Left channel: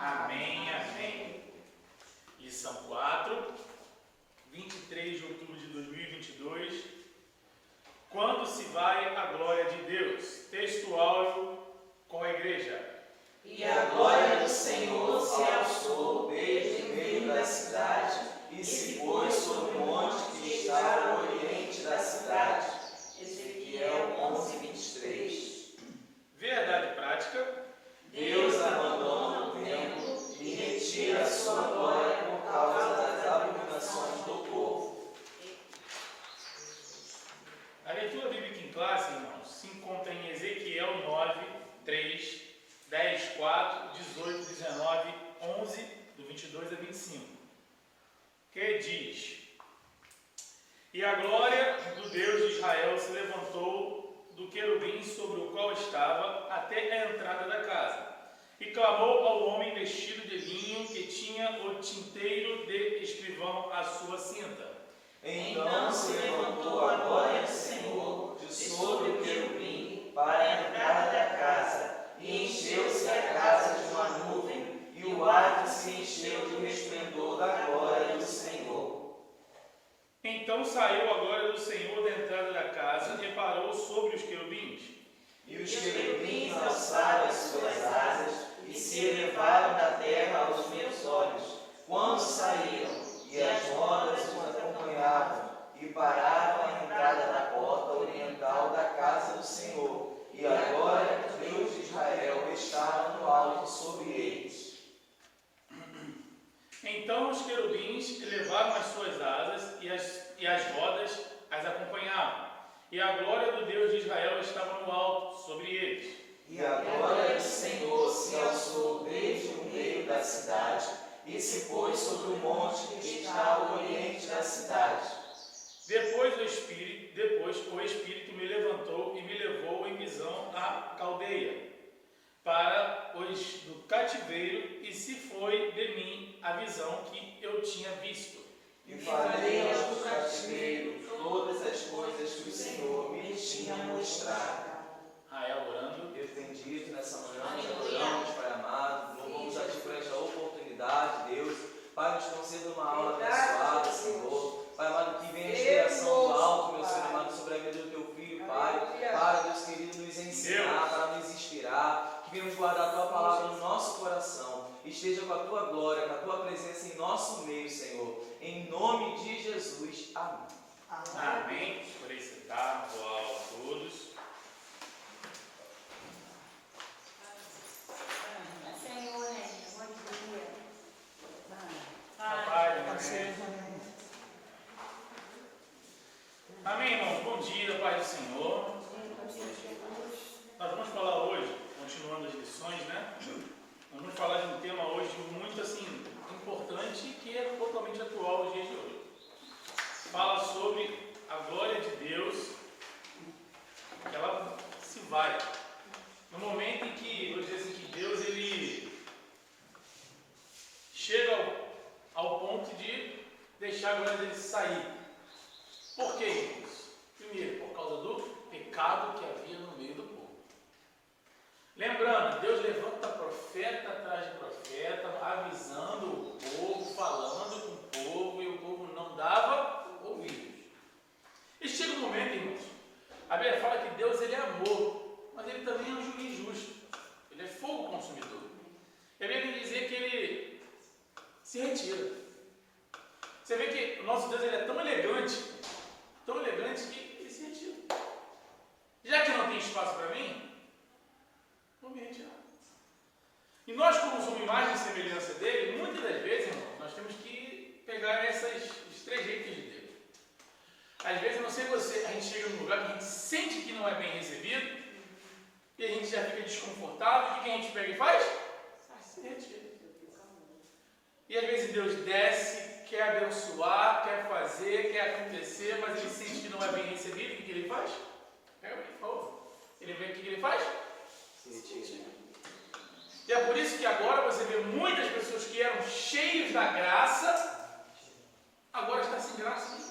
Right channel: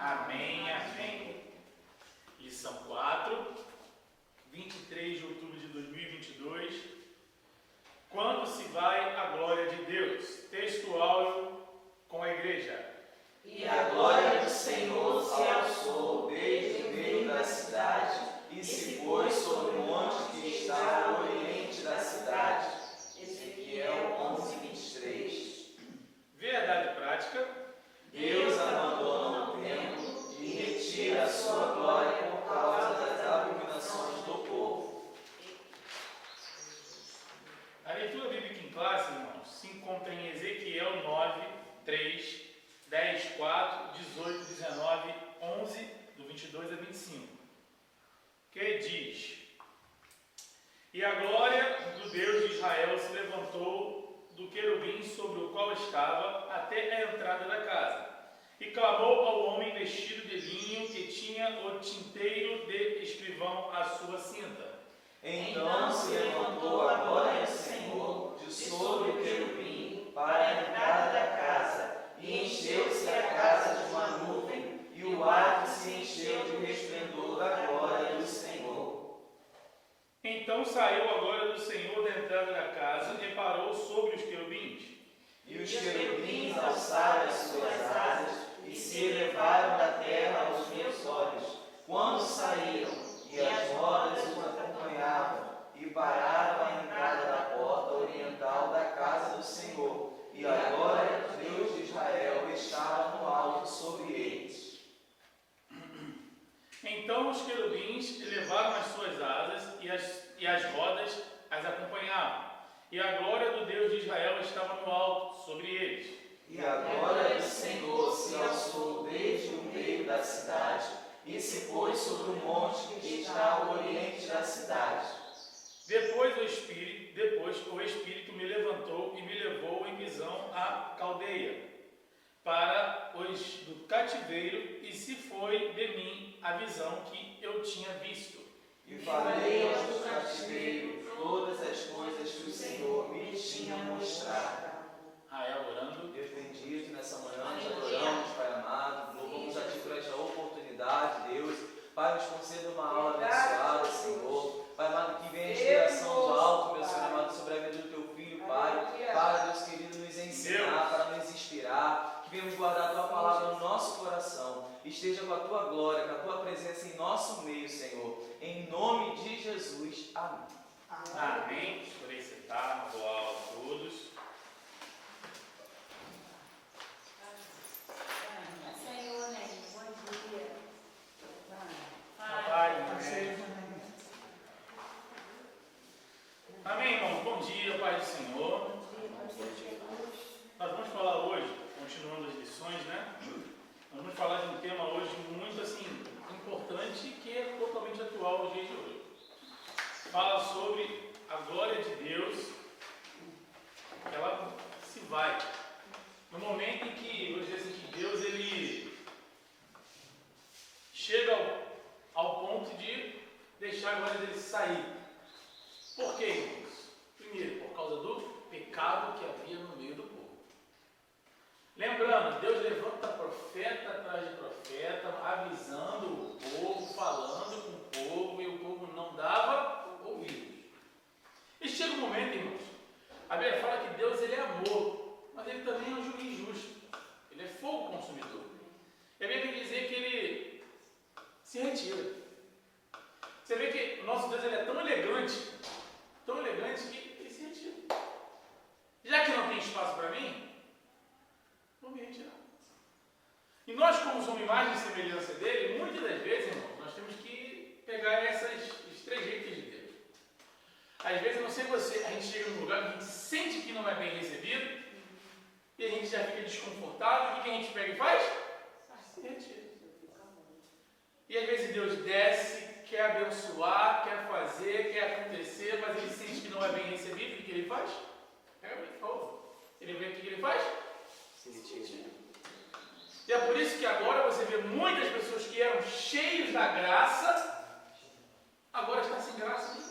Amém, amém. Lição 4, 23 de outubro de 2022. Quando se vai a glória de Deus? Textual com a igreja. E a glória do Senhor se alçou desde o meio da cidade e se pôs sobre o monte que está ao oriente da cidade. Ezequiel 11, 23. Verdade prática. Deus abandona o templo e retira a sua glória por causa das abominações do povo. A leitura bíblica em classe, irmãos, se encontra em Ezequiel 9, 3, 10, 4, 18, 19, 11, do 22 a 25, que diz: E a glória do Deus de Israel se levantou do querubim sobre o qual estava até a entrada da casa, e clamou ao homem vestido de linho que tinha o tinteiro de escrivão à sua cinta. Então se levantou a glória do Senhor de sobre o querubim para a entrada da casa, e encheu-se a casa de uma nuvem, e o átrio se encheu de resplendor da glória do Senhor. Então saiu a glória do Senhor da entrada da casa e parou sobre os querubins. E os querubins alçaram as suas asas e se elevaram da terra aos meus olhos, quando saíram, e as rodas os acompanhavam, e pararam à entrada da porta oriental da casa do Senhor, e a glória do Deus de Israel estava no alto sobre eles. Então os querubins elevaram as suas asas e as rodas as acompanhavam, e a glória do Deus de Israel estava no alto sobre eles. E a glória do Senhor se alçou desde o meio da cidade, e se pôs sobre o monte que está ao oriente da cidade. Depois o Espírito me levantou e me levou em visão à Caldeia, para os do cativeiro, e se foi de mim a visão que eu tinha visto. E falei aos do cativeiro todas as coisas que o Senhor me tinha mostrado. Rael orando. Deus bendito, nessa manhã nós adoramos, Pai amado, louvamos a Ti por esta oportunidade, Deus. Pai, nos conceda uma aula abençoada, Senhor. Pai amado, que venha a inspiração do alto, meu Senhor amado, sobre a vida do Teu Filho, Pai. Para, Deus querido, nos ensinar, para nos inspirar. Que venhamos guardar a Tua palavra no nosso coração. Esteja com a Tua glória, com a Tua presença em nosso meio, Senhor. Em nome de Jesus. Amém. Amém. Por aí sentar, boa aula a todos. Senhor, bom dia. Amém. Amém, irmãos. Bom dia, Pai do Senhor. Nós vamos falar hoje, continuando as lições, né? Nós vamos falar de um tema hoje muito, assim, importante, que é totalmente atual nos dias de hoje. Fala sobre a glória de Deus, que ela se vai. No momento em que, vou dizer assim, que Deus, ele chega ao ponto de deixar a glória dele sair. Por quê, irmãos? Primeiro, por causa do pecado que havia no meio do povo. Lembrando, Deus levanta profeta atrás de profeta, avisando o povo, falando com o povo, e o povo não dava ouvidos. E chega um momento, irmãos, a Bíblia fala que Deus, ele é amor, mas ele também é um juiz justo. Ele é fogo consumidor. E a Bíblia diz que ele se retira. Você vê que o nosso Deus, ele é tão elegante que ele se retira. Já que não tem espaço para mim, vou me retirar. E nós, como somos imagem e semelhança dele, muitas das vezes, irmãos, nós temos que pegar esses trejeitos de Deus. Às vezes, eu não sei você, a gente chega num lugar que a gente sente que não é bem recebido, e a gente já fica desconfortável, e o que a gente pega e faz? Se retira. E às vezes Deus desce, quer abençoar, quer fazer, quer acontecer, mas ele sente que não é bem recebido, o que ele faz? Pega bem, por favor. Ele vê o que ele faz? Se retira. E é por isso que agora você vê muitas pessoas que eram cheios da graça, agora está sem graça.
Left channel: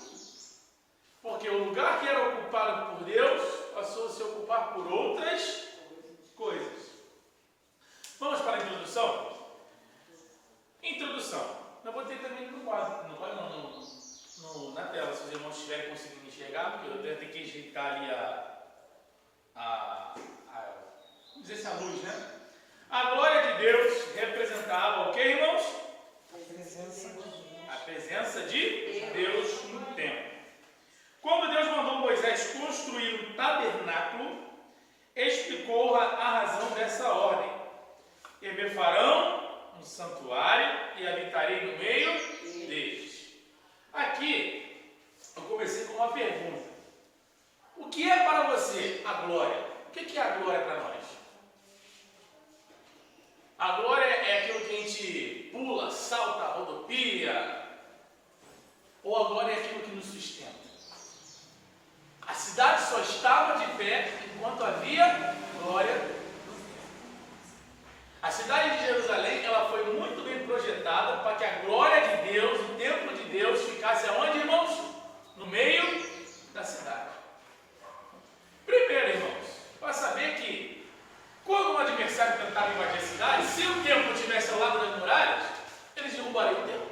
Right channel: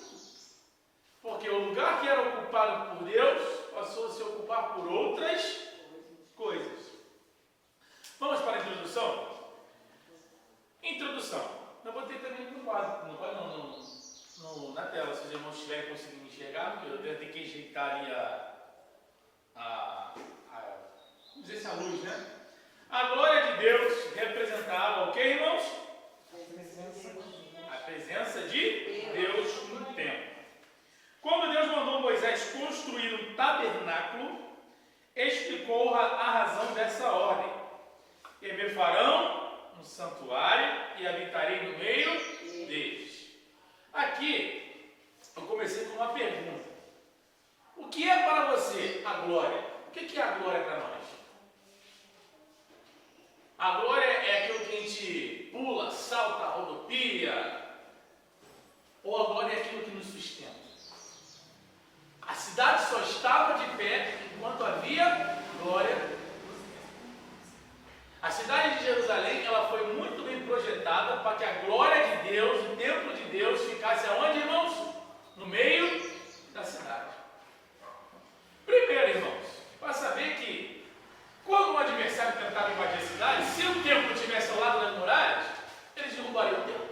Porque o lugar que era ocupado por Deus passou a se ocupar por outras coisas. Vamos para a introdução? quadro, na tela, se os irmãos estiverem conseguindo enxergar, porque eu devo ter que ajeitar ali vamos dizer assim, a luz, né? A glória de Deus representava o que, irmãos? A presença de Deus no templo. Quando Deus mandou Moisés construir um tabernáculo, explicou a razão dessa ordem. E me farão um santuário e habitarei no meio deles. Aqui, eu comecei com uma pergunta. O que é para você a glória? O que é a glória para nós? A glória é aquilo que a gente pula, salta, rodopia? Ou a glória é aquilo que nos sustenta? A cidade só estava de pé enquanto havia glória no templo. A cidade de Jerusalém, ela foi muito bem projetada para que a glória de Deus, o templo de Deus, ficasse aonde, irmãos? No meio da cidade. Primeiro, irmãos, para saber que quando um adversário tentava invadir a cidade, se o templo estivesse ao lado das muralhas, eles derrubariam o templo.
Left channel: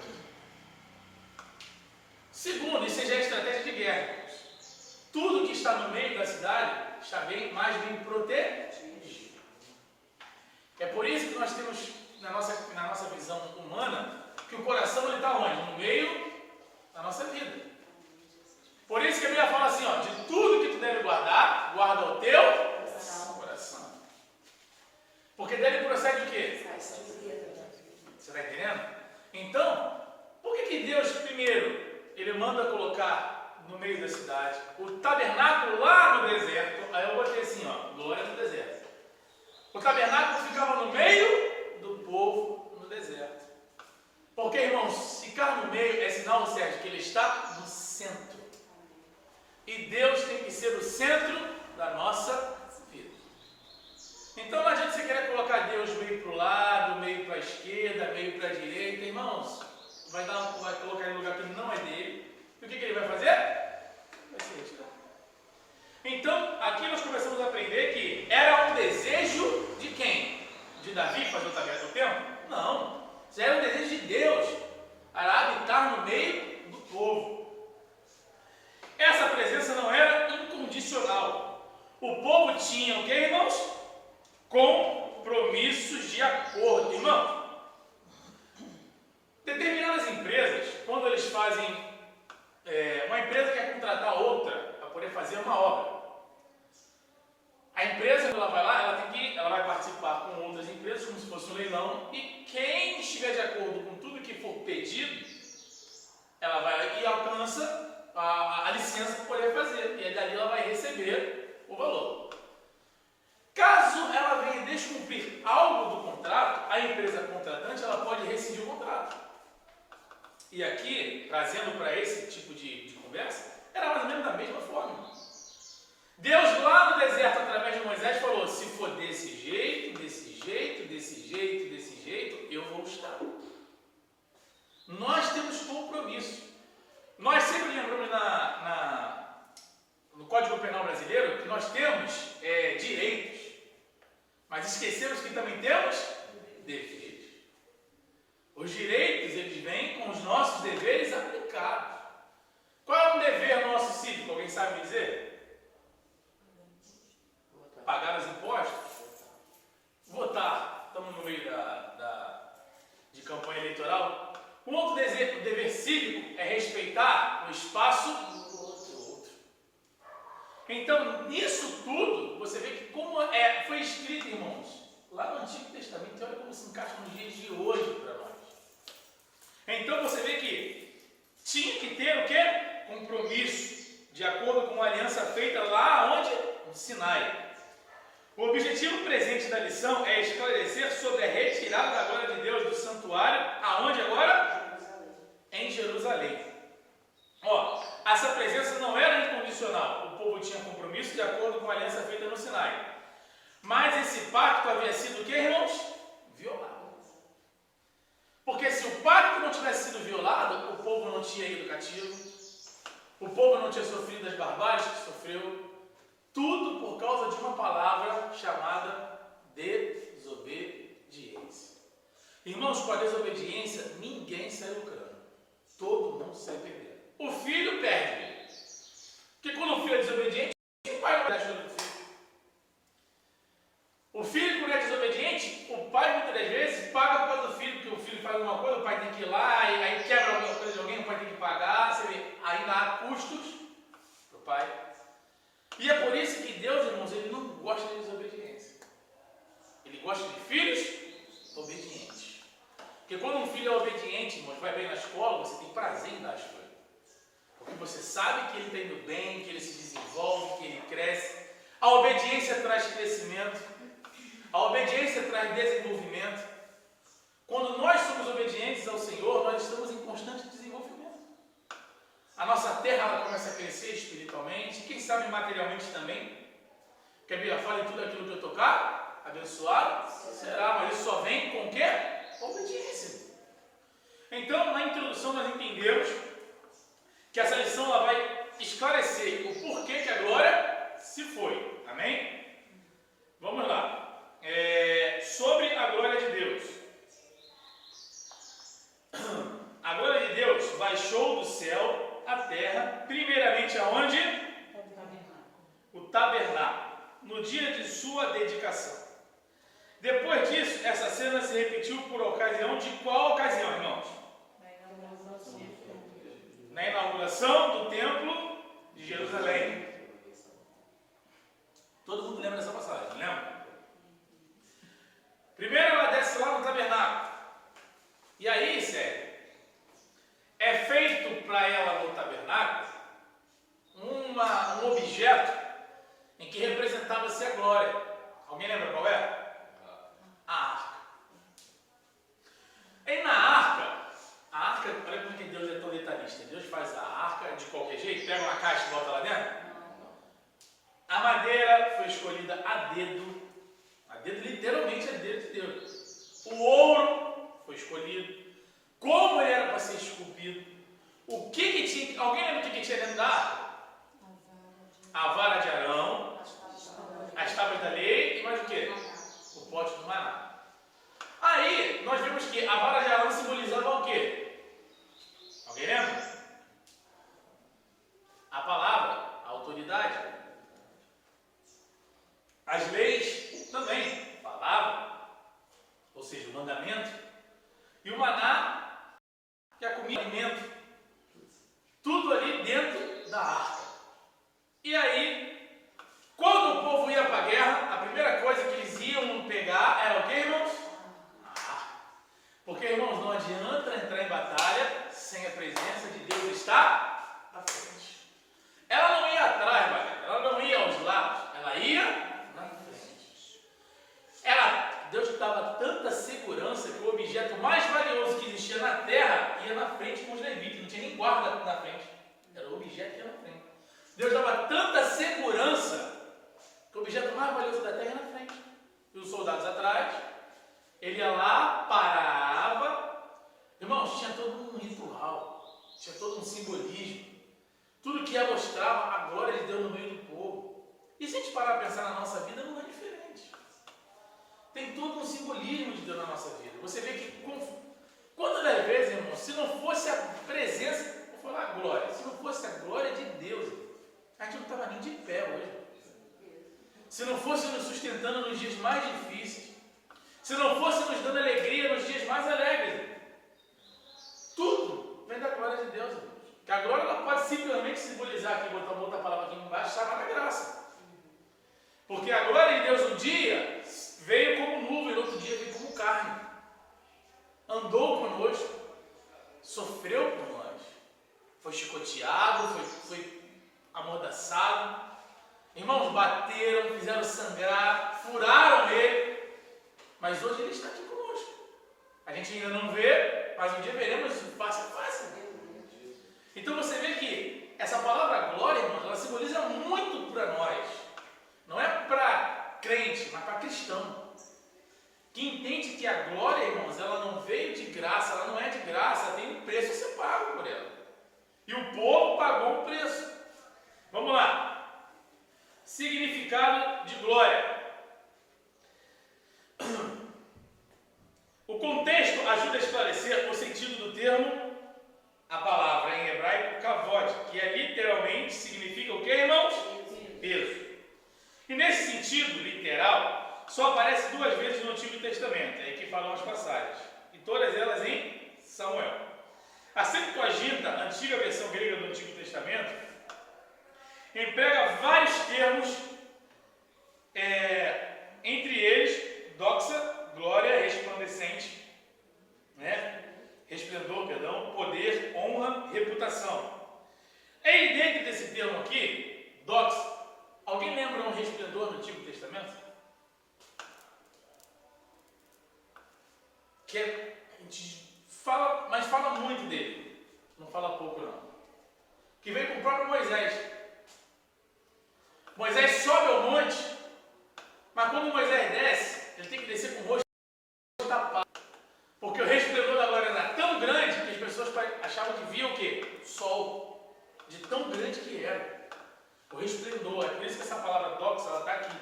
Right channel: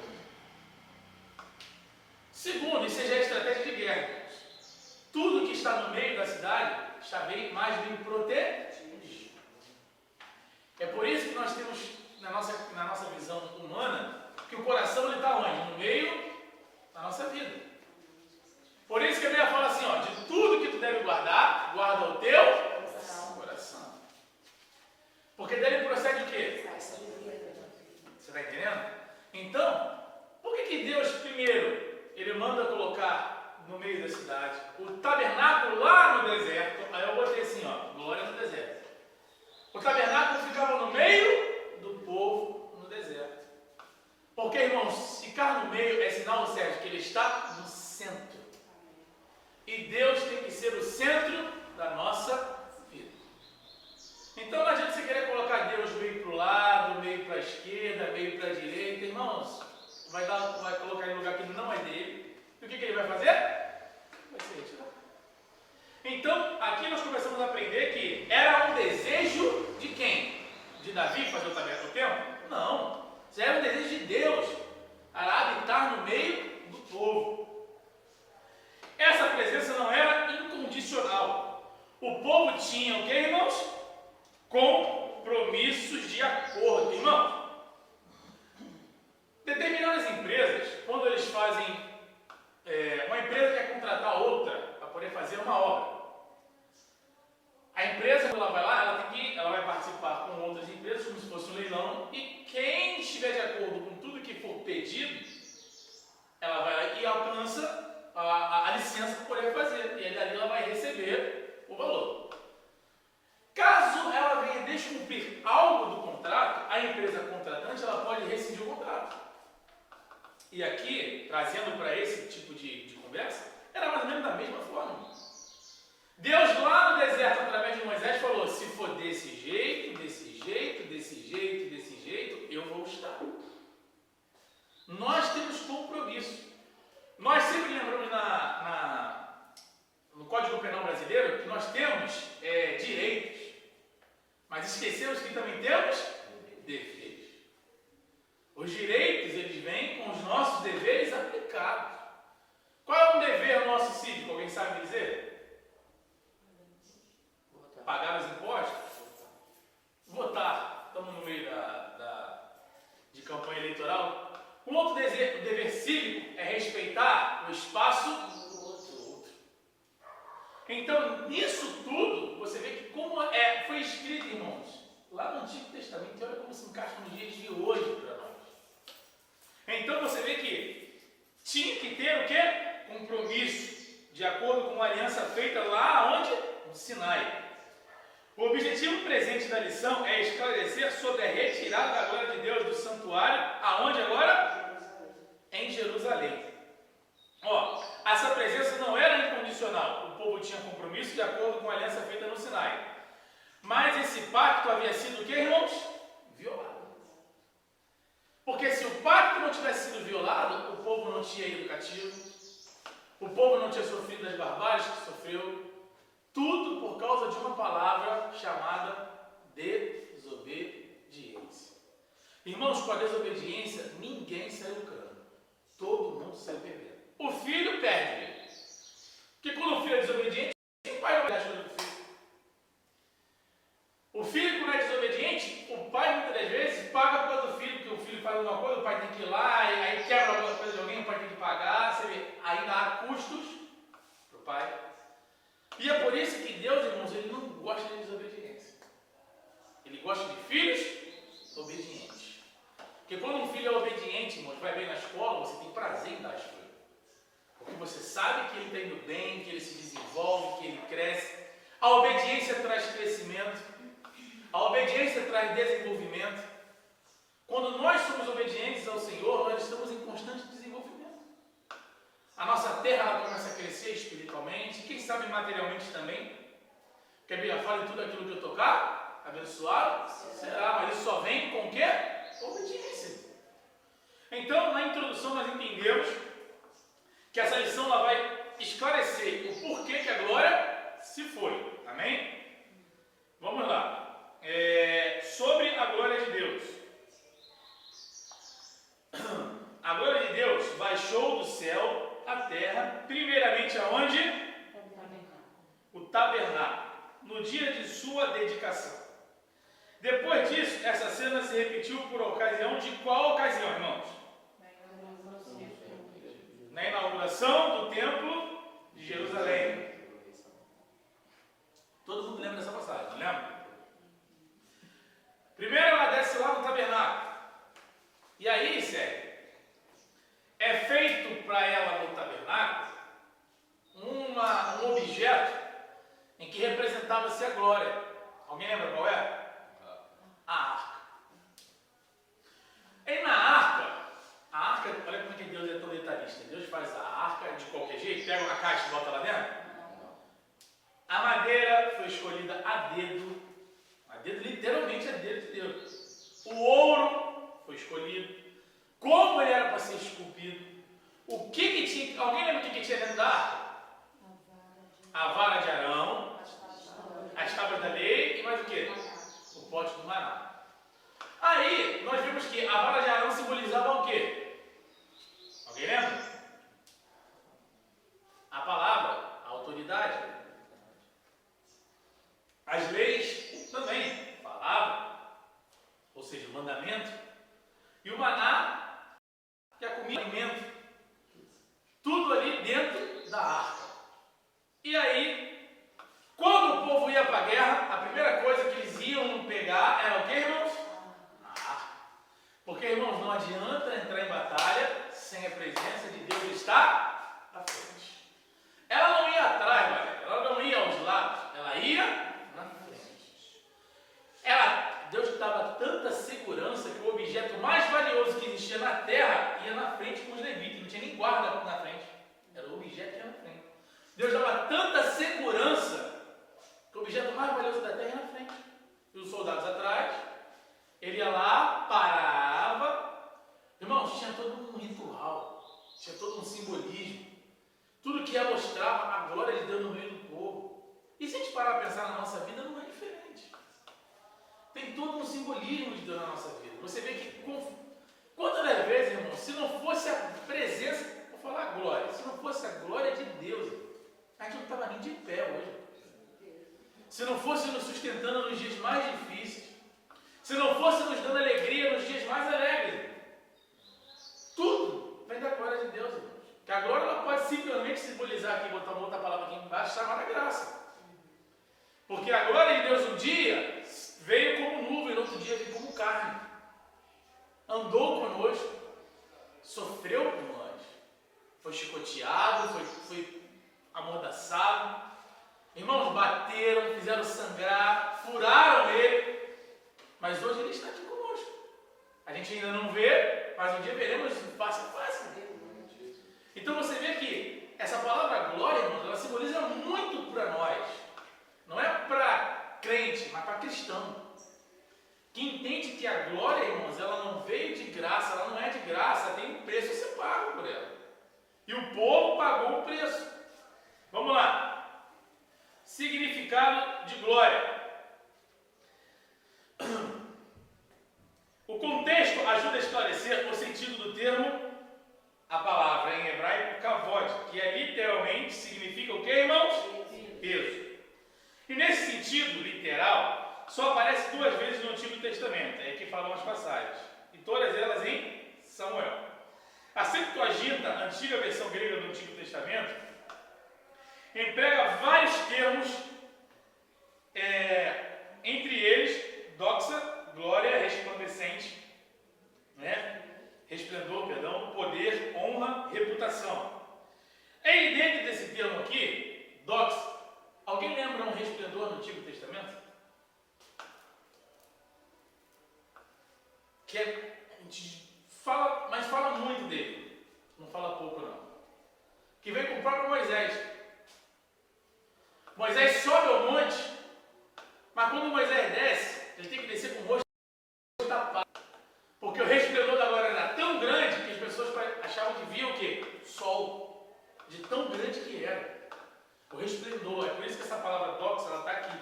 Segundo, isso já é estratégia de guerra, irmãos. Tudo que está no meio da cidade está mais bem protegido. É por isso que nós temos, na nossa visão humana, que o coração está onde? No meio da nossa vida. Por isso que a Bíblia fala assim, ó, de tudo que tu deve guardar, guarda o teu coração. Porque dele procede o quê? Você está entendendo? Então, por que Deus, primeiro, Ele manda colocar no meio da cidade o tabernáculo lá no deserto? Aí eu botei assim, ó, glória no deserto. O tabernáculo ficava no meio do povo no deserto. Porque, irmãos, ficar no meio é sinal, Sérgio, que ele está no centro. E Deus tem que ser o centro da nossa vida. Então não adianta você querer colocar Deus meio para o lado, meio para a esquerda, meio para a direita. Irmãos, vai colocar ele em um lugar que não é dele. E o que ele vai fazer? Vai ser retirado. Então, aqui nós começamos a aprender que era um desejo de quem? De Davi fazer o tabernáculo do templo? Não. Isso era um desejo de Deus. Para habitar no meio do povo. Essa presença não era incondicional. O povo tinha o que, irmãos? Compromissos de acordo. Irmãos, determinadas empresas, quando eles fazem, uma empresa quer contratar outra para poder fazer uma obra. A empresa, quando ela vai lá, ela vai participar com outras empresas, como se fosse um leilão, e quem estiver de acordo com tudo que for pedido, ela vai e alcança a licença para poder fazer, e aí dali ela vai receber o valor. Caso ela venha descumprir algo do contrato, a empresa contratante ela pode rescindir o contrato. E aqui, trazendo para esse tipo de conversa, era mais ou menos da mesma forma. Deus lá no deserto, através de Moisés, falou, se for desse jeito, desse jeito, desse jeito, desse jeito, eu vou estar. Nós temos compromisso. Nós sempre lembramos no Código Penal Brasileiro que nós temos direitos, mas esquecemos que também temos deveres. Os direitos, eles vêm com os nossos deveres aplicados. Qual é o dever nosso cívico? Alguém sabe me dizer? Pagar os impostos? Votar. Estamos no meio de campanha eleitoral. Um outro dever cívico é respeitar o espaço do outro. Então, nisso tudo, você vê que como foi escrito, irmãos, lá no Antigo Testamento, olha como se encaixa nos dias de hoje para nós. Então, você vê que tinha que ter o quê? Compromisso, de acordo com a aliança feita lá onde? No Sinai. O objetivo presente da lição é esclarecer sobre a retirada da glória de Deus do santuário, aonde agora? Em Jerusalém. Essa presença não era incondicional. O povo tinha compromisso de acordo com a aliança feita no Sinai. Mas esse pacto havia sido o que, irmãos? Violado. Porque se o pacto não tivesse sido violado, o povo não tinha ido cativo, o povo não tinha sofrido das barbáries que sofreu, tudo por causa de uma palavra chamada desobediência. Irmãos, com a desobediência, ninguém saiu lucrando. vão sair perdendo. O filho perde. Porque quando o filho é desobediente, o pai não vai dar ajuda do filho. O filho, quando é desobediente, o pai muitas das vezes paga por causa do filho, porque o filho faz alguma coisa, o pai tem que ir lá, e aí quebra alguma coisa de alguém, o pai tem que pagar, você vê, ainda há custos para o pai. E é por isso que Deus, irmãos, ele não gosta de desobediência. Ele gosta de filhos obedientes. Porque quando um filho é obediente, irmãos, vai bem na escola, você tem prazer em dar as coisas. Porque você sabe que ele está indo bem, que ele se desenvolve, que ele cresce. A obediência traz crescimento. A obediência traz desenvolvimento. Quando nós somos obedientes ao Senhor, nós estamos em constante desenvolvimento. A nossa terra ela começa a crescer espiritualmente, quem sabe materialmente também. Porque a Bíblia fala em tudo aquilo que eu tocar, abençoado será, mas isso só vem com o quê? Obediência. Então, na introdução nós entendemos que essa lição ela vai esclarecer o porquê que a glória se foi. Amém? Vamos lá. Sobre a glória de Deus. A glória de Deus baixou do céu à terra, primeiramente aonde? O tabernáculo, no dia de sua dedicação. Depois disso, essa cena se repetiu por ocasião de qual ocasião, irmãos? Na inauguração do templo de Jerusalém. Todo mundo lembra dessa passagem, não lembra? Primeiro ela desce lá no tabernáculo. E aí, sério, é feito para ela no tabernáculo um objeto em que representava-se a glória. Alguém lembra qual é? A arca. E na arca, olha como é que Deus é tão detalhista. Deus faz a arca de qualquer jeito, pega uma caixa e bota lá dentro. A madeira foi escolhida a dedo literalmente a dedo de Deus. O ouro foi escolhido. Como ele era para ser esculpido. O que tinha? Alguém lembra o que tinha dentro da arca? A vara de Arão, as tábuas da lei e mais o que? O pote do maná. Aí nós vimos que a vara de Arão simbolizava o quê? Alguém lembra? A palavra, a autoridade. As leis também, palavra, ou seja, o mandamento. E o maná, que é a comida, o alimento. Tudo ali dentro da arca. E aí, quando o povo ia para a guerra, a primeira coisa que eles iam pegar era o que, irmãos? A arca. Porque, irmãos, não adianta entrar em batalha sem a presença de Deus estar à frente. Ela não ia atrás, galera. Ela não ia aos lados. Ela ia na frente. Deus dava tanta segurança que o objeto mais valioso que existia na terra ia na frente com os levitas. Não tinha nem guarda na frente. Era o objeto que ia na frente. Deus dava tanta segurança que o objeto mais valioso da terra ia na frente. E os soldados atrás. Ele ia lá, parava. Irmãos, tinha todo um ritual. Tinha todo um simbolismo. Tudo que mostrava a glória de Deus no meio do povo. E se a gente parar a pensar na nossa vida, não é diferente. Tem todo um simbolismo de Deus na nossa vida. Você vê que, quantas das vezes, irmão, se não fosse a presença, vou falar a glória, se não fosse a glória de Deus, a gente não estava nem de pé hoje. Se não fosse nos sustentando nos dias mais difíceis, se não fosse nos dando alegria nos dias mais alegres, tudo vem da glória de Deus, irmãos. Que a glória ela pode simplesmente simbolizar, aqui, botar uma outra palavra aqui embaixo, chamada graça. Porque a glória de Deus um dia veio como nuvem, no outro dia veio como carne. Andou conosco, sofreu por nós, foi chicoteado, foi amordaçado. Irmãos, bateram, fizeram sangrar, furaram ele, mas hoje ele está aqui conosco. A gente ainda não vê, mas um dia veremos isso face a face. Então você vê que essa palavra glória, irmãos, ela simboliza muito para nós. Não é para crente, mas para cristão. Que entende que a glória, irmãos, ela não veio de graça, ela não é de graça, tem um preço a ser pago por ela. E o povo pagou o preço. Vamos lá. Significado de glória. O contexto ajuda a esclarecer o sentido do termo. A palavra em que é literalmente, significa o que, irmãos? Peso. E nesse sentido literal, só aparece 2 vezes no Antigo Testamento, é que falam as passagens, e todas elas em Samuel. A Septuaginta, a antiga versão grega do Antigo Testamento, emprega vários termos, entre eles, doxa, glória, resplandecente, né? Resplendor, perdão, poder, honra, reputação. E dentro desse termo aqui, doxa, alguém lembra um resplendor no Antigo Testamento? Que a gente fala, mas fala muito dele, não fala pouco não. Que veio com o próprio Moisés. Moisés sobe ao monte, mas quando Moisés desce, ele tem que descer com o rosto tapado. Porque o resplendor da glória era tão grande que as pessoas achavam que via o quê? O sol. De tão grande que era. O resplendor. É por isso que essa palavra doxa, ela está aqui.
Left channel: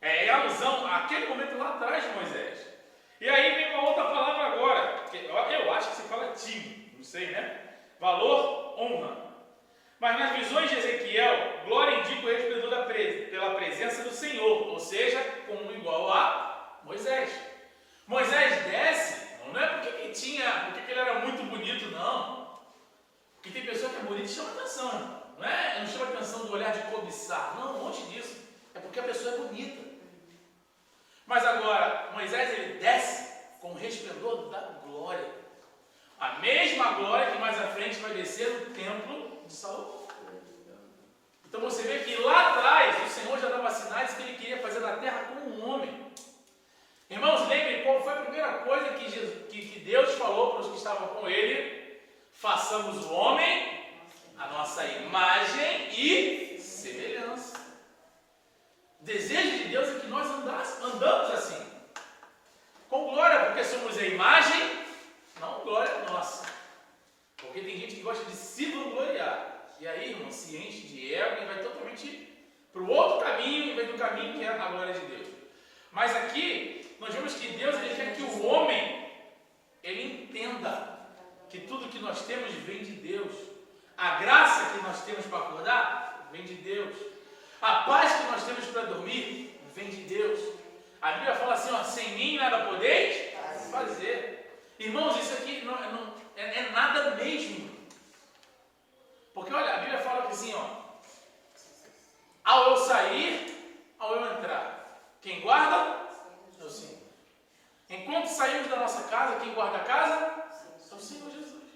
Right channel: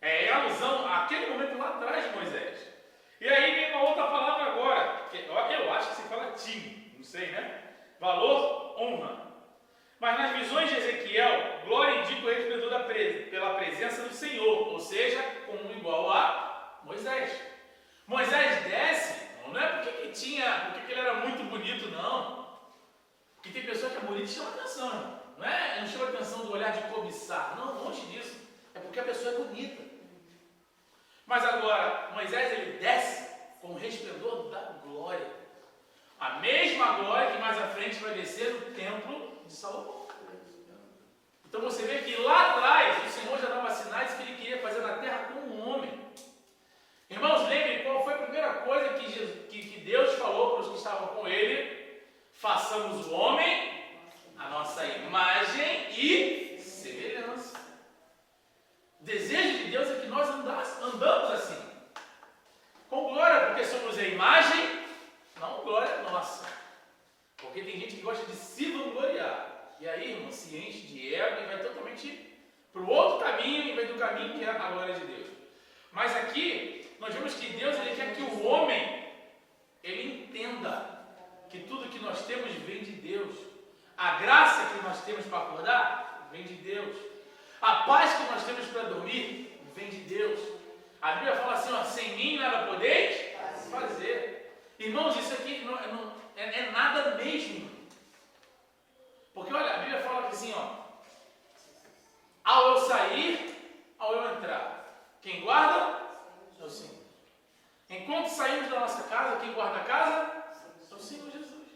É alusão àquele momento lá atrás de Moisés. E aí vem uma outra palavra agora. Que eu acho que se fala time. Não sei, né? Valor, honra. Mas nas visões de Ezequiel, glória indica o resplendor pela presença do Senhor. Ou seja, como igual a Moisés. Moisés desce, não é porque ele era muito bonito, não. Porque tem pessoa que é bonita e chama atenção, não é? Não chama atenção do olhar de cobiçar, não, longe disso. É porque a pessoa é bonita. Mas agora, Moisés ele desce com o resplendor da glória. A mesma glória que mais à frente vai descer no templo de Salomão. Então você vê que lá atrás o Senhor já dava sinais que ele queria fazer na terra como um homem. Irmãos, lembrem qual foi a primeira coisa que Deus falou para os que estavam com ele: façamos o homem a nossa imagem e semelhança. O desejo de Deus é que nós andamos assim, com glória, porque somos a imagem, não glória nossa. Porque tem gente que gosta de se vangloriar. E aí, irmão, se enche de ego e vai totalmente para o outro caminho, em vez do caminho que é a glória de Deus. Mas aqui, nós vemos que Deus ele quer que o homem, ele entenda que tudo que nós temos vem de Deus. A graça que nós temos para acordar, vem de Deus. A paz que nós temos para dormir, vem de Deus. A Bíblia fala assim, ó, sem mim nada podeis fazer. Irmãos, isso aqui não é nada mesmo. Porque olha, a Bíblia fala que assim, ó, ao eu sair, ao eu entrar, quem guarda é o Senhor. Enquanto saímos da nossa casa, quem guarda a casa é o Senhor Jesus.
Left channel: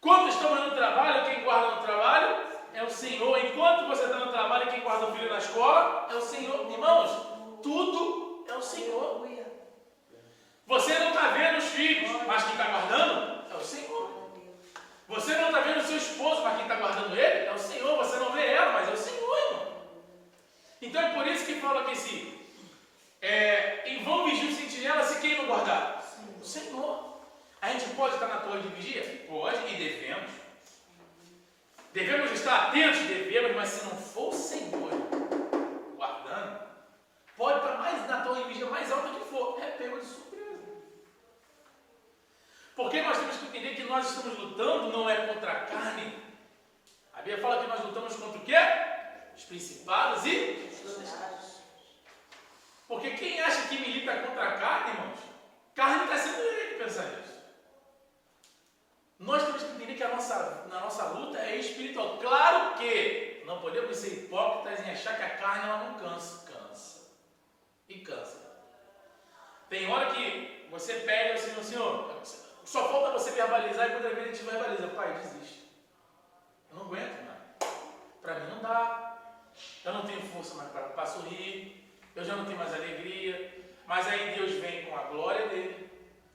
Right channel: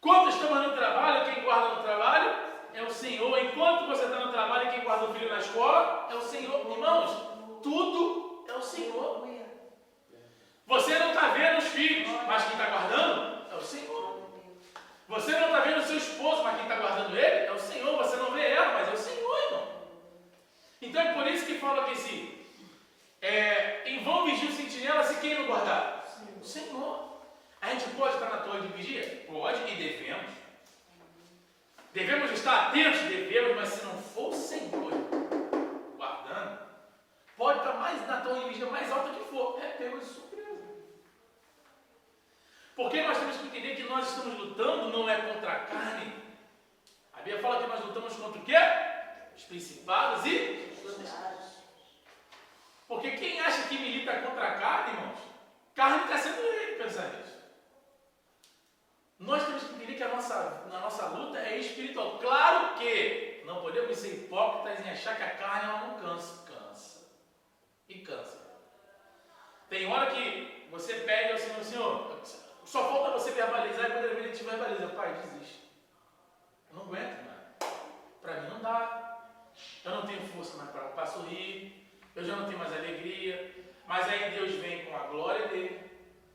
Quando estamos no trabalho, quem guarda no trabalho é o Senhor. Enquanto você está no trabalho, quem guarda o filho na escola é o Senhor. Irmãos, tudo é o Senhor. Você não está vendo os filhos, mas quem está guardando é o Senhor. Você não está vendo o seu esposo, mas quem está guardando ele é o Senhor. Você não vê ela, mas é o Senhor, irmão. Então é por isso que fala que se em vão vigia o sentinela se quem não guardar? O Senhor. A gente pode estar na torre de vigia? Pode e devemos. Devemos estar atentos? Devemos, mas se não for o Senhor guardando, pode estar mais na torre de vigia mais alta que for. É pego de surpresa. Porque nós temos que entender que nós estamos lutando não é contra a carne. A Bíblia fala que nós lutamos contra o quê? Os principados e os potestades. Porque quem acha que milita contra a carne, irmãos, carne está sendo ele que pensa nisso. Nós temos que entender que a nossa luta é espiritual. Claro que não podemos ser hipócritas em achar que a carne ela não cansa. Cansa. E cansa. Tem hora que você pede ao Senhor, Senhor, só falta você verbalizar e quando ele te verbaliza, pai, desiste. Eu não aguento, mano. Para mim não dá. Eu não tenho força mais para sorrir. Eu já não tenho mais alegria. Mas aí Deus vem com a glória dele.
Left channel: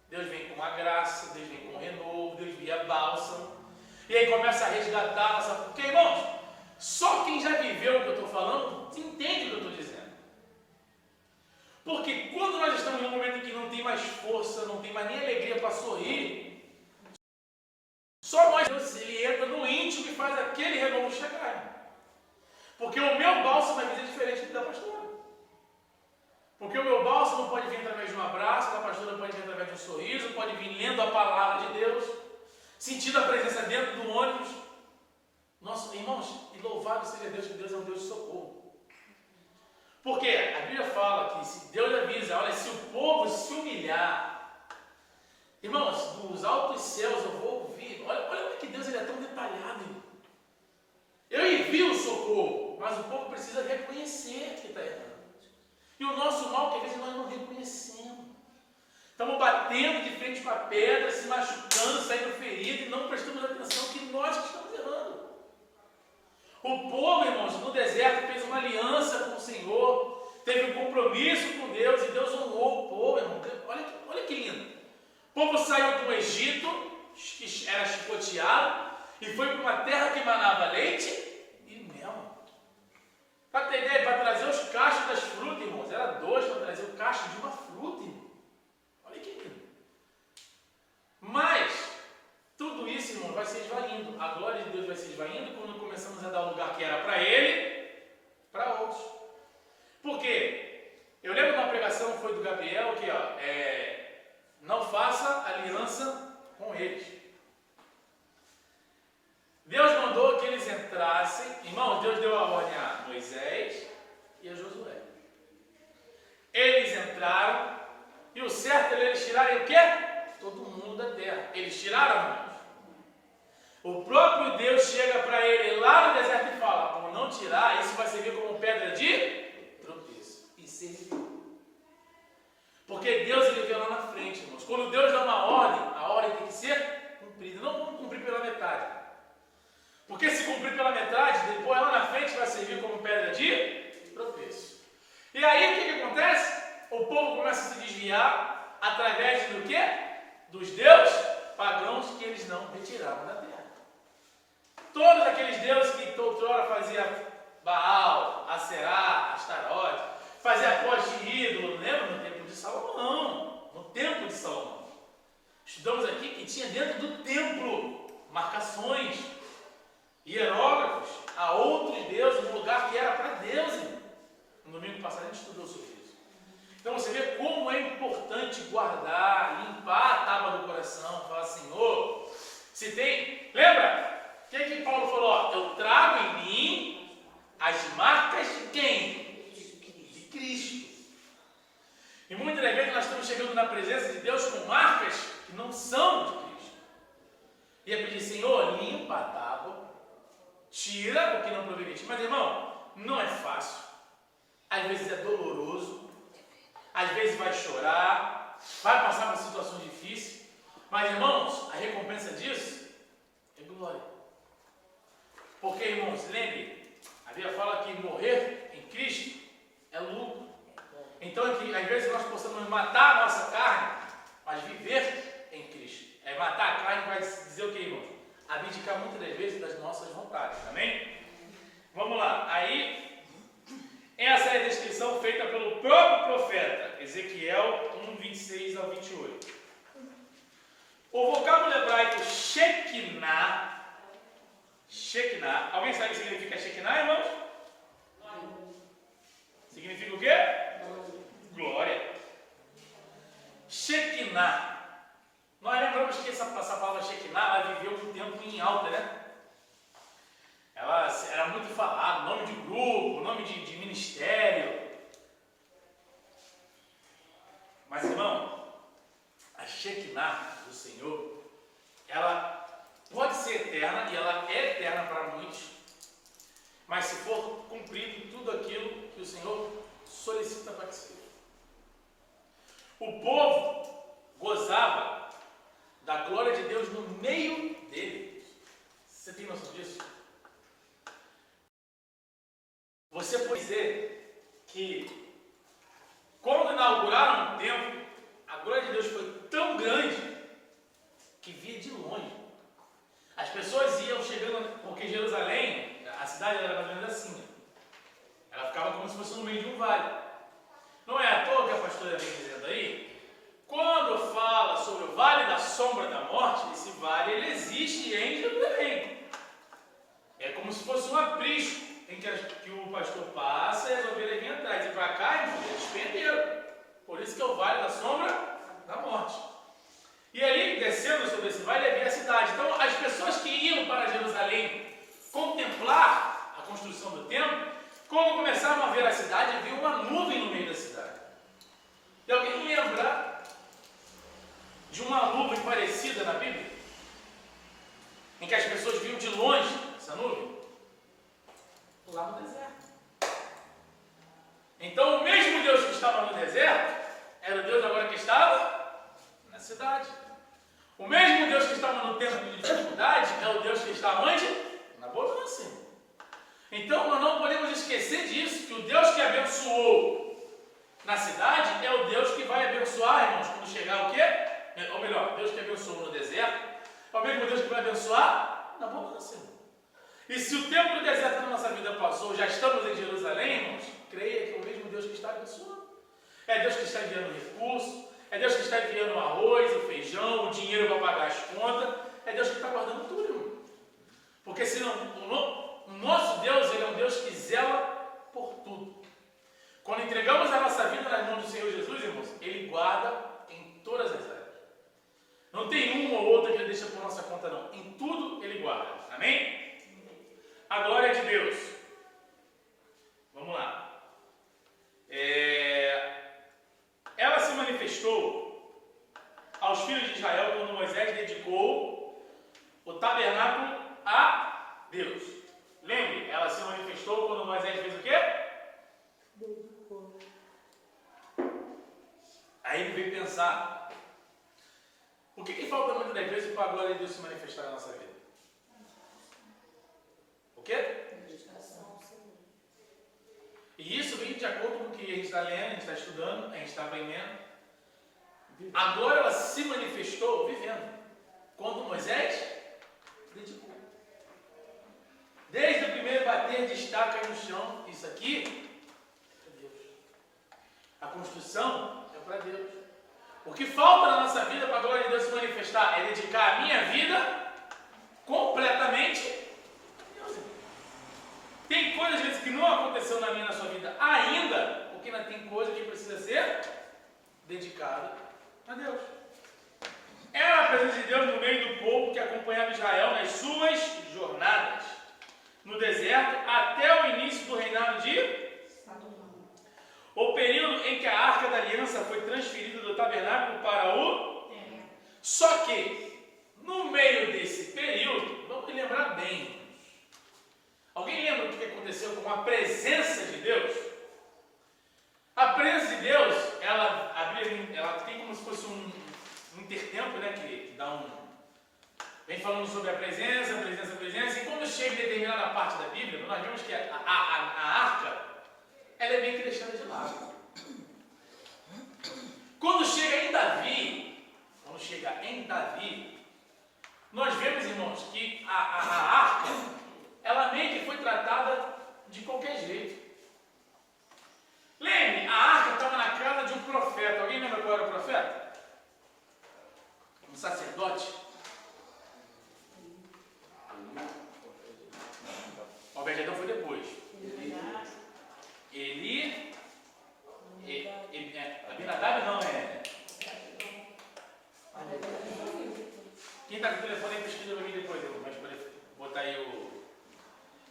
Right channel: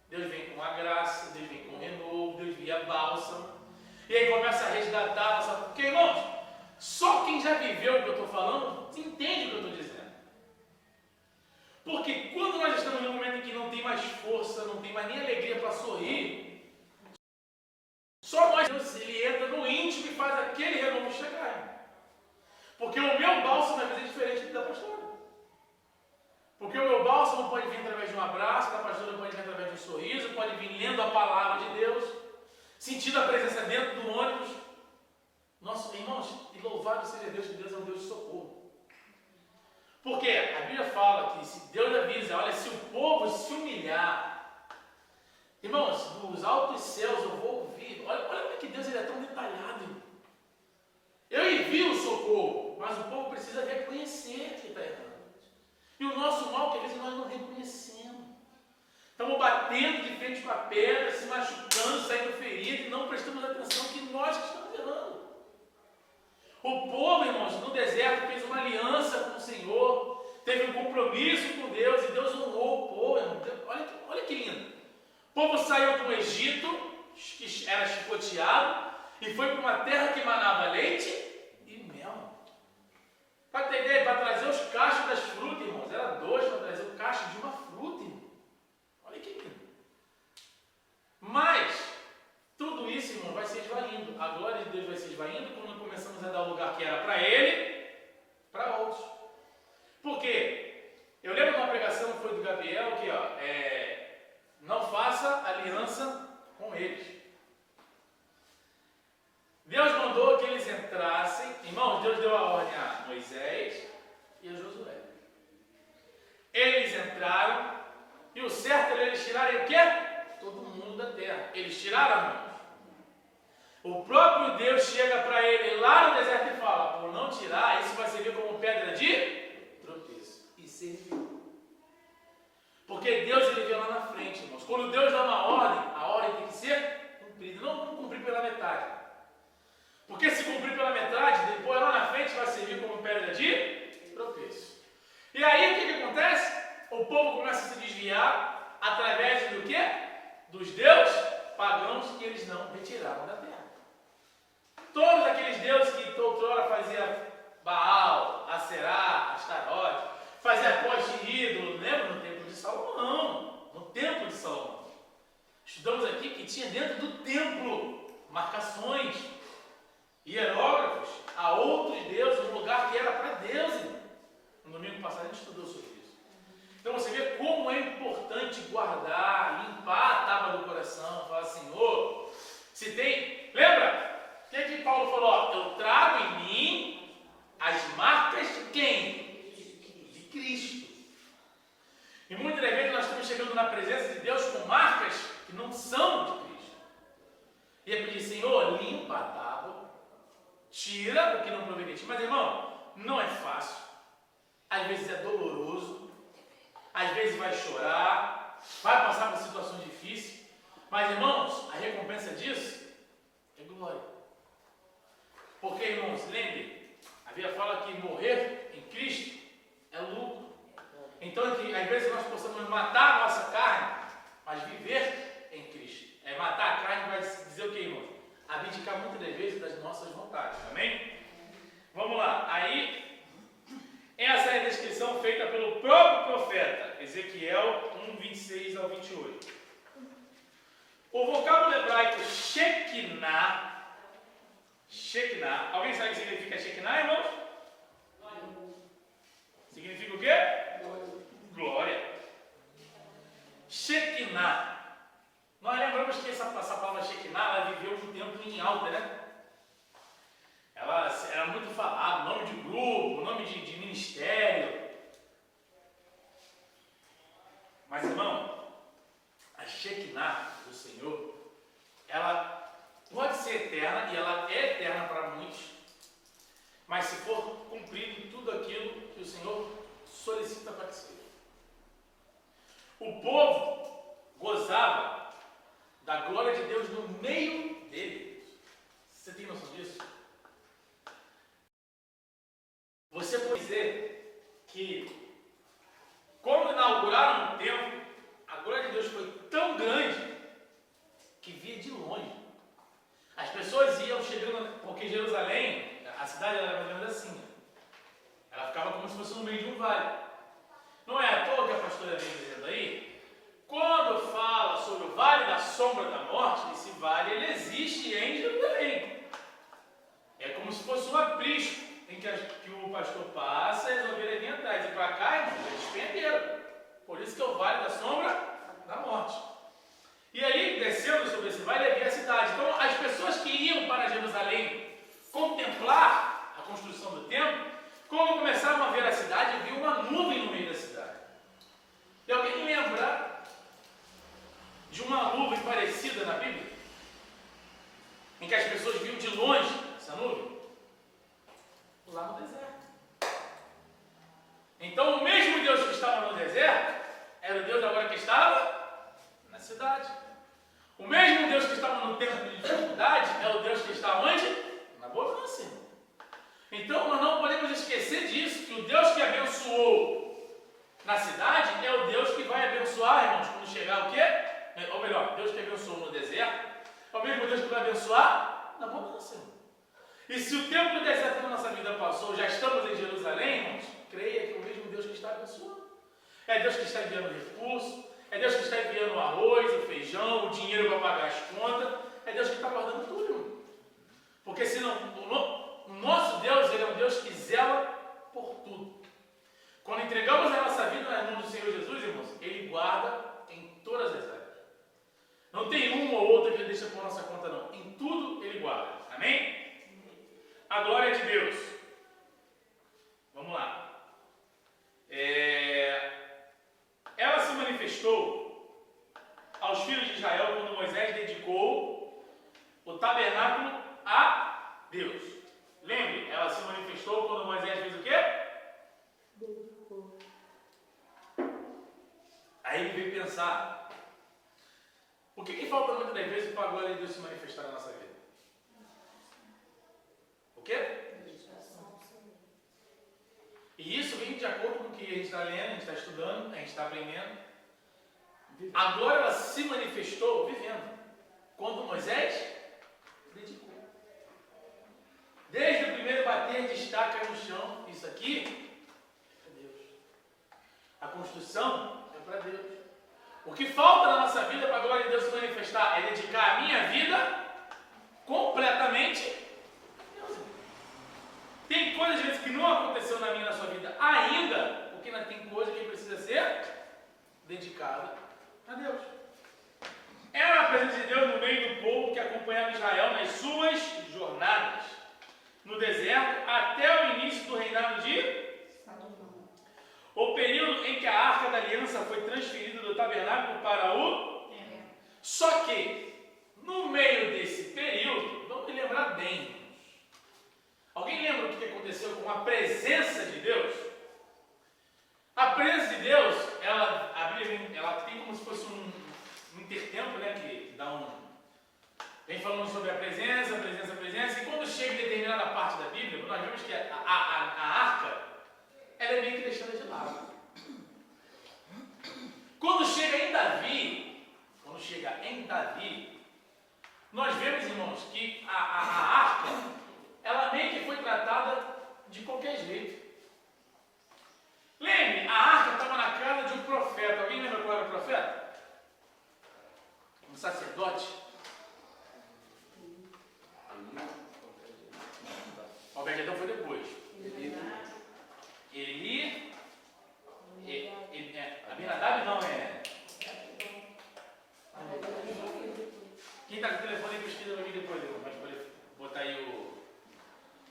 Deus vem com a graça. Deus vem com o renovo. Deus vem bálsamo. E aí começa a resgatar a nossa... Porque, irmãos, só quem já viveu o que eu estou falando entende o que eu estou dizendo. Porque quando nós estamos num momento em que não tem mais força, não tem mais nem alegria para sorrir, só nós, ele entra no íntimo e faz aquele renovo chegar. Porque o meu bálsamo às vezes é diferente da pastora. Porque o meu bálsamo pode vir através de um abraço, da pastora pode vir através de um sorriso, pode vir lendo a palavra de Deus, sentindo a presença dentro do ônibus. Nossa, irmãos, e louvado seja Deus, que Deus é um Deus de socorro. Porque a Bíblia fala que se Deus avisa, olha, se o povo se humilhar, irmãos, dos altos céus eu vou ouvir. Olha como é que Deus ele é tão detalhado, irmão. Eu envio o socorro, mas o povo precisa reconhecer que está errando. E o nosso mal, que às vezes nós não reconhecemos. Estamos batendo de frente com a pedra, se machucando, saindo ferido e não prestamos atenção que nós que estamos errando. O povo, irmãos, no deserto fez uma aliança com o Senhor, teve um compromisso com Deus e Deus honrou o povo, irmão. Olha que lindo. O povo saiu do Egito, que era chicoteado, e foi para uma terra que manava leite e mel. Para ter ideia, para trazer os cachos das frutas, irmãos, era 2 para trazer o cacho de uma fruta, irmão. Olha que lindo. Mas tudo isso, irmão, vai se esvaindo. A glória de Deus vai se esvaindo quando começamos a dar o lugar que era para Ele, para outros. Por quê? Eu lembro de uma pregação que foi do Gabriel, que não faça aliança com eles. Deus mandou que eles entrassem. Irmãos, Deus deu a ordem a Moisés e a Josué. Eles entraram e o certo era eles tirarem o quê? Todo mundo da terra. Eles tiraram, irmãos. O próprio Deus chega para ele lá no deserto e fala: por não tirar, isso vai servir como pedra de tropeço. E serviu. Porque Deus ele vê lá na frente, irmãos. Quando Deus dá uma ordem, a ordem tem que ser cumprida. Não vamos cumprir pela metade. Porque se cumprir pela metade, depois lá na frente vai servir como pedra de tropeço. E aí o que acontece? O povo começa a se desviar através do quê? Dos deuses pagãos que eles não retiraram da terra. Todos aqueles deuses que outrora fazia Baal, Aserá, Astarote, fazia poste de ídolo, lembra? No templo de Salomão. No templo de Salomão. Estudamos aqui que tinha dentro do templo marcações, hierógrafos a outros deuses, um lugar que era para Deus. No domingo passado a gente estudou sobre isso. Então você vê como é importante guardar, limpar a tábua do coração, falar: Senhor, se tem... Lembra? O que Paulo falou? Eu trago em mim as marcas de quem? De Cristo. E muitas das vezes nós estamos chegando na presença de Deus com marcas que não são de Cristo. E é pedir: Senhor, limpa a tábua, tira o que não provém de ti. Mas, irmão, não é fácil. Às vezes é doloroso. Às vezes vai chorar. Vai passar por situações difíceis. Mas, irmãos, a recompensa disso é glória. Porque, irmãos, lembre, a Bíblia fala que morrer em Cristo é lucro. Então, às vezes nós possamos matar a nossa carne, mas viver em Cristo. Matar a carne vai dizer o que, irmãos? Abdicar muitas das vezes das nossas vontades. Amém? Vamos lá. Aí, essa é a descrição feita pelo próprio profeta, Ezequiel 1, 26 ao 28. O vocábulo hebraico Shekinah. Alguém sabe o que significa Shekinah, irmãos? Significa o quê? Glória. Shekinah. Nós lembramos que essa palavra Shekinah, ela viveu um tempo em alta, né? Ela era muito falada, nome de grupo, nome de ministério. Mas, irmão, a Shekinah do Senhor, ela pode ser eterna, e ela é eterna para muitos, mas se for cumprido tudo aquilo que o Senhor solicita para que seja. O povo gozava da glória de Deus no meio dele. Você tem noção disso? Você pode dizer que quando inauguraram o templo, a glória de Deus foi tão grande que via de longe. As pessoas iam chegando, porque Jerusalém, a cidade era mais ou menos assim. Ela ficava como se fosse no meio de um vale. Não é à toa que a pastora vem dizendo aí, quando fala sobre o vale da sombra da morte, esse vale ele existe em Jerusalém. É como se fosse um aprisco em que o pastor passa e as ovelhas vêm atrás. E para cá, irmão, eles perderam. Por isso que é o vale da sombra da morte. E ali, descendo sobre esse vale, havia a cidade. Então, as pessoas que iam para Jerusalém, com começaram a ver a cidade e viu uma nuvem no meio da cidade. E alguém lembra de uma nuvem parecida na Bíblia? Em que as pessoas viam de longe essa nuvem? Lá no deserto. Então o mesmo Deus que estava no deserto era o Deus agora que estava na cidade. O mesmo Deus que estava no tempo de dificuldade é o Deus que está onde? Na bonança. Então nós não podemos esquecer disso, que o Deus que abençoou na cidade é o Deus que vai abençoar, irmãos, quando chegar o quê? Ou melhor, Deus que abençoou no deserto é o mesmo Deus que vai abençoar na bonança. E se o tempo do deserto na nossa vida passou, já estamos em Jerusalém, irmãos, creia que é o mesmo Deus que está abençoando. É Deus que está enviando recursos, é Deus que está enviando o arroz, o feijão, o dinheiro para pagar as contas, é Deus que está guardando tudo, irmão. Porque senão, o nosso Deus, Ele é um Deus que zela por tudo. Quando entregamos a nossa vida nas mãos do Senhor Jesus, irmãos, Ele guarda em todas as áreas. Não tem uma ou outra que Ele deixa por nossa conta, não. Em tudo Ele guarda. Amém? A glória de Deus. Vamos lá. Ela se manifestou aos filhos de Israel quando Moisés dedicou o tabernáculo a Deus. Lembre, ela se manifestou quando Moisés fez o quê? Dedicou. Aí ele veio pensar, o que falta muitas das vezes para a glória de Deus se manifestar na nossa vida? O quê? E isso vem de acordo com o que a gente está lendo, a gente está estudando, a gente está aprendendo. A glória ela se manifestou vivendo. Quando Moisés dedicou. Desde o primeiro bater de estaca no chão, isso aqui é para Deus. A construção é para Deus. O que falta na nossa vida para a glória de Deus se manifestar é dedicar a minha vida completamente a Deus. Tem coisas às vezes que não aconteceu na minha e na sua vida ainda, porque ainda tem coisa que precisa ser dedicada a Deus. Era a presença de Deus no meio do povo que acompanhava Israel nas suas jornadas no deserto até o início do reinado de Salomão. O período em que a Arca da Aliança foi transferida do tabernáculo para o templo. Só que, no meio desse período, vamos lembrar bem. Alguém lembra o que aconteceu com a presença de Deus? A presença de Deus, a Bíblia ela tem como se fosse um intertempo, né, que dá vem falando sobre a presença, e quando chega em determinada parte da Bíblia, nós vemos que a arca, ela é meio que deixada de lado. Quando chega em Davi, nós vemos, irmãos, que a arca, ela meio que foi tratada de qualquer jeito. Lembre, a arca estava na casa de um profeta. Alguém lembra qual era o profeta? Um sacerdote. Obed-edom foi depois. Abinadab não é. Quem está com o telefone aí pesquisa para mim depois, mas poder botar aí o.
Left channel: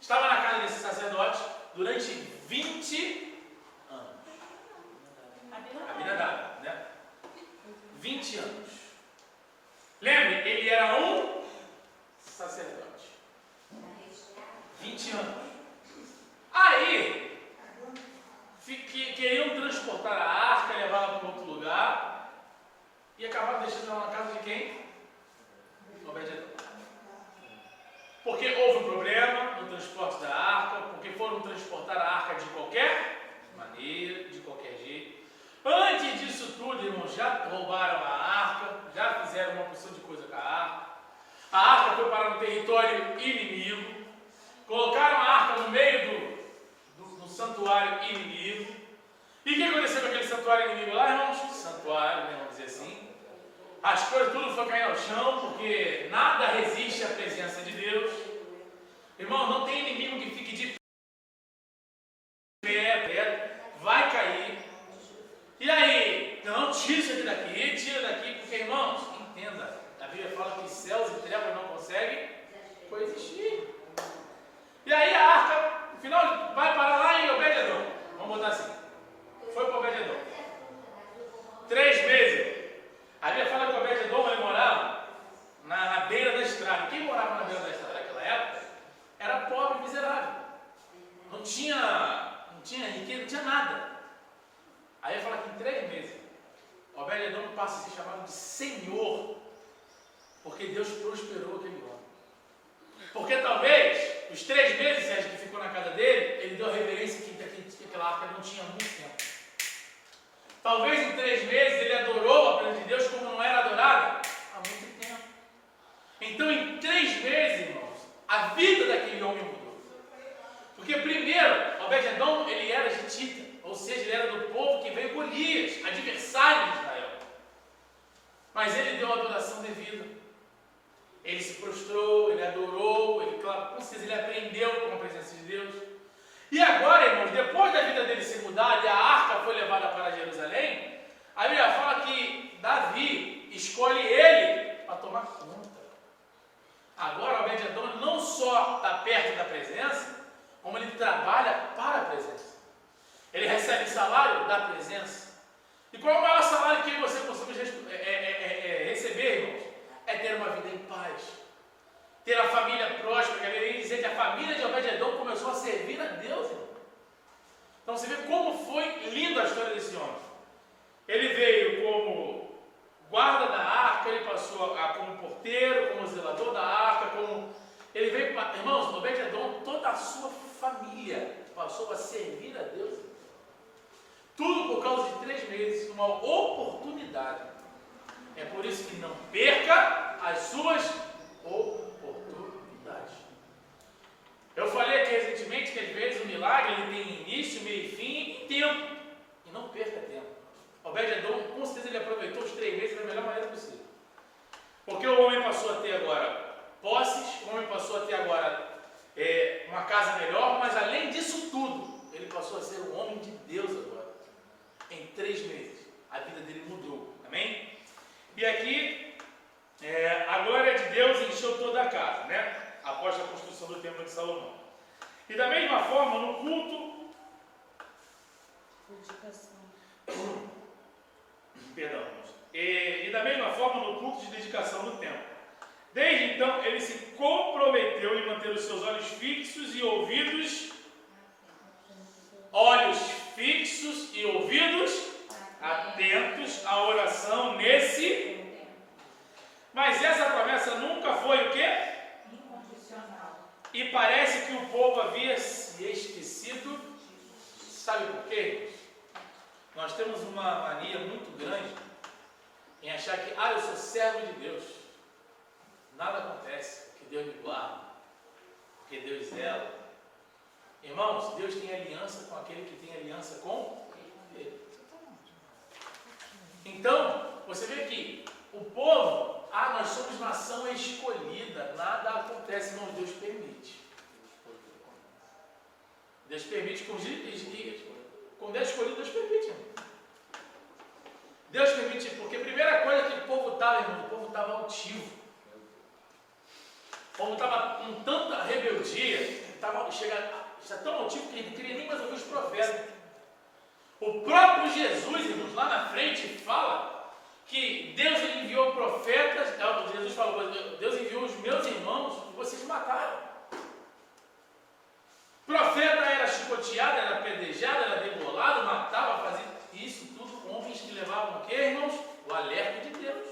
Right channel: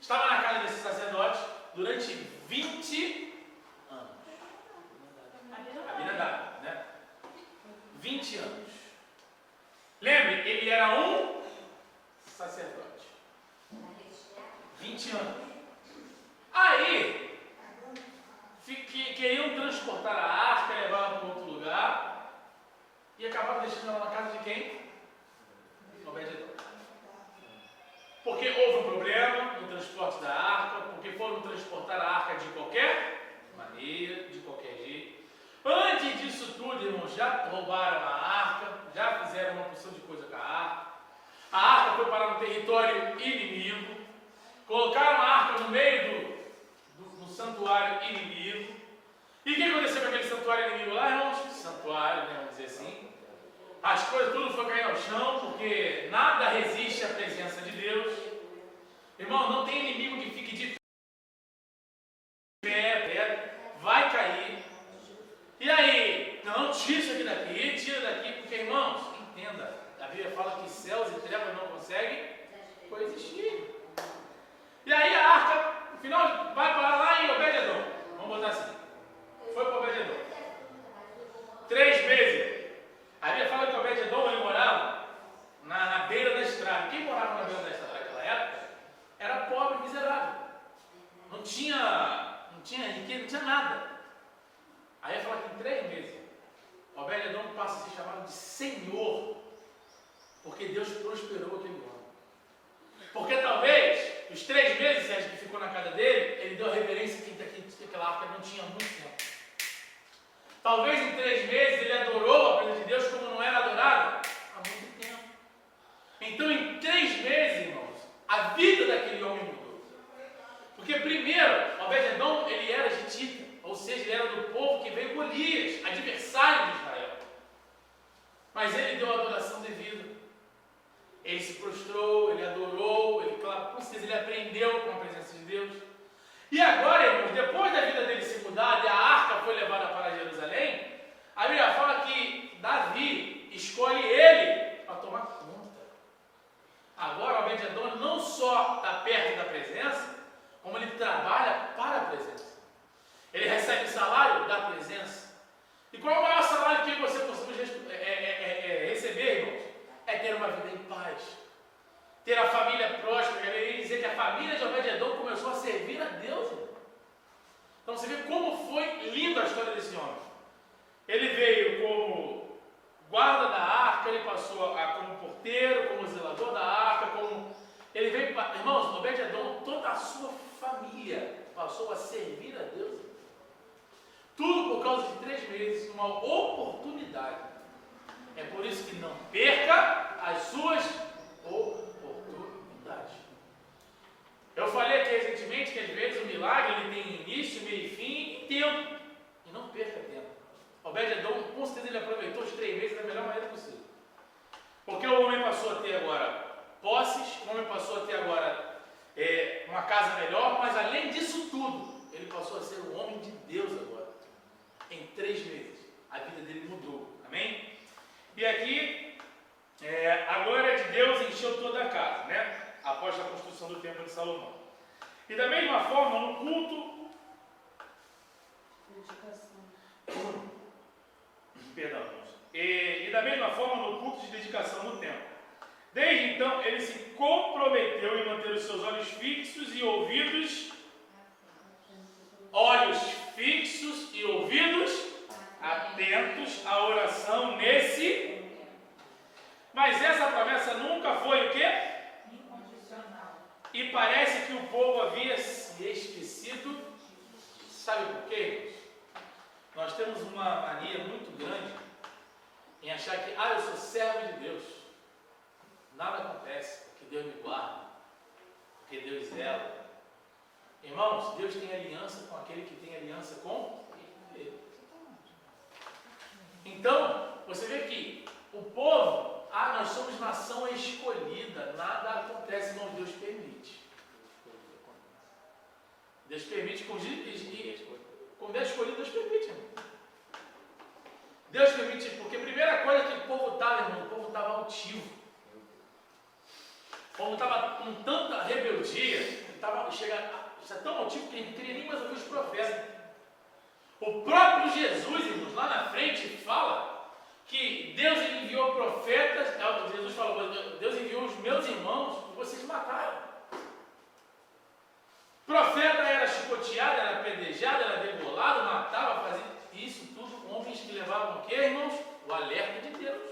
Estava na casa desse sacerdote durante 20 anos. Abinadab, né? 20 anos. Lembre, ele era um sacerdote. 20 anos. Aí, queriam transportar a arca, levá-la para outro lugar, e acabaram deixando ela na casa de quem? Obed-edom. Porque houve um problema no transporte da arca, porque foram transportar a arca de qualquer maneira, de qualquer jeito. Antes disso tudo, irmãos, já roubaram a arca, já fizeram uma porção de coisa com a arca. A arca foi parar no território inimigo. Colocaram a arca no meio do santuário inimigo. E o que aconteceu com aquele santuário inimigo lá, irmãos? Santuário, né, vamos dizer assim. As coisas tudo foi cair ao chão, porque nada resiste à presença de Deus. Irmão, não tem inimigo que fique de pé, vai cair. E aí, não, tira isso aqui daqui, tira daqui, porque, irmãos, entenda, a Bíblia fala que céus e trevas não conseguem coexistir. E aí a arca Final, vai parar lá em Obed-Edom. Vamos botar assim. Foi para Obed-Edom. 3 meses. A Bíblia fala que Obed-Edom ele morava na beira da estrada. Quem morava na beira da estrada naquela época era pobre e miserável. Não tinha riqueza, não tinha nada. Aí ele fala que em 3 meses, Obed-Edom passa a ser chamado de Senhor, porque Deus prosperou aquele homem. Porque talvez, os 3 meses, Sérgio, que ficou na casa dele, ele deu a reverência que aquela arca não tinha há muito tempo. Talvez em 3 meses ele adorou a presença de Deus como não era adorada há muito tempo. Então em 3 meses, irmãos, a vida daquele homem mudou. Porque primeiro, Obed-Edom, ele era getita, ou seja, ele era do povo que veio Golias, adversário de Israel. Mas ele deu a adoração devida. Ele se prostrou, ele adorou, com certeza ele aprendeu com a presença de Deus. E agora, irmãos, depois da vida dele ser mudada e a arca foi levada para Jerusalém, a Bíblia fala que Davi escolhe ele para tomar conta. Agora, Obed-Edom não só está perto da presença, como ele trabalha para a presença. Ele recebe salário da presença. E qual é o maior salário que você possamos receber, irmãos? É ter uma vida em paz. Ter a família próspera. Eu ia dizer que a família de Obed-Edom começou a servir a Deus, irmão. Então você vê como foi linda a história desse homem. Ele veio como guarda da arca, ele passou como porteiro, como zelador da arca, ele veio, irmãos, Obed-Edom, toda a sua família passou a servir a Deus. Tudo por causa de 3 meses, uma oportunidade. É por isso que não perca as suas oportunidades. Eu falei aqui recentemente que às vezes o milagre ele tem início, meio e fim e tempo. E não perca tempo. Obed-Edom, com certeza ele aproveitou os 3 meses da melhor maneira possível. Porque o homem passou a ter agora posses, o homem passou a ter agora uma casa melhor, mas além disso tudo, ele passou a ser um homem de Deus agora. Em 3 meses, a vida dele mudou. Amém? E aqui, a glória de Deus encheu toda a casa, né? Após a construção do templo de Salomão. E da mesma forma, no culto... Perdão, irmãos. E da mesma forma, no culto de dedicação do templo. Desde então, ele se comprometeu em manter os seus olhos fixos e ouvidos... Olhos fixos e ouvidos atentos à oração nesse... Mas essa promessa nunca foi o quê? Incondicional. E parece que o povo havia se esquecido. Sabe por quê? Nós temos uma mania muito grande em achar que, eu sou servo de Deus. Nada acontece, porque Deus me guarda, porque Deus zela. Irmãos, Deus tem aliança com aquele que tem aliança com Ele. Então, você vê que o povo, nós somos nação escolhida, nada acontece, não, Deus permite. Deus permite, quando é escolhido, Deus permite, irmão. Deus permite, porque a primeira coisa que o povo estava, irmão, o povo estava altivo. O povo estava com tanta rebeldia, estava tão altivo que ele não queria nem mais ouvir os profetas. O próprio Jesus, irmãos, lá na frente fala que Deus ele enviou profetas, Jesus falou, Deus enviou os meus irmãos e vocês mataram. Profeta era chicoteado, era apedrejado, era degolado, matava, fazia isso tudo com homens que levavam o quê, irmãos? O alerta de Deus.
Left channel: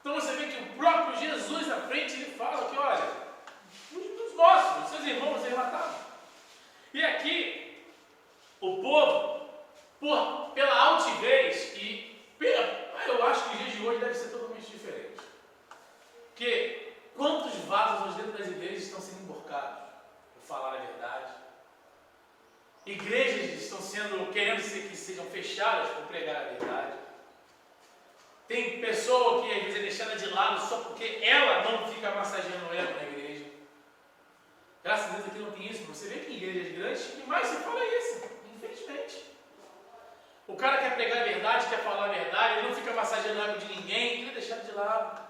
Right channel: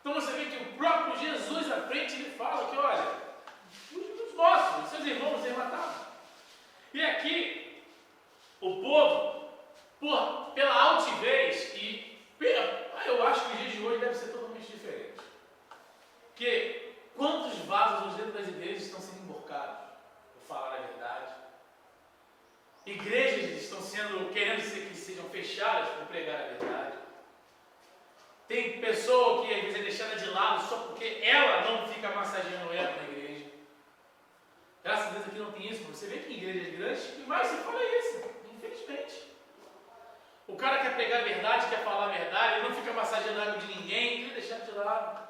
Então você vê que o próprio Jesus à frente ele fala que, olha, os nossos, os seus irmãos, eles matavam. E aqui, o povo, pela altivez eu acho que os dias de hoje deve ser totalmente diferente. Porque quantos vasos dentro das igrejas estão sendo emborcados por falar a verdade? Igrejas estão querendo que sejam fechadas por pregar a verdade. Tem pessoa que às vezes é deixada de lado só porque ela não fica massageando ela na igreja. Graças a Deus aqui não tem isso. Você vê que em igrejas grandes o que mais se fala é isso, infelizmente. O cara quer pregar a verdade, quer falar a verdade, ele não fica massageando a água de ninguém, ele é deixado de lado.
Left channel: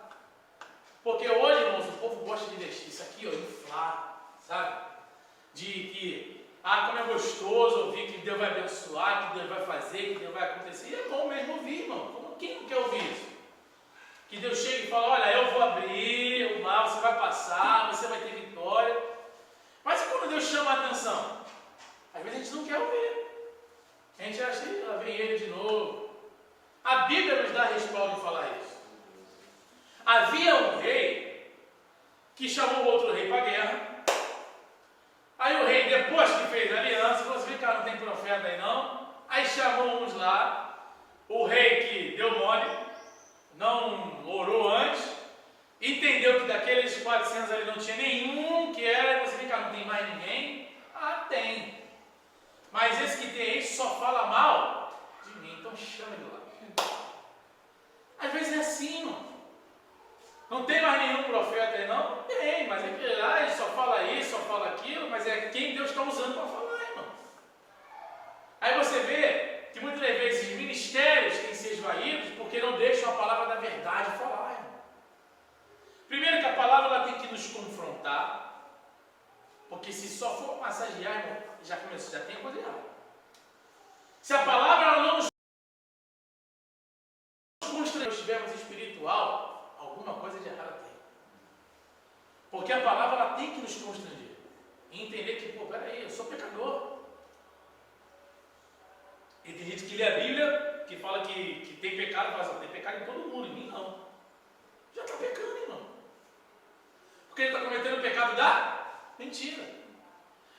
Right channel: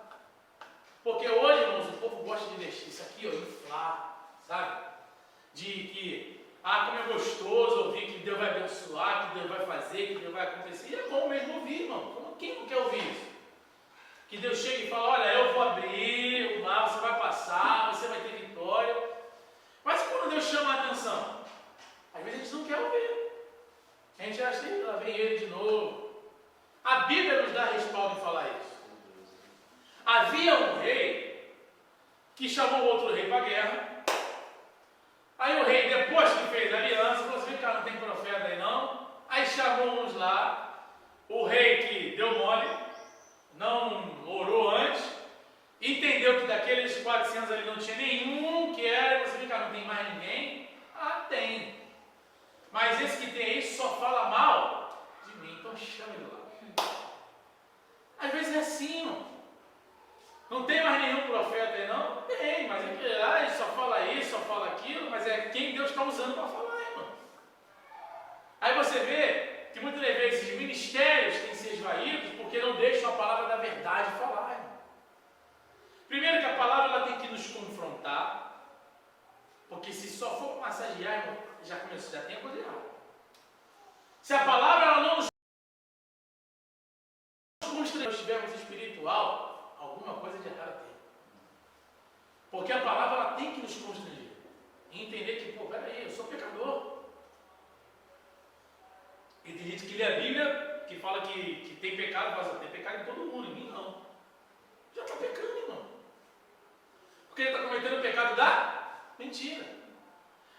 Porque hoje, irmãos, o povo gosta de deixar isso aqui, inflar, sabe? de que, como é gostoso ouvir que Deus vai abençoar, que Deus vai fazer, que Deus vai acontecer. E é bom mesmo ouvir, irmão. Quem não quer ouvir isso? Que Deus chega e fala, olha, eu vou abrir o mar, você vai passar, você vai ter vitória. Mas e quando Deus chama a atenção? Às vezes a gente não quer ouvir. A gente acha que lá vem ele de novo. A Bíblia nos dá respaldo em falar isso. Havia um rei que chamou outro rei para a guerra. Aí o rei, depois que fez a aliança, falou assim, vem cá, não tem profeta aí não. Aí chamou uns lá. O rei que deu mole, não orou antes, entendeu que daqueles 400 ali não tinha nenhum que era, você vem cá, não tem mais ninguém? Tem. Mas esse que tem aí só fala mal de mim, então chama ele lá. Às vezes é assim, irmão. Não tem mais nenhum profeta aí não? Não tem, mas é que ele só fala isso, só fala aquilo, mas é quem Deus está usando para falar, irmão. Aí você vê que muitas vezes os ministérios têm se esvaídos porque não deixam a palavra da verdade falar, irmão. Primeiro que a palavra ela tem que nos confrontar, porque se só for massagear, irmão, já começou, já tem coisa errada. Se a palavra ela não nos constrange, se estivermos espiritual, alguma coisa de errado tem. Porque a palavra ela tem que nos constranger. E entender que, peraí, eu sou pecador. E tem gente que lê a Bíblia, que fala que tem pecado, mas tem pecado em todo mundo, em mim não. Já está pecando, irmão. Porque ele está cometendo o pecado da mentira.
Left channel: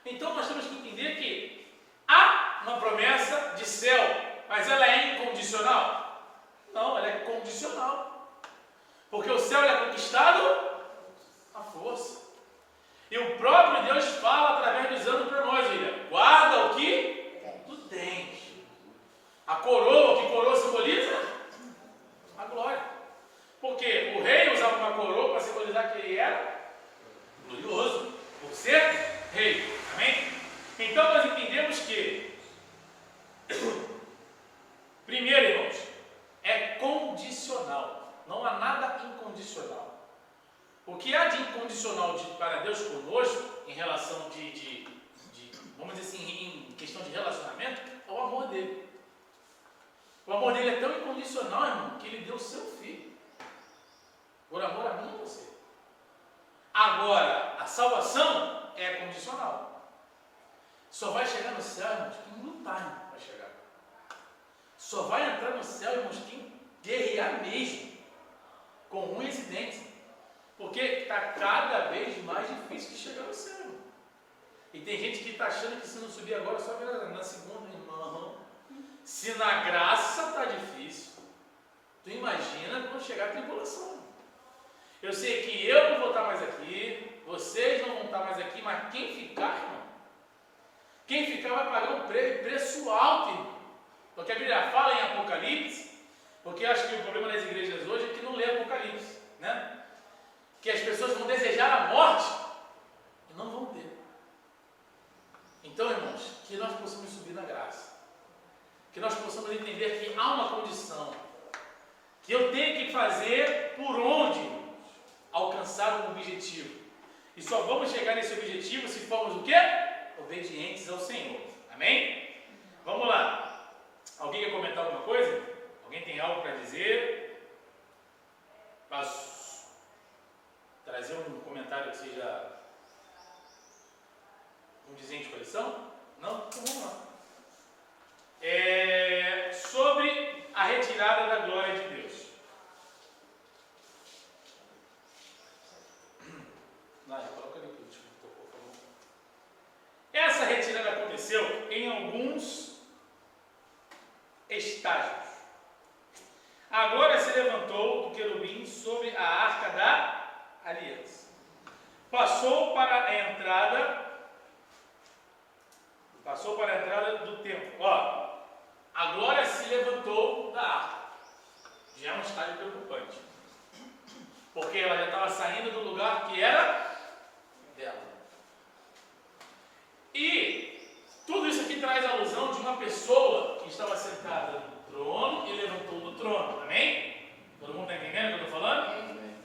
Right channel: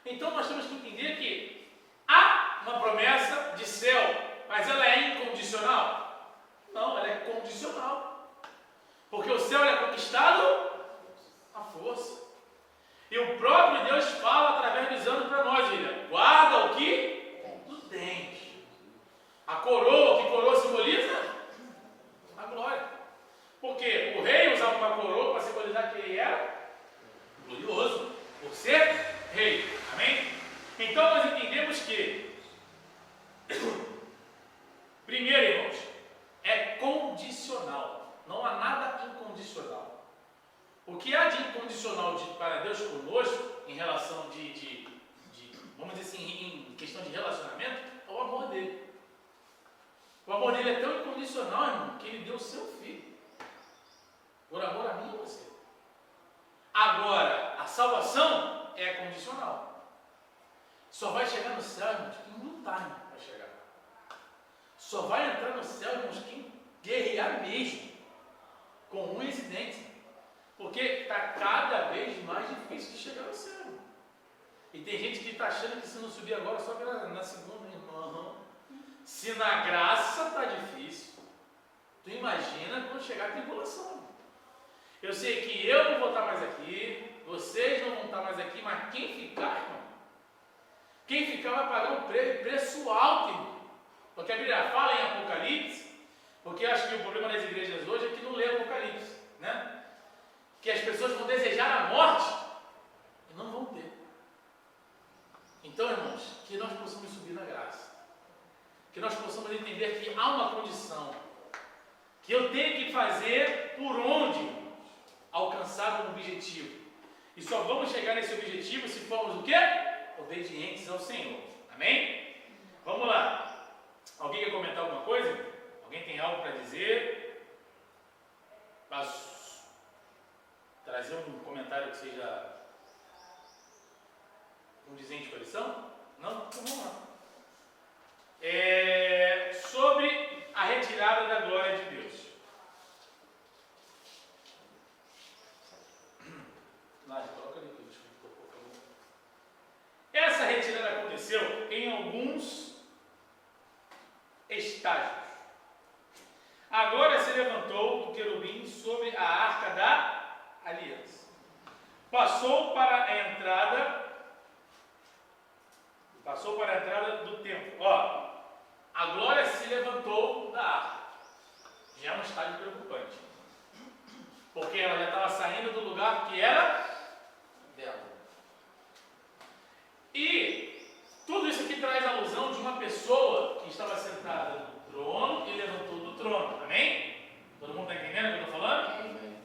Então nós temos que entender que há uma promessa de céu, mas ela é incondicional? Não, ela é condicional. Porque o céu é conquistado à força. E o próprio Deus fala através dos anos para nós, William. Guarda o que tu tens. A coroa, que coroa simboliza? A glória. Porque o rei usava uma coroa para simbolizar que ele era glorioso, por ser rei. Amém? Então nós entendemos que, primeiro, irmãos, é condicional. Não há nada incondicional. O que há de incondicional para Deus conosco, em relação vamos dizer assim, em questão de relacionamento, é o amor dele. O amor dele é tão incondicional, irmão, que ele deu o seu filho. Por amor a mim e a você. Agora, a salvação é condicional. Só vai chegar no céu, irmãos, quem lutar, irmão, vai chegar. Só vai entrar no céu, irmãos, quem guerrear mesmo. Com unhas e dentes. Porque está cada vez mais difícil de chegar ao céu, irmão. E tem gente que está achando que se não subir agora, só na segunda, irmão. Se na graça está difícil, tu imagina quando chegar a tribulação. Irmão. Eu sei que eu não vou estar mais aqui, vocês não vão estar mais aqui, mas quem ficar, irmão, quem ficar vai pagar um preço alto, irmão. Porque a Bíblia fala em Apocalipse, porque eu acho que o problema das igrejas hoje é que não lê Apocalipse, né? Que as pessoas vão desejar a morte e não vão ter. Então, irmãos, que nós possamos subir na graça. Que nós possamos entender que há uma condição. Que eu tenho que fazer por onde, irmãos, alcançar um objetivo. E só vamos chegar nesse objetivo se formos o quê? Obedientes ao Senhor. Amém? Vamos lá. Alguém quer comentar alguma coisa? Alguém tem algo para dizer? Posso trazer um comentário que seja condizente com a lição? Não? Então vamos lá. Sobre a retirada da glória de Deus. Coloca ali que essa retirada aconteceu em alguns estágios. A glória se levantou do querubim sobre a arca da aliança. Passou para a entrada do templo. A glória se levantou da arca. Já é um estágio preocupante. Porque ela já estava saindo do lugar que era dela. E tudo isso aqui traz a alusão de uma pessoa que estava sentada no trono e levantou do trono. Amém? Todo mundo está entendendo o que eu estou falando? Amém.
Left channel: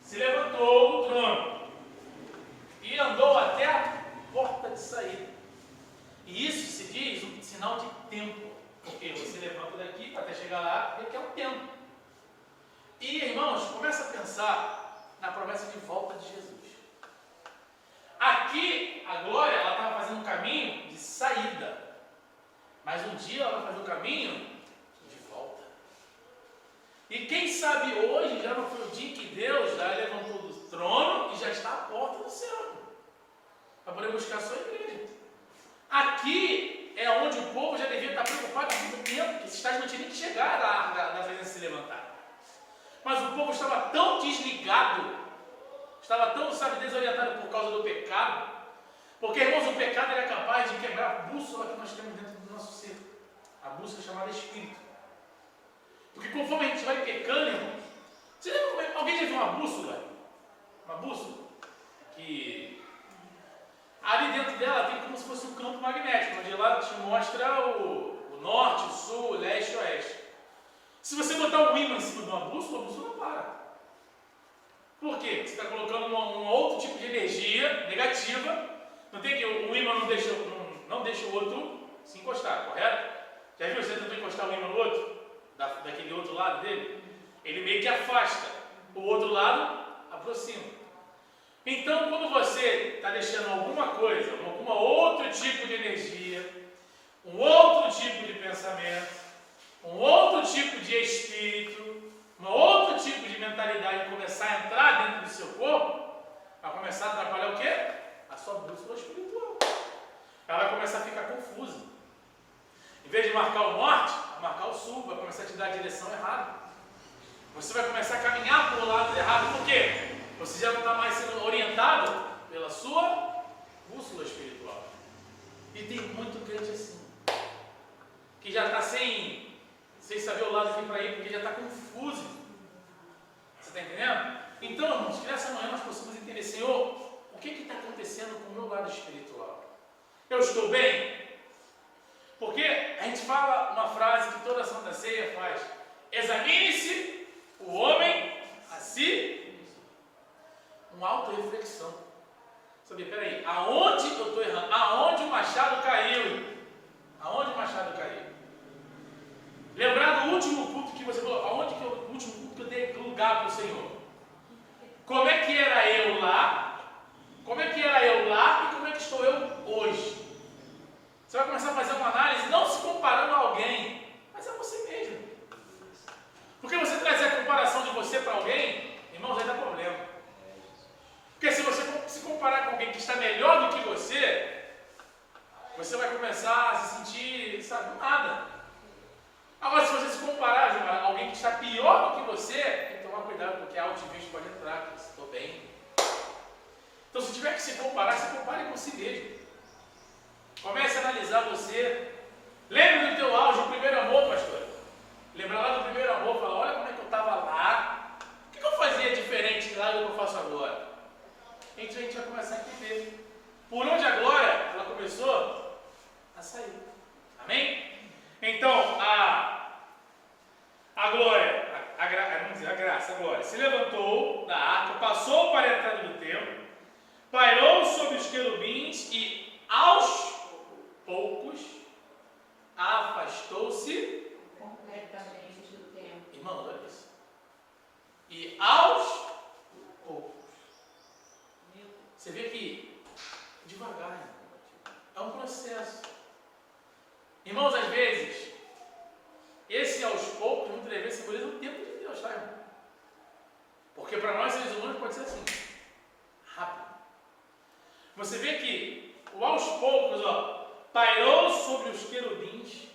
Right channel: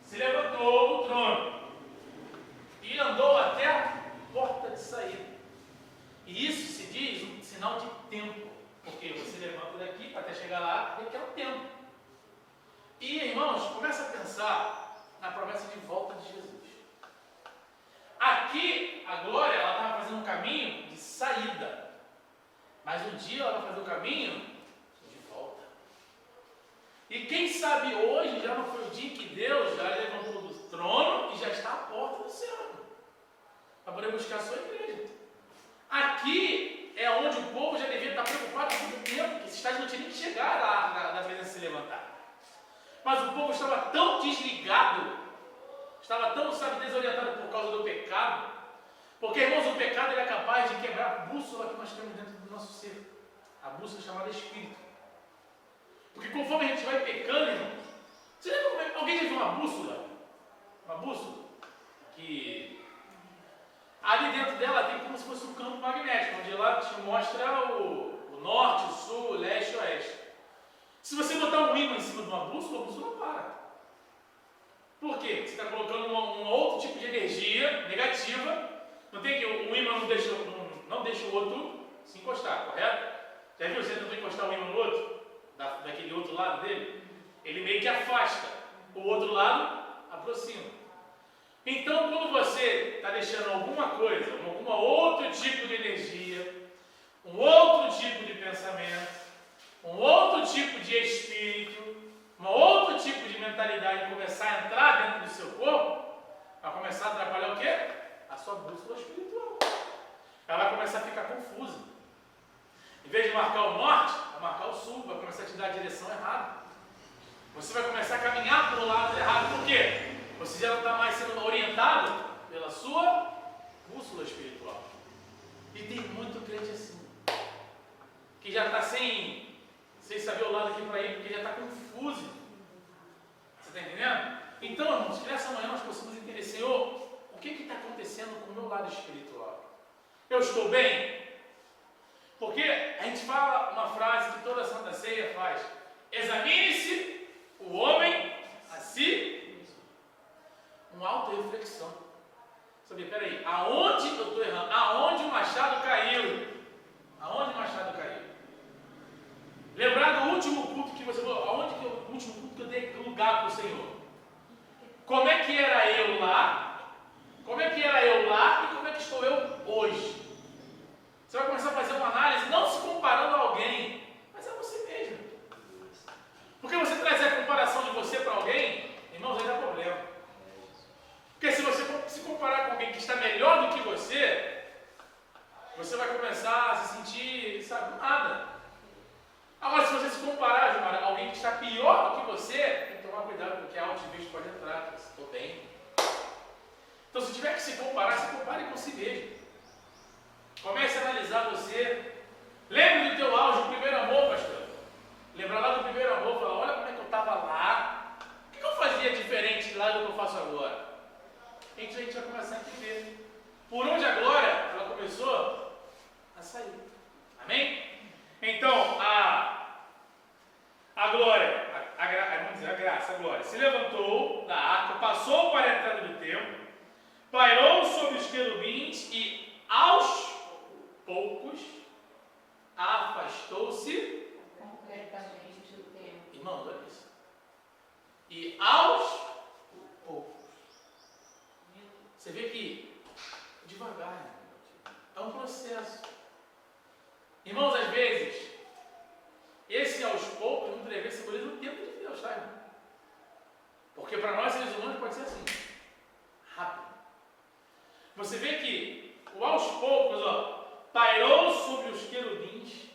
Se levantou do trono e andou até a porta pensar na promessa de volta de Jesus. Aqui, a Glória, ela estava fazendo um caminho de saída. Mas um dia ela vai fazer um caminho de volta. E quem sabe hoje já não foi o dia que Deus já levantou do trono e já está à porta do céu para poder buscar a sua igreja. Aqui é onde o povo já devia estar preocupado há muito tempo, que esses estágios não tinham nem que chegar na presença se levantar. Mas o povo estava tão desligado, estava tão, desorientado por causa do pecado, porque, irmãos, o pecado é capaz de quebrar a bússola que nós temos dentro do nosso ser, a bússola chamada espírito. Porque conforme a gente vai pecando, irmãos, você lembra como é? Alguém já viu uma bússola? Uma bússola? Que ali dentro dela tem como se fosse um campo magnético, onde ela te mostra o norte, o sul, o leste e o oeste. Se você botar um ímã em cima de uma bússola, a bússola para. Por quê? Você está colocando um outro tipo de energia negativa. Não tem que o ímã não deixa o outro se encostar, correto? Já viu? Você tentou encostar o ímã no outro? Daquele outro lado dele? Ele meio que afasta. O outro lado aproxima. Então, quando você está deixando alguma coisa, algum outro tipo de energia, um outro tipo de pensamento, um outro tipo de espírito, um outro tipo de mentalidade começar a entrar dentro do seu corpo, vai começar a atrapalhar o quê? A sua bússola espiritual. Ela vai começar a ficar confusa. Em vez de marcar o norte, vai marcar o sul, vai começar a te dar a direção errada. Você vai começar a caminhar por lado errado. Por quê? Você já não está mais sendo orientado pela sua bússola espiritual. E tem muito crente assim, que já está sem saber o lado que para ir, porque já está confuso. Você está entendendo? Então, irmãos, que nessa manhã nós possamos entender, Senhor, o que está acontecendo com o meu lado espiritual? Eu estou bem? Porque a gente fala uma frase que toda a Santa Ceia faz: examine-se o homem a si. Uma auto-reflexão. Sabe, peraí, aonde eu estou errando? Aonde o machado caiu? Aonde o machado caiu? Lembrar do último culto que você falou, o último culto que eu dei lugar para o Senhor? Como é que era eu lá? Como é que era eu lá e como é que estou eu hoje? Você vai começar a fazer uma análise, não se comparando a alguém, mas a você mesmo. Porque você trazer a comparação de você para alguém, irmãos, aí dá problema. Porque se você se comparar com alguém que está melhor do que você vai começar a se sentir, sabe, nada. Agora, se você se comparar, Gilmar, a alguém que está pior do que você, tem que tomar cuidado, porque a altivez pode entrar. Estou bem. Então, se tiver que se comparar, se compare com si mesmo. Comece a analisar você. Lembre do teu auge, o primeiro amor, pastor. Lembra lá do primeiro amor, fala, olha como é que eu estava lá. O que eu fazia diferente lá do que eu faço agora? Então a gente vai começar a entender por onde a glória ela começou a sair. Amém? Então a glória, vamos dizer, a graça, a glória, se levantou da arca, passou para a entrada do templo, pairou sobre os querubins e aos poucos afastou-se completamente do tempo. Irmãos, olha isso. E aos poucos. Você vê que devagar, é um processo. Irmãos, às vezes, esse aos poucos, muitas vezes, simboliza o tempo de Deus, tá, irmão? Porque para nós, seres humanos, pode ser assim, rápido. Você vê que o aos poucos, pairou sobre os querubins.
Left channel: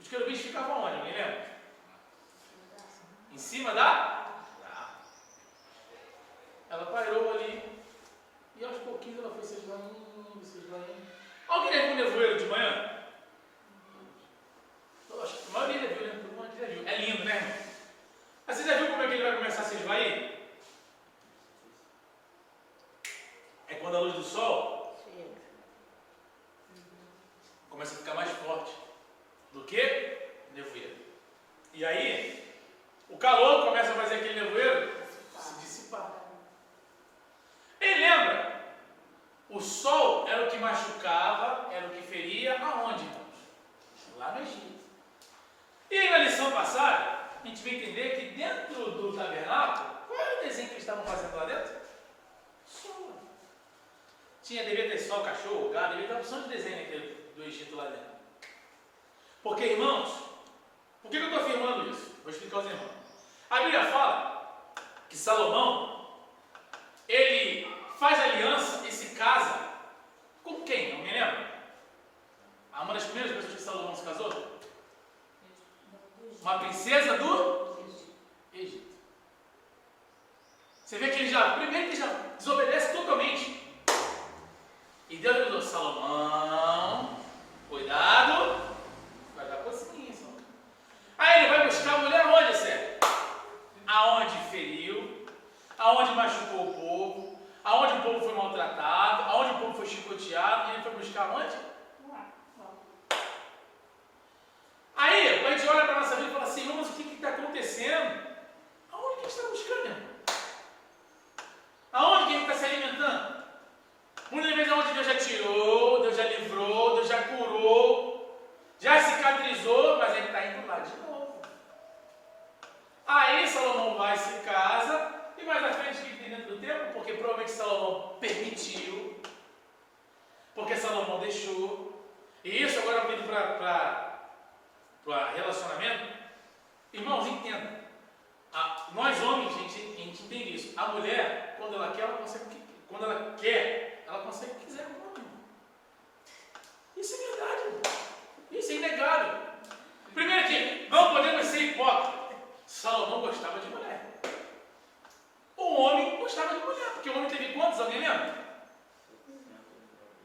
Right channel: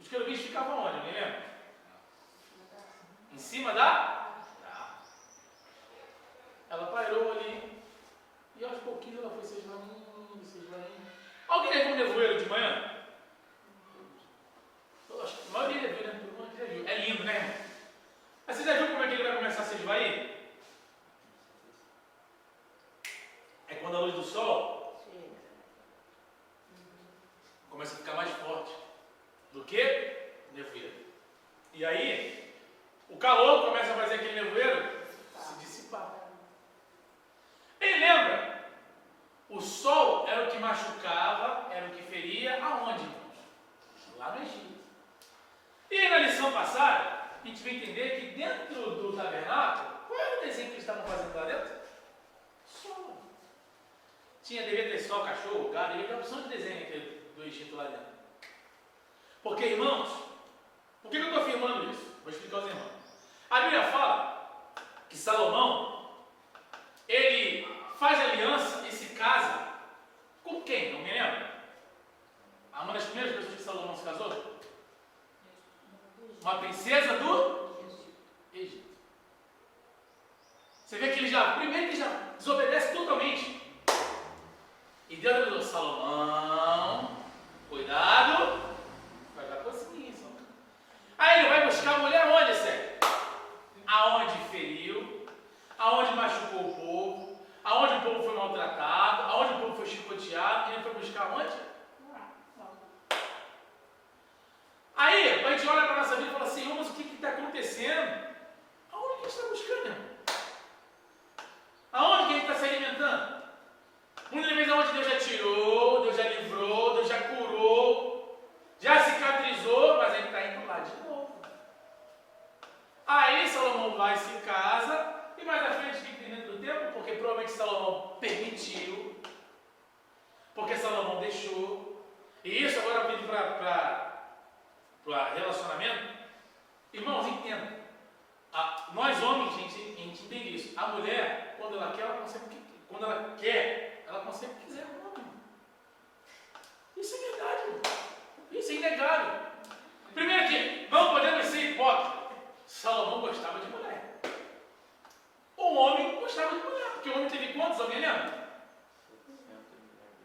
Os querubins ficavam onde? Alguém lembra? Em cima da? Ela pairou ali. E aos pouquinhos ela foi se esvaindo. Alguém levou um nevoeiro de manhã? Eu acho que a maioria já viu, né? Todo mundo aqui já viu. É lindo, né, irmão? Mas você já viu como é que ele vai começar a se esvair? É quando a luz do sol começa a ficar mais forte do que nevoeiro. E aí, o calor começa a fazer aquele nevoeiro se dissipar. E lembra? O sol era o que machucava, era o que feria aonde? a gente vai entender que dentro do tabernáculo, qual era o desenho que eles estavam fazendo lá dentro? Sol. Devia ter sol, cachorro, gado, devia ter uma opção de desenho aqui do Egito lá dentro. Porque, irmãos, por que eu estou afirmando isso? Vou explicar aos irmãos. A Bíblia fala que Salomão, ele faz aliança e se casa com quem? Não me lembro. Uma das primeiras pessoas que Salomão se casou? Uma princesa do Egito. Você vê que ele já, primeiro que ele já desobedece totalmente. E Deus avisou, Salomão, cuidado, vai dar cocinha, Salomão. Aí ele vai buscar a mulher onde, Sérgio? Aonde feriu, aonde machucou o povo, aonde o povo foi maltratado, aonde o povo foi chicoteado, e ele foi buscar onde? Aí, a gente olha para a nossa vida e fala assim, mas o que está acontecendo? Aonde que a gente está buscando, irmão? Aonde que a gente está se alimentando? Muitas vezes aonde Deus já tirou, Deus já livrou, Deus já curou, já cicatrizou, mas ele está indo lá de novo. Aí Salomão vai e se casa, e mais à frente, o que tem dentro do tempo? Porque provavelmente Salomão permitiu, porque Salomão deixou. E isso agora vindo para relacionamento, irmãos, entendam. Nós homens, a gente entende isso. A mulher, quando ela quer, ela consegue o que quiser com o homem. Isso é verdade, irmão. Isso é inegável. Primeiro que não podemos ser hipócritas. Salomão gostava de mulher. O homem gostava de mulher, porque o homem teve quantos? Alguém lembra?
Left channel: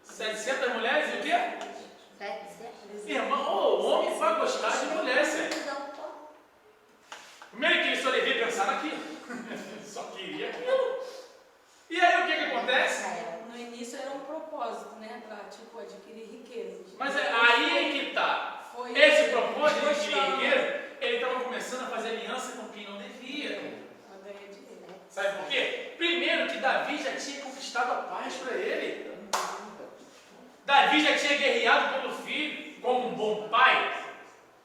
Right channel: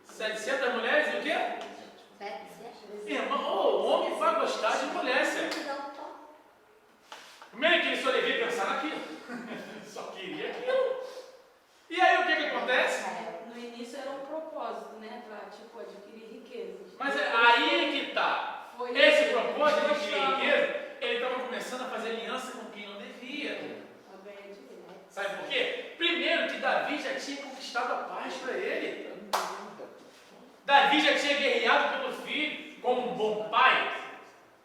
700 mulheres e o quê? Irmão, o homem vai gostar de mulher, sério. Primeiro que ele só devia pensar naquilo. Só queria aquilo. E aí o que acontece? No início era um propósito, né? Para tipo, adquirir riquezas. Mas aí que está. Esse propósito de adquirir riqueza, ele estava começando a fazer aliança com quem não devia. Sabe por quê? Primeiro que Davi já tinha conquistado a paz para ele. Davi já tinha guerreado pelo filho, como um bom pai,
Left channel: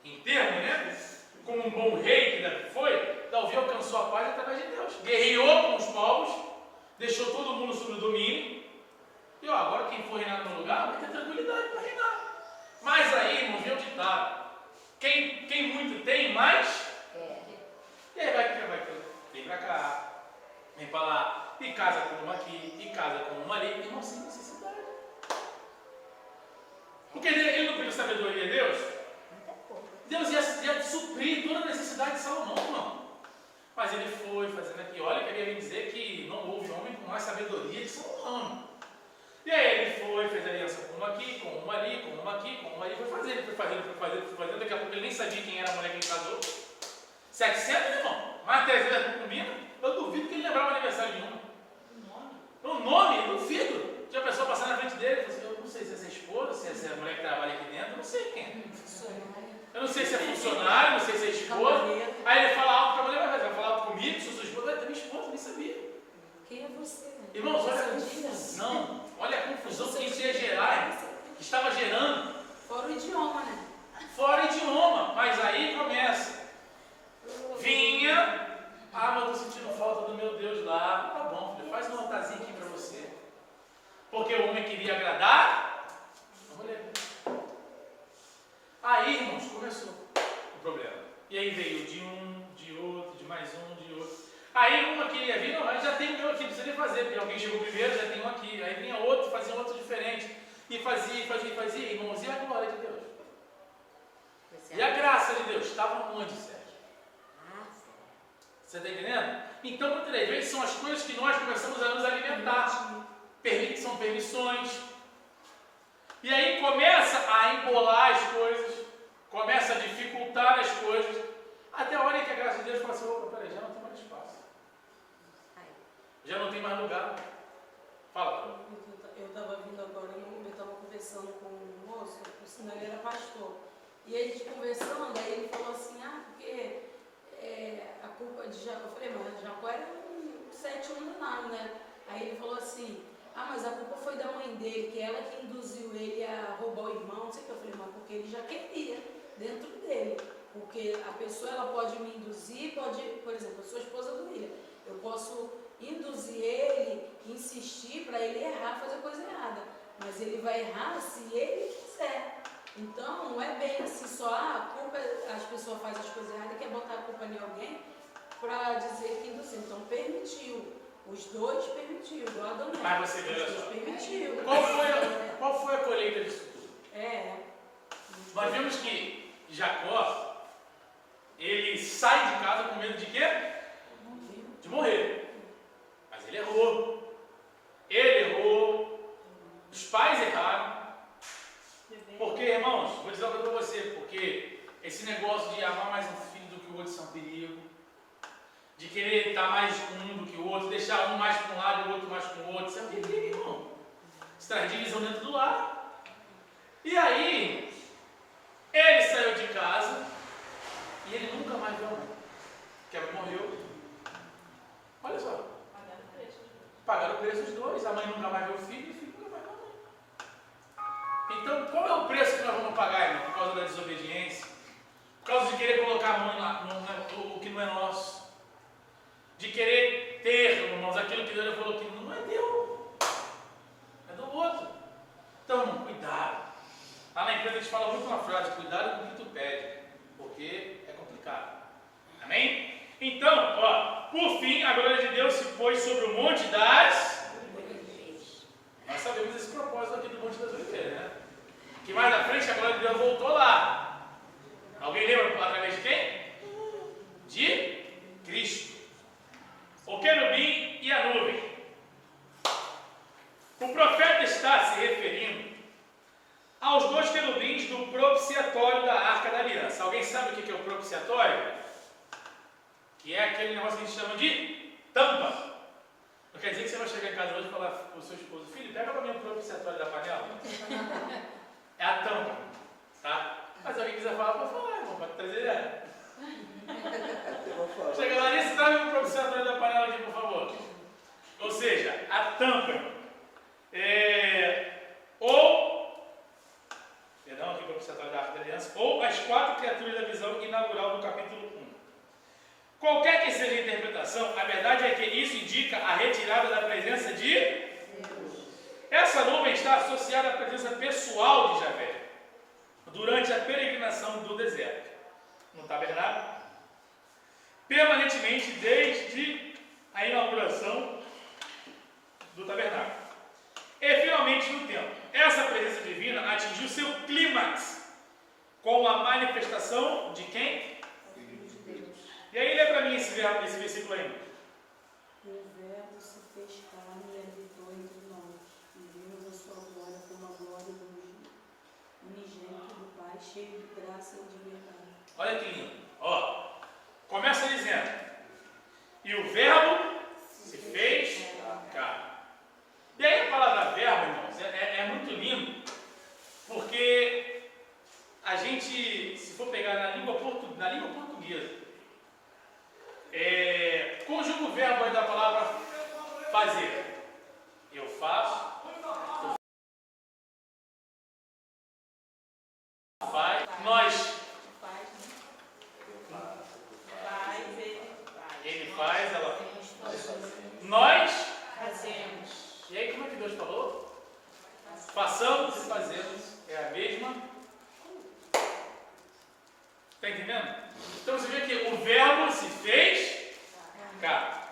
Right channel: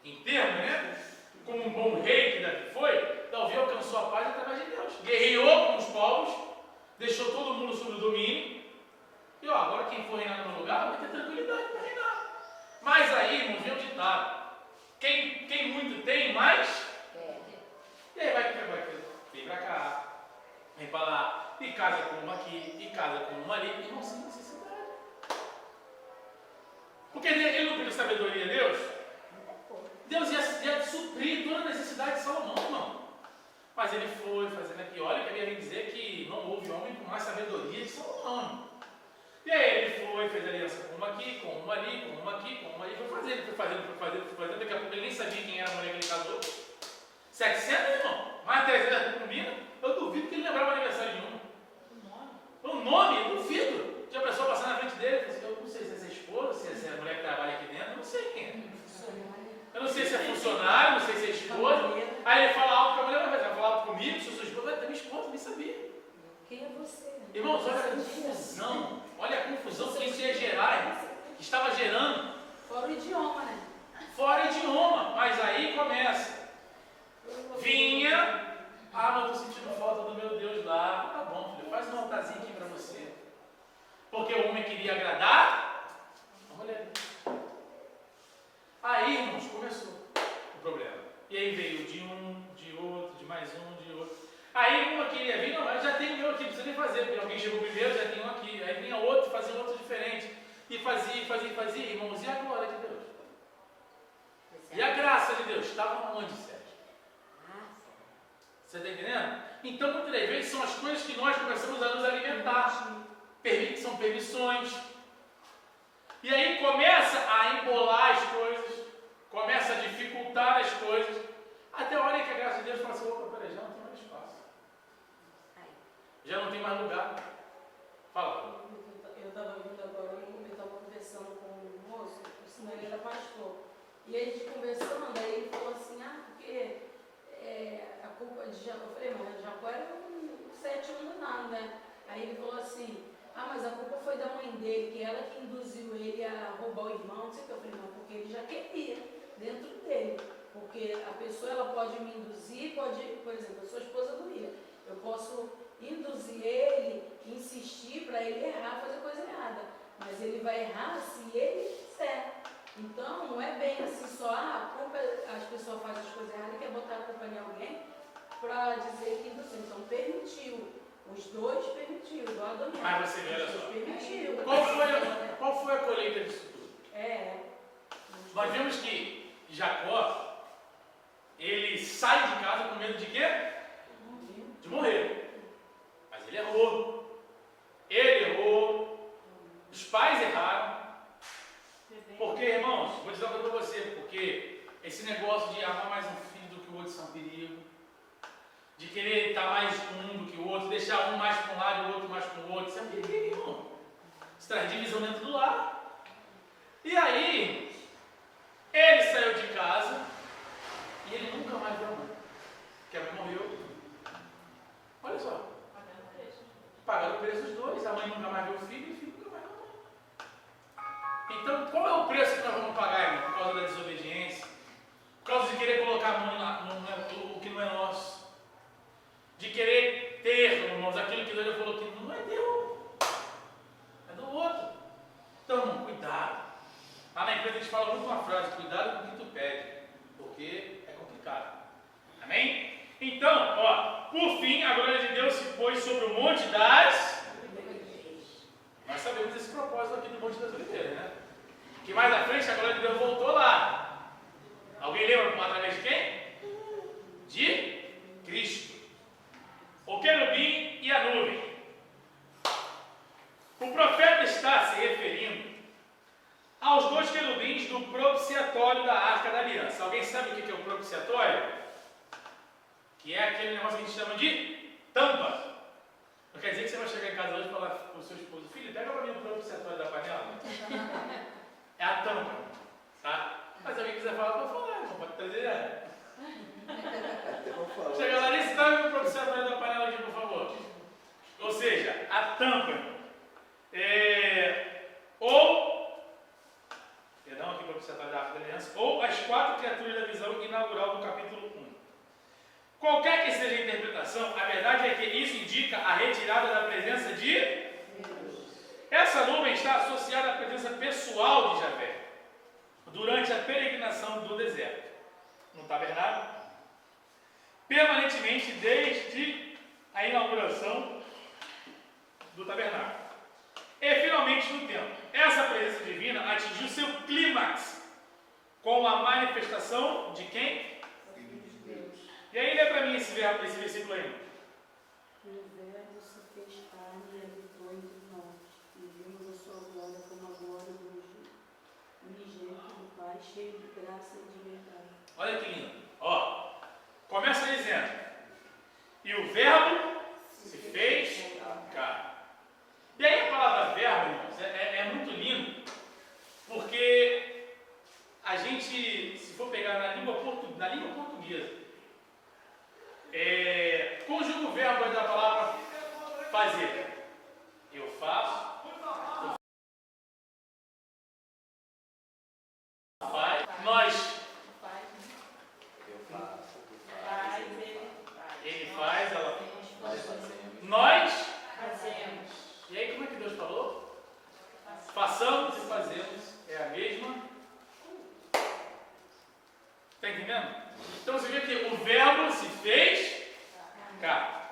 em termos, né? Como um bom rei que Davi foi, Davi alcançou a paz através de Deus. Guerreou com os povos, deixou todo mundo sob o domínio. E agora quem for reinar no lugar vai ter tranquilidade para reinar. Mas aí, irmãos, vem o ditado. Quem muito tem, mais. E aí vem para cá, vem para lá, e casa com uma aqui, e casa com uma ali. Irmão, sem necessidade. Porque ele não pediu sabedoria a Deus? Deus ia suprir toda a necessidade de Salomão, irmão. Mas ele foi fazendo aqui. Olha, queria lhe dizer que não houve homem com mais sabedoria de Salomão, irmão. E aí ele foi, fez aliança com uma aqui, com uma ali, com uma aqui, com uma ali. Foi fazendo. Daqui a pouco ele nem sabia quem era a mulher que ele casou. 700, irmão. Mais 300 concubinas. Eu duvido que ele lembrava o aniversário de uma. O nome, eu duvido. Tinha a pessoa passando na frente dele. Eu não sei se é essa esposa, se é essa mulher que trabalha aqui dentro. Eu não sei quem é. Eu não sei se é funcionário, não sei se é esposa. Aí ele fala alto com a mulher, vai falar alto comigo, se eu sou esposa, vai ter minha esposa, nem sabia. Quem é você? Irmãos, olha a confusão. Olha a confusão que isso ia gerar, irmão. Que estava gerando. Fora o idioma, né? Fora idioma. Mas aí começa. Vinha. Mas eu estou sentindo falta do meu Deus lá. Tá bom, filho, faz um altarzinho aqui para você. Porque o homem queria agradar a mulher. Aí, irmãos, começou o problema. E aí veio de um, de outro, de mais um, de outro. Aí uma queria vir, não, mas já tem o meu aqui, não precisa nem fazer, porque alguém chegou primeiro, já tem um aqui. Aí vinha outro, fazia outro diferente. E fazia, irmãos, e a glória de Deus? E a graça de Deus? Estava onde, Sérgio? Você está entendendo? Então, muitas das vezes, são as coisas que nós começamos a nos alimentar. São permissões. E aí começa a embolar as coisas, começa a dificultar as coisas, até a hora que a graça de Deus fala assim, opa, peraí, já não tem mais espaço. Já não tem mais lugar. Fala. Eu estava vindo agora, eu estava conversando com um moço, o senhor ele era pastor. E a gente conversando, aí ele falou assim, porque a culpa de Jacó, eu falei, mas Jacó era um 7 anos não, né? Aí ele falou assim, mas a culpa foi da mãe dele, que ela que induziu ele a roubar o irmão, não sei o que. Eu falei, mas porque ele já queria dentro dele. Porque a pessoa ela pode me induzir, pode, por exemplo, eu sou esposa do Ria. Eu posso induzir ele, insistir para ele errar, fazer coisa errada. Mas ele vai errar se ele quiser. Então, não é bem assim só, a culpa, as pessoas fazem as coisas erradas e quer botar a culpa em alguém para dizer que induziu. Então, permitiu. Os dois permitiu, igual a Daniela. Mas você vê, olha só. Permitiu. Qual foi a colheita disso tudo? Nós vemos que Jacó, ele sai de casa com medo de quê? De morrer. Mas ele errou. Ele errou. Os pais erraram. Porque, irmãos, vou dizer uma coisa para você, porque esse negócio de amar mais um filho do que o outro isso é um perigo. De querer estar mais com um do que o outro, deixar um mais para um lado e o outro mais com o outro, isso é um perigo, irmão. Isso traz divisão dentro do lar. E aí, ele saiu de casa e ele nunca mais viu a mãe. Porque a mãe morreu. Olha só. Pagaram o preço dos dois. A mãe nunca mais viu o filho e o filho nunca mais viu a mãe. Então, qual é o preço que nós vamos pagar, irmão? Por causa da desobediência? Por causa de querer colocar a mão no que não é nosso? De querer ter, irmãos, aquilo que Deus falou que não é teu, é do outro. Então, irmão, cuidado. Lá na empresa a gente fala muito uma frase: cuidado com o que tu pede, porque é complicado. Amém? Então, ó, por fim, a glória de Deus se pôs sobre o monte das... Nós sabemos esse propósito aqui do Monte das Oliveiras, né? Que mais à frente a glória de Deus voltou lá. Alguém lembra através de quem? De Cristo. O querubim e a nuvem. O profeta está se referindo aos dois querubins do propiciatório da Arca da Aliança. Alguém sabe o que é o propiciatório? Que é aquele negócio que a gente chama de tampa. Não quer dizer que você vai chegar em casa hoje e falar para o seu esposo: filho, pega para mim o propiciatório da panela. É a tampa, tá? Mas se alguém quiser falar, pode falar, irmão, pode trazer ela. Chega lá, nesse traga o propiciatório da panela aqui, por favor. Ou seja, a tampa. Perdão, aqui o propiciatório da Arca da Aliança. Ou as quatro criaturas da visão inaugural do capítulo 1. Qualquer que seja a interpretação, a verdade é que isso indica a retirada da presença de Deus. Essa nuvem está associada à presença pessoal de Javé durante a peregrinação do deserto, no tabernáculo, permanentemente desde a inauguração do tabernáculo. E finalmente no templo. Essa presença divina atingiu seu clímax com a manifestação de quem? E aí lê para mim esse versículo aí. O Verbo se fez carne e habitou entre nós, e vimos a sua glória como a glória do unigênito do Pai, cheio de graça e de verdade. Olha que lindo. Ó, começa dizendo: e o Verbo se fez carne. E aí a palavra verbo, irmãos, é muito lindo, porque a gente, se for pegar na língua portuguesa, conjuga o verbo aí da palavra fazer. Eu faço, faz, nós, ele faz, ela faz, nós fazemos. E aí como é que Deus falou? Façamos e fazemos, é a mesma. Está entendendo? Então você vê que o verbo se fez carne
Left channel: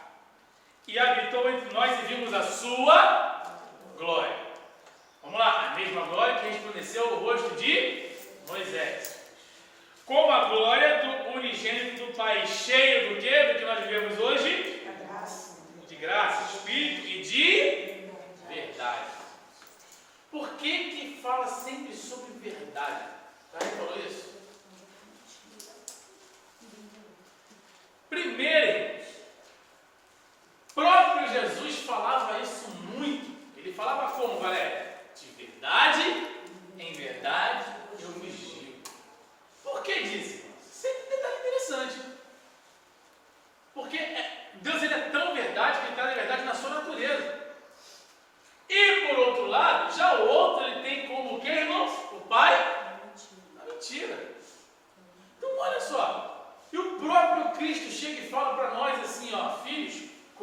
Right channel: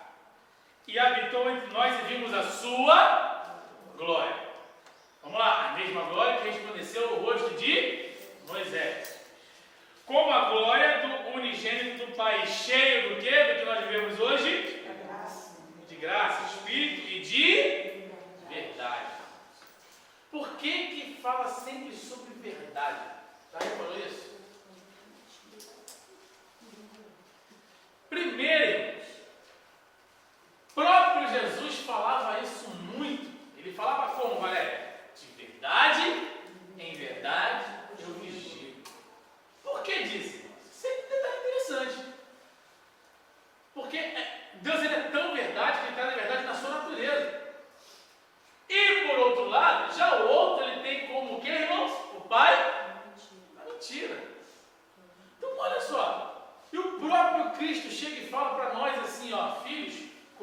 e habitou entre nós e vimos a sua glória. Vamos lá, a mesma glória que resplandeceu o rosto de Moisés. Como a glória do unigênito do Pai, cheio do quê? Do que nós vivemos hoje? De graça, Espírito e de verdade. Por que fala sempre sobre verdade? Tá? Ele falou isso? Primeiro, irmãos, próprio Jesus falava isso muito. Ele falava como, Valéria? De verdade, em verdade, eu vos digo. Por que disso, irmãos? Isso é um detalhe interessante. Porque Deus ele é tão verdade que ele traz a verdade na sua natureza. E por outro lado, já o outro ele tem como o que, irmãos? O Pai? A mentira. Então olha só.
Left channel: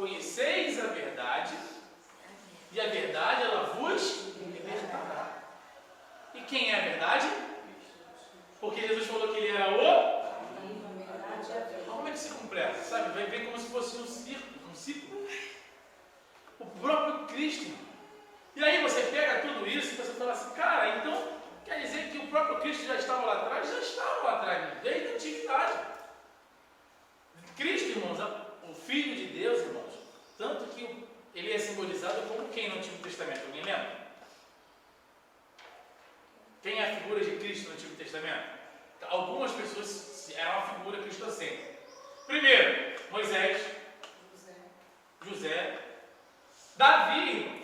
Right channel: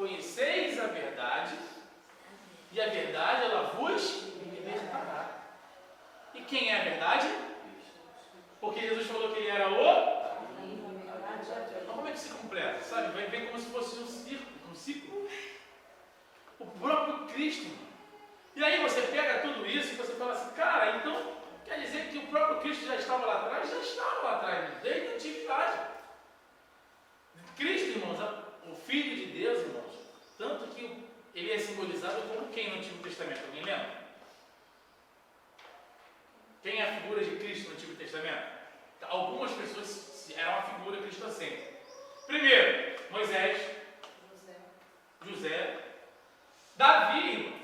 conheceis a verdade, e a verdade ela vos libertará. E quem é a verdade? Porque Jesus falou que ele era o... Então como é que se completa? Sabe? Vem como se fosse um ciclo. O próprio Cristo. E aí você pega tudo isso e você fala assim, cara, então quer dizer que o próprio Cristo já estava lá atrás? Já estava lá atrás, desde a antiguidade. Cristo, irmãos, o Filho de Deus, irmãos, tanto que ele é simbolizado como quem no Antigo Testamento? Alguém lembra? Quem é a figura de Cristo no Antigo Testamento? Algumas pessoas eram uma figura cristocêntrica. Primeiro, Moisés, José, Davi, irmãos.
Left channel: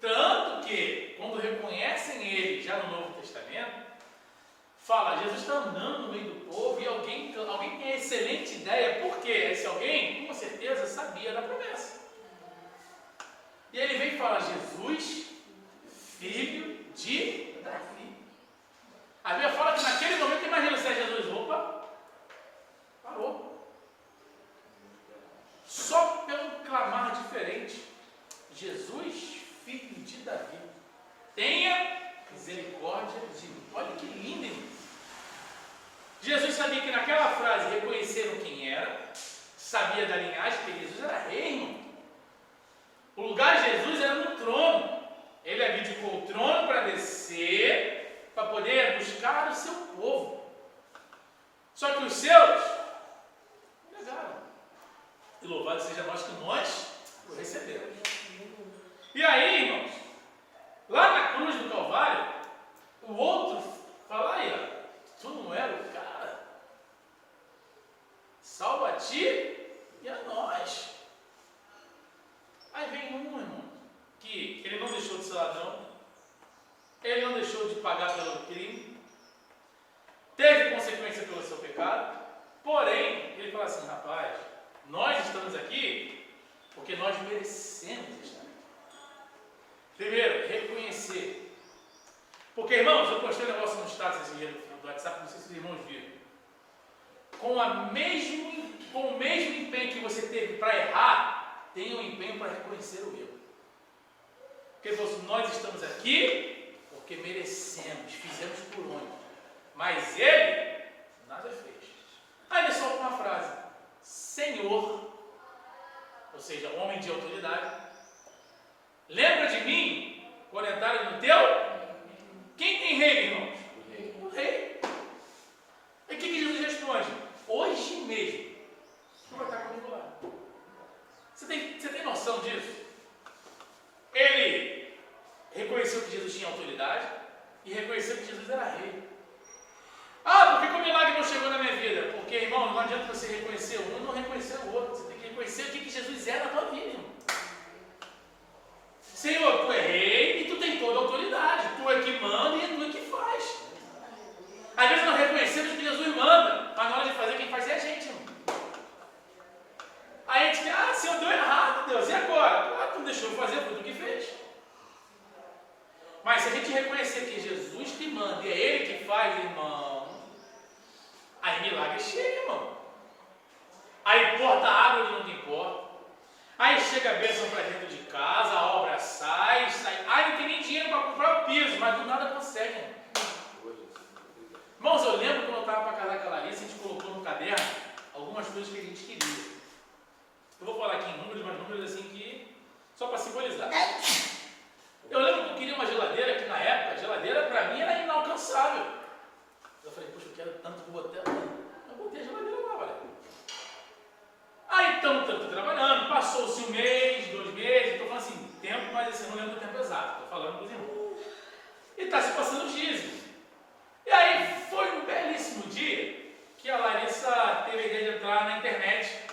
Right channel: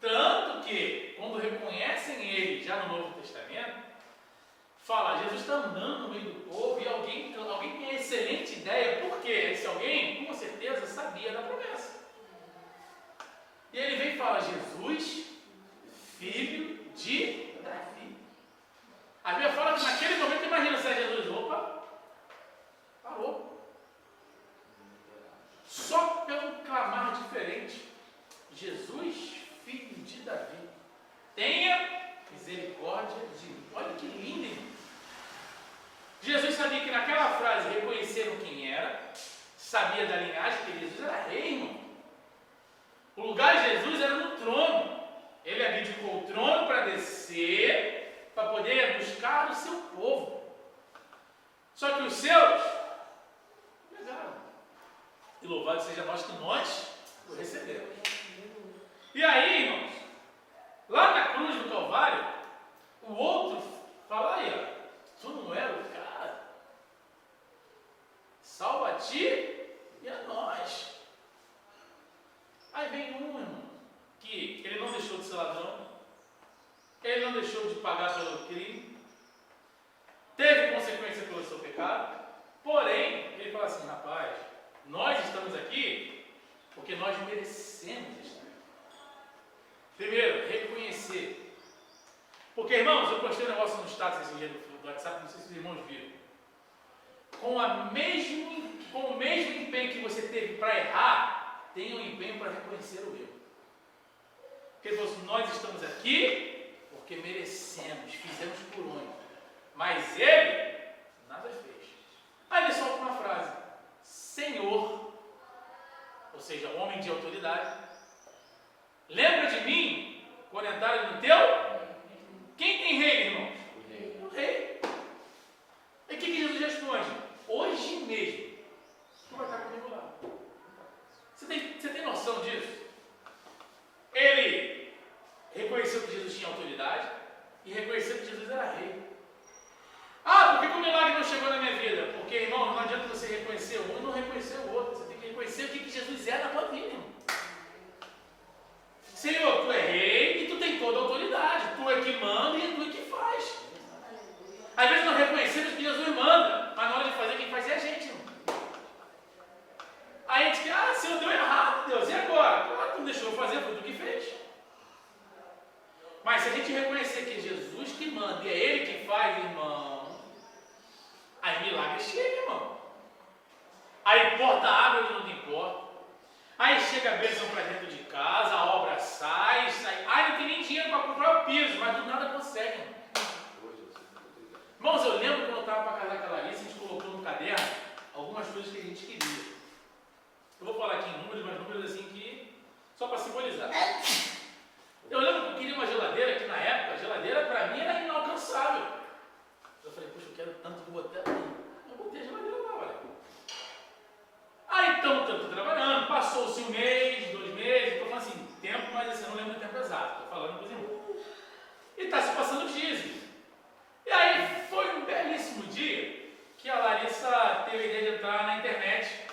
Tanto que, quando reconhecem ele já no Novo Testamento, fala, Jesus está andando no meio do povo e alguém tem a excelente ideia, porque esse alguém, com certeza, sabia da promessa. E ele vem e fala, Jesus, filho de Davi. A Bíblia fala que naquele momento, imagina se é Jesus, opa, parou. Só pelo clamar diferente, Jesus, filho de Davi, tenha misericórdia de mim. Olha que lindo, irmão. Jesus sabia que naquela frase reconheceram quem era, sabia da linhagem, que Jesus era rei, irmão. O lugar de Jesus era no trono. Ele abdicou o trono para descer, para poder buscar o seu povo. Só que os seus negaram. E louvado seja nós que nós o recebemos. E aí, irmãos, lá na cruz do Calvário, o outro fala aí, ó, tu não era o cara? Salva a ti e a nós. Aí vem um, irmão, que ele não deixou de ser ladrão, ele não deixou de pagar pelo crime, teve consequência pelo seu pecado, porém, ele fala assim, rapaz, nós estamos aqui porque nós merecemos estar aqui. Primeiro, reconhecer. Porque, irmãos, eu postei um negócio no status esse dia do WhatsApp, não sei se os irmãos viram. Com o mesmo empenho que você teve para errar, tenha um empenho para reconhecer o erro. Porque ele falou assim, nós estamos aqui porque merecemos, fizemos por onde. Mas ele, nada fez. Aí ele solta uma frase, Senhor, ou seja, homem de autoridade, lembra de mim quando entrarem no teu? Quem tem rei, irmãos? O rei. E o que Jesus responde? Hoje mesmo, tu vai estar comigo lá. Você tem noção disso? Ele reconheceu que Jesus tinha autoridade e reconheceu que Jesus era rei. Ah, por que o milagre não chegou na minha vida? Porque, irmão, não adianta você reconhecer um e não reconhecer o outro. Você tem que reconhecer o que Jesus é na tua vida, irmão. Senhor, tu é rei e tu tem toda a autoridade. Tu é que manda e tu é que faz. Às vezes nós reconhecemos que Jesus manda, mas na hora de fazer, quem faz é a gente, irmão. Aí a gente diz, Senhor, deu errado, Deus, e agora? Tu não deixou eu fazer, foi tu que fez. Mas se a gente reconhecer que é Jesus que manda e é Ele que faz, irmão, aí milagre chega, irmão. Aí porta água onde não tem porta. Aí chega a bênção para dentro de casa, a obra sai. Não tem nem dinheiro para comprar o piso, mas do nada consegue, irmão. Irmãos, eu lembro quando eu estava para casar com a Larissa, a gente colocou no caderno algumas coisas que a gente queria. Eu vou falar aqui em números, mas números assim que só para simbolizar. Eu lembro que eu queria uma geladeira, que na época a geladeira para mim era inalcançável. Eu falei, poxa, eu quero tanto que eu botei a geladeira lá, olha. Aí então, tanto trabalhando, passou-se 1 mês, 2 meses, estou falando assim, tempo, mas assim, eu não lembro o tempo exato, estou falando com os irmãos. E está se passando os dias. E aí foi um belíssimo dia que a Larissa teve a ideia de entrar na internet.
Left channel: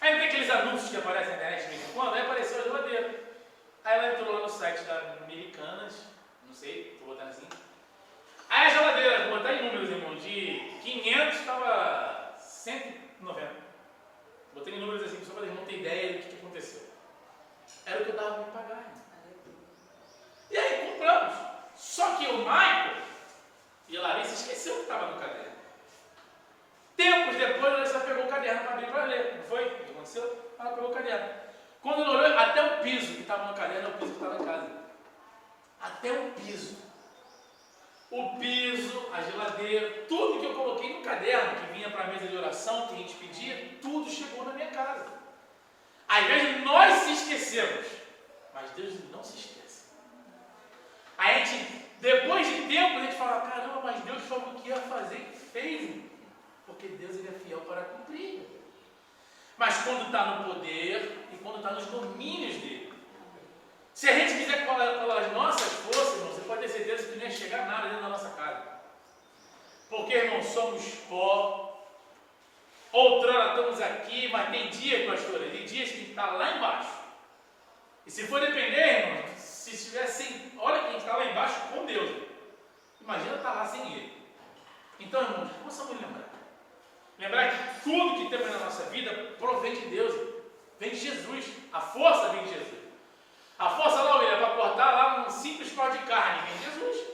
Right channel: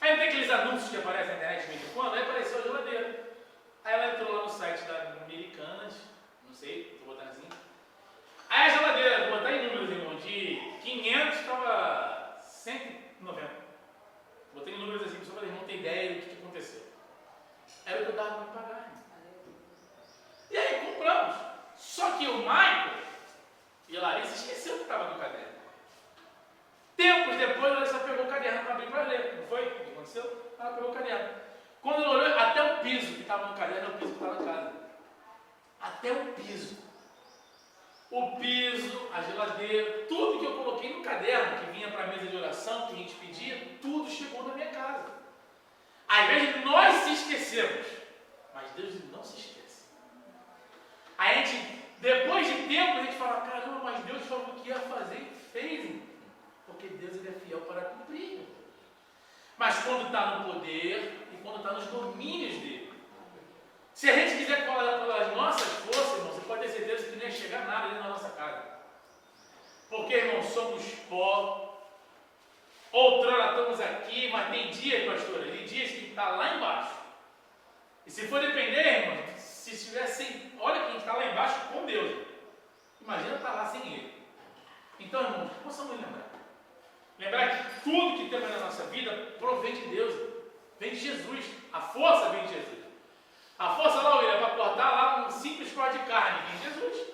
Aí não tem aqueles anúncios que aparecem na internet de vez em quando, aí apareceu a geladeira. Aí ela entrou lá no site da Americanas, não sei, vou botar assim. Aí a geladeira, vou botar em números, irmão, de 500 estava 190. Botei em números assim, só para o irmão ter ideia do que aconteceu. Era o que eu dava para me pagar, irmão. E aí compramos. Só que o Michael e a Larissa esqueceu que estava no caderno. Tempos depois, a Larissa pegou o caderno para abrir para ler. Não foi? O que aconteceu? Ela pegou o caderno. Quando ele olhou, até o piso que estava no caderno é o piso que estava em casa. Até o piso. O piso, a geladeira, tudo que eu coloquei no caderno, que vinha para a mesa de oração, que a gente pedia, tudo chegou na minha casa. Às vezes nós se esquecemos, mas Deus não se esquece. A gente, depois de tempo, a gente fala, caramba, mas Deus falou que ia fazer e fez. Porque Deus ele é fiel para cumprir. Mas quando está no poder e quando está nos domínios dele. Se a gente quiser pelas nossas forças, irmão, você pode ter certeza que não ia chegar nada dentro da nossa casa. Porque, irmão, somos pó. Outrora estamos aqui, mas tem dias, pastor, tem dias que está lá embaixo. E se for depender, irmão, se estiver sem. Olha que a gente está lá embaixo com Deus. Imagina estar lá sem Ele. Então, irmãos, possamos lembrar. Lembrar que tudo que temos na nossa vida provém de Deus. Vem de Jesus. A força vem de Jesus. A força lá, William, para cortar lá um simples corte de carne, vem de Jesus.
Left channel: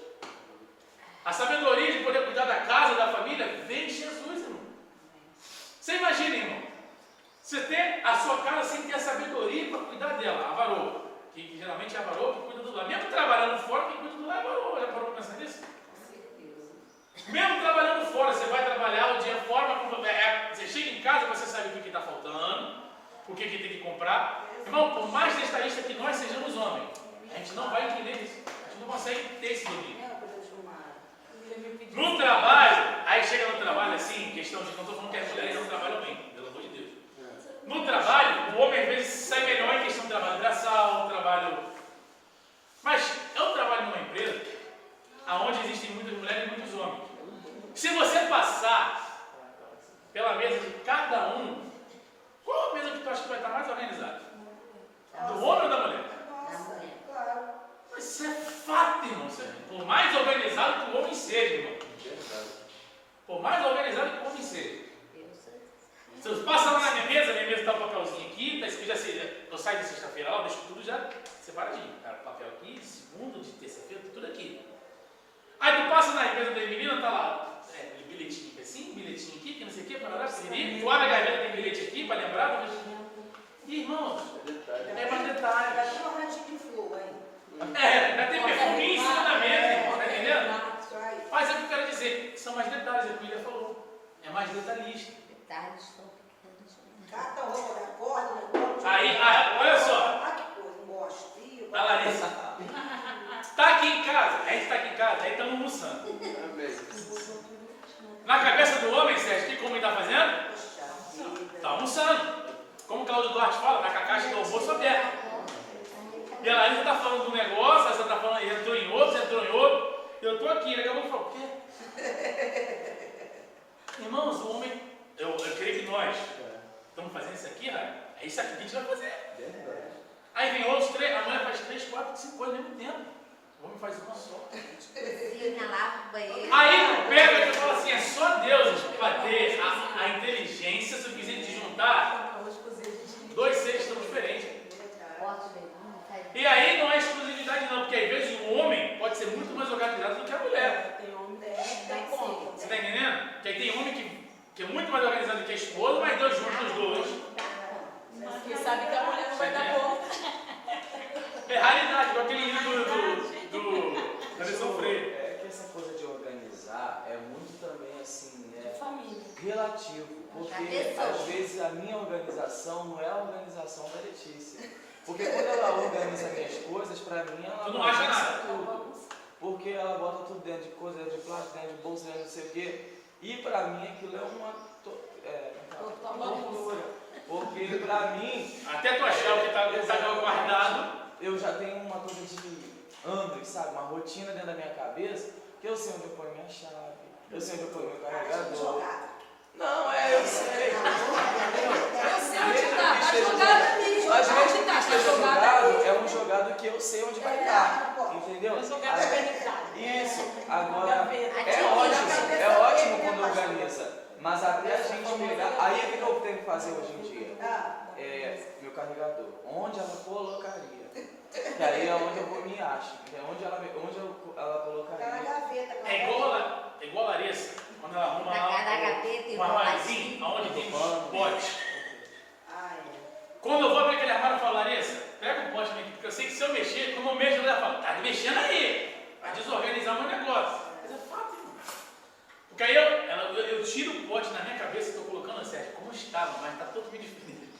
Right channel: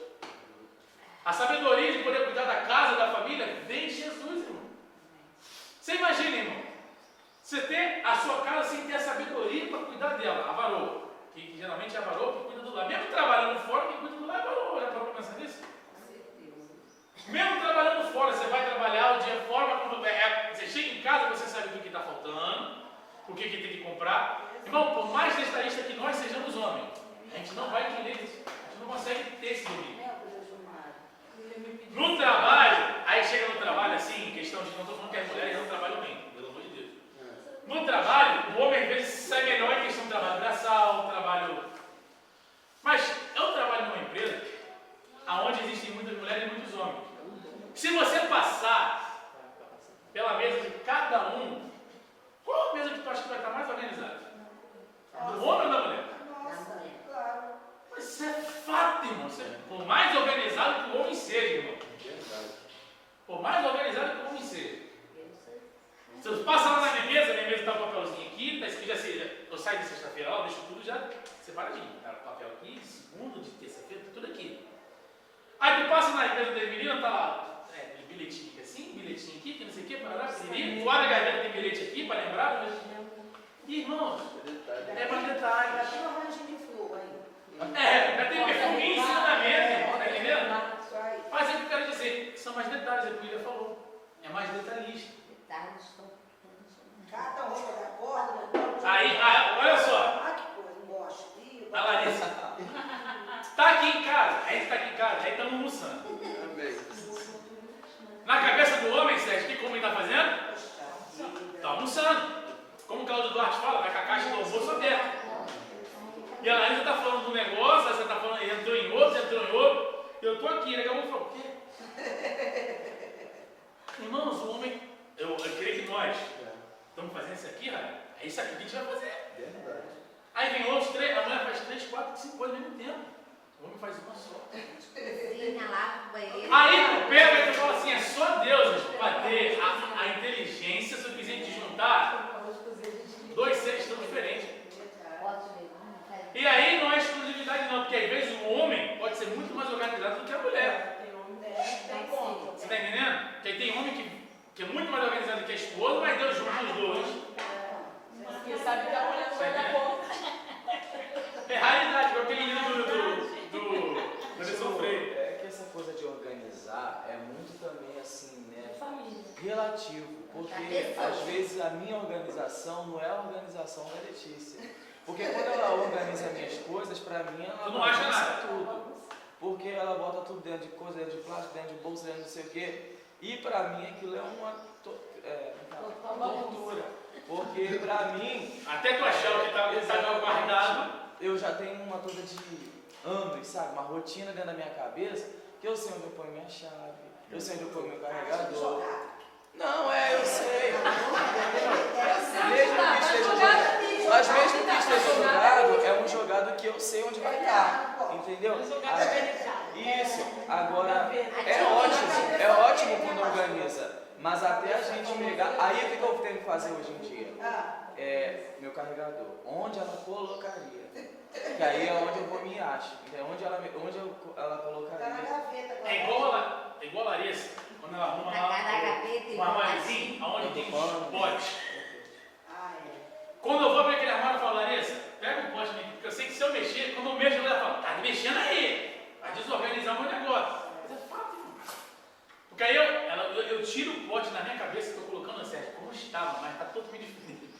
A sabedoria de poder cuidar da casa, da família, vem de Jesus, irmão. Você imagina, irmão, você tem a sua casa sem ter a sabedoria para cuidar dela, a varoa, que geralmente é a varoa que cuida do lar. Mesmo trabalhando fora, quem cuida do lar é a varoa. Já parou para pensar nisso? Mesmo trabalhando fora, você vai trabalhar o dia fora, você chega em casa, você sabe o que está faltando, o que tem que comprar. Irmão, por mais detalhista que nós sejamos homens, a gente não vai entender isso. A gente não consegue ter esse domínio. No trabalho, aí chega no trabalho assim, questão de, não estou falando que as mulheres não trabalham bem, pelo amor de Deus. No trabalho, o homem às vezes sai melhor em questão de trabalho braçal, trabalho... Mas eu trabalho numa empresa onde existem muitas mulheres e muitos homens. Se você passar pela mesa de cada um, qual a mesa que tu acha que vai estar mais organizada? Do homem ou da mulher? Mas isso é fato, irmão. Por mais organizado que o homem seja, irmão. Por mais organizado que o homem seja. Se eu passo lá na minha mesa está o papelzinho aqui, tá escrito assim, eu saio de sexta-feira lá, eu deixo tudo já separadinho. Tá o papel aqui, de segunda, de terça-feira, tudo aqui. Aí tu passa na mesa da menina, tá lá, bilhetinho aqui assim, bilhetinho aqui, que não sei o que, parará, piriri. Tu abre a gaveta, tem bilhete aqui para lembrar. E, irmãos, é mais detalhes. Ainda tem perfuminho em cima da mesa, irmão, tá entendendo? Mas é o que eu quero dizer, são mais detalhes, é o que o William falou. É mais detalhista. Aí, olha só. A Larissa. Tá aqui em casa, a gente está aqui em casa, aí estamos almoçando. Na cabeça do homem, Sérgio, o que o homem está fazendo? Está almoçando. Como o Claudio Duarte fala, vai com a caixa do almoço aberta. E a Larissa está falando do negócio, você está falando, entrou em outro. Eu estou aqui, daqui a pouco eu falo, o quê? Irmãos, o homem, eu creio que nós estamos fazendo isso aqui, Raio. É isso aqui que a gente vai fazer. Aí vem outros, a mulher faz 3, 4, 5 coisas ao mesmo tempo. O homem faz uma só. Aí tu pega e tu fala assim, é só Deus para ter a inteligência suficiente de juntar 2 seres tão diferentes. E aí não é exclusividade não, porque às vezes o homem pode ser muito mais organizado do que a mulher. Você está entendendo? Que aí tem homem que é muito mais organizado do que a esposa, mas Deus junta os dois. Porque sabe que a mulher não vai dar conta. É raridade, igual aquele menino da Lição Freire. É que essa coisa de organizar é muito também assim, né? Família. Relativo. Porque às vezes a minha organização não é a organização da Letícia. Porque quando ela organiza minhas coisas, pra mim ela Tu não acha nada. tudo. Porque ela bota tudo dentro de coisa, dentro de plástico, dentro de bolsa, dentro de não sei o quê. E pra mim aquilo é uma tortura. Porque pra mim, Até tu achar o que está guardado. eu já tenho uma coisa de anos, sabe? Uma rotina dentro da minha cabeça, que eu sei onde eu ponho minha chave, eu sei onde eu ponho meu carregador. Não, eu sei. Mas mesmo que esteja jogado, é um jogado que eu sei onde vai estar. Entendeu? Isso. Agora, é ótimo quando organiza. Mas até a gente pegar. Aí o que eu tenho que fazer hoje em dia? Meu carregador. Onde ela colocaria? Que aí é onde eu vou me achar. Onde ela colocaria? É igual a Larissa, quando ela arruma lá um armáriozinho, onde tem uns potes. Quando eu vou abrir aquele armário, eu falo, não mexo, ela fala, tá mexendo aí, vai desorganizar o meu negócio. Mas é fato, irmão. Porque aí eu tiro o pote na minha cabeça, estou colocando assim, como estava, mas está totalmente diferente.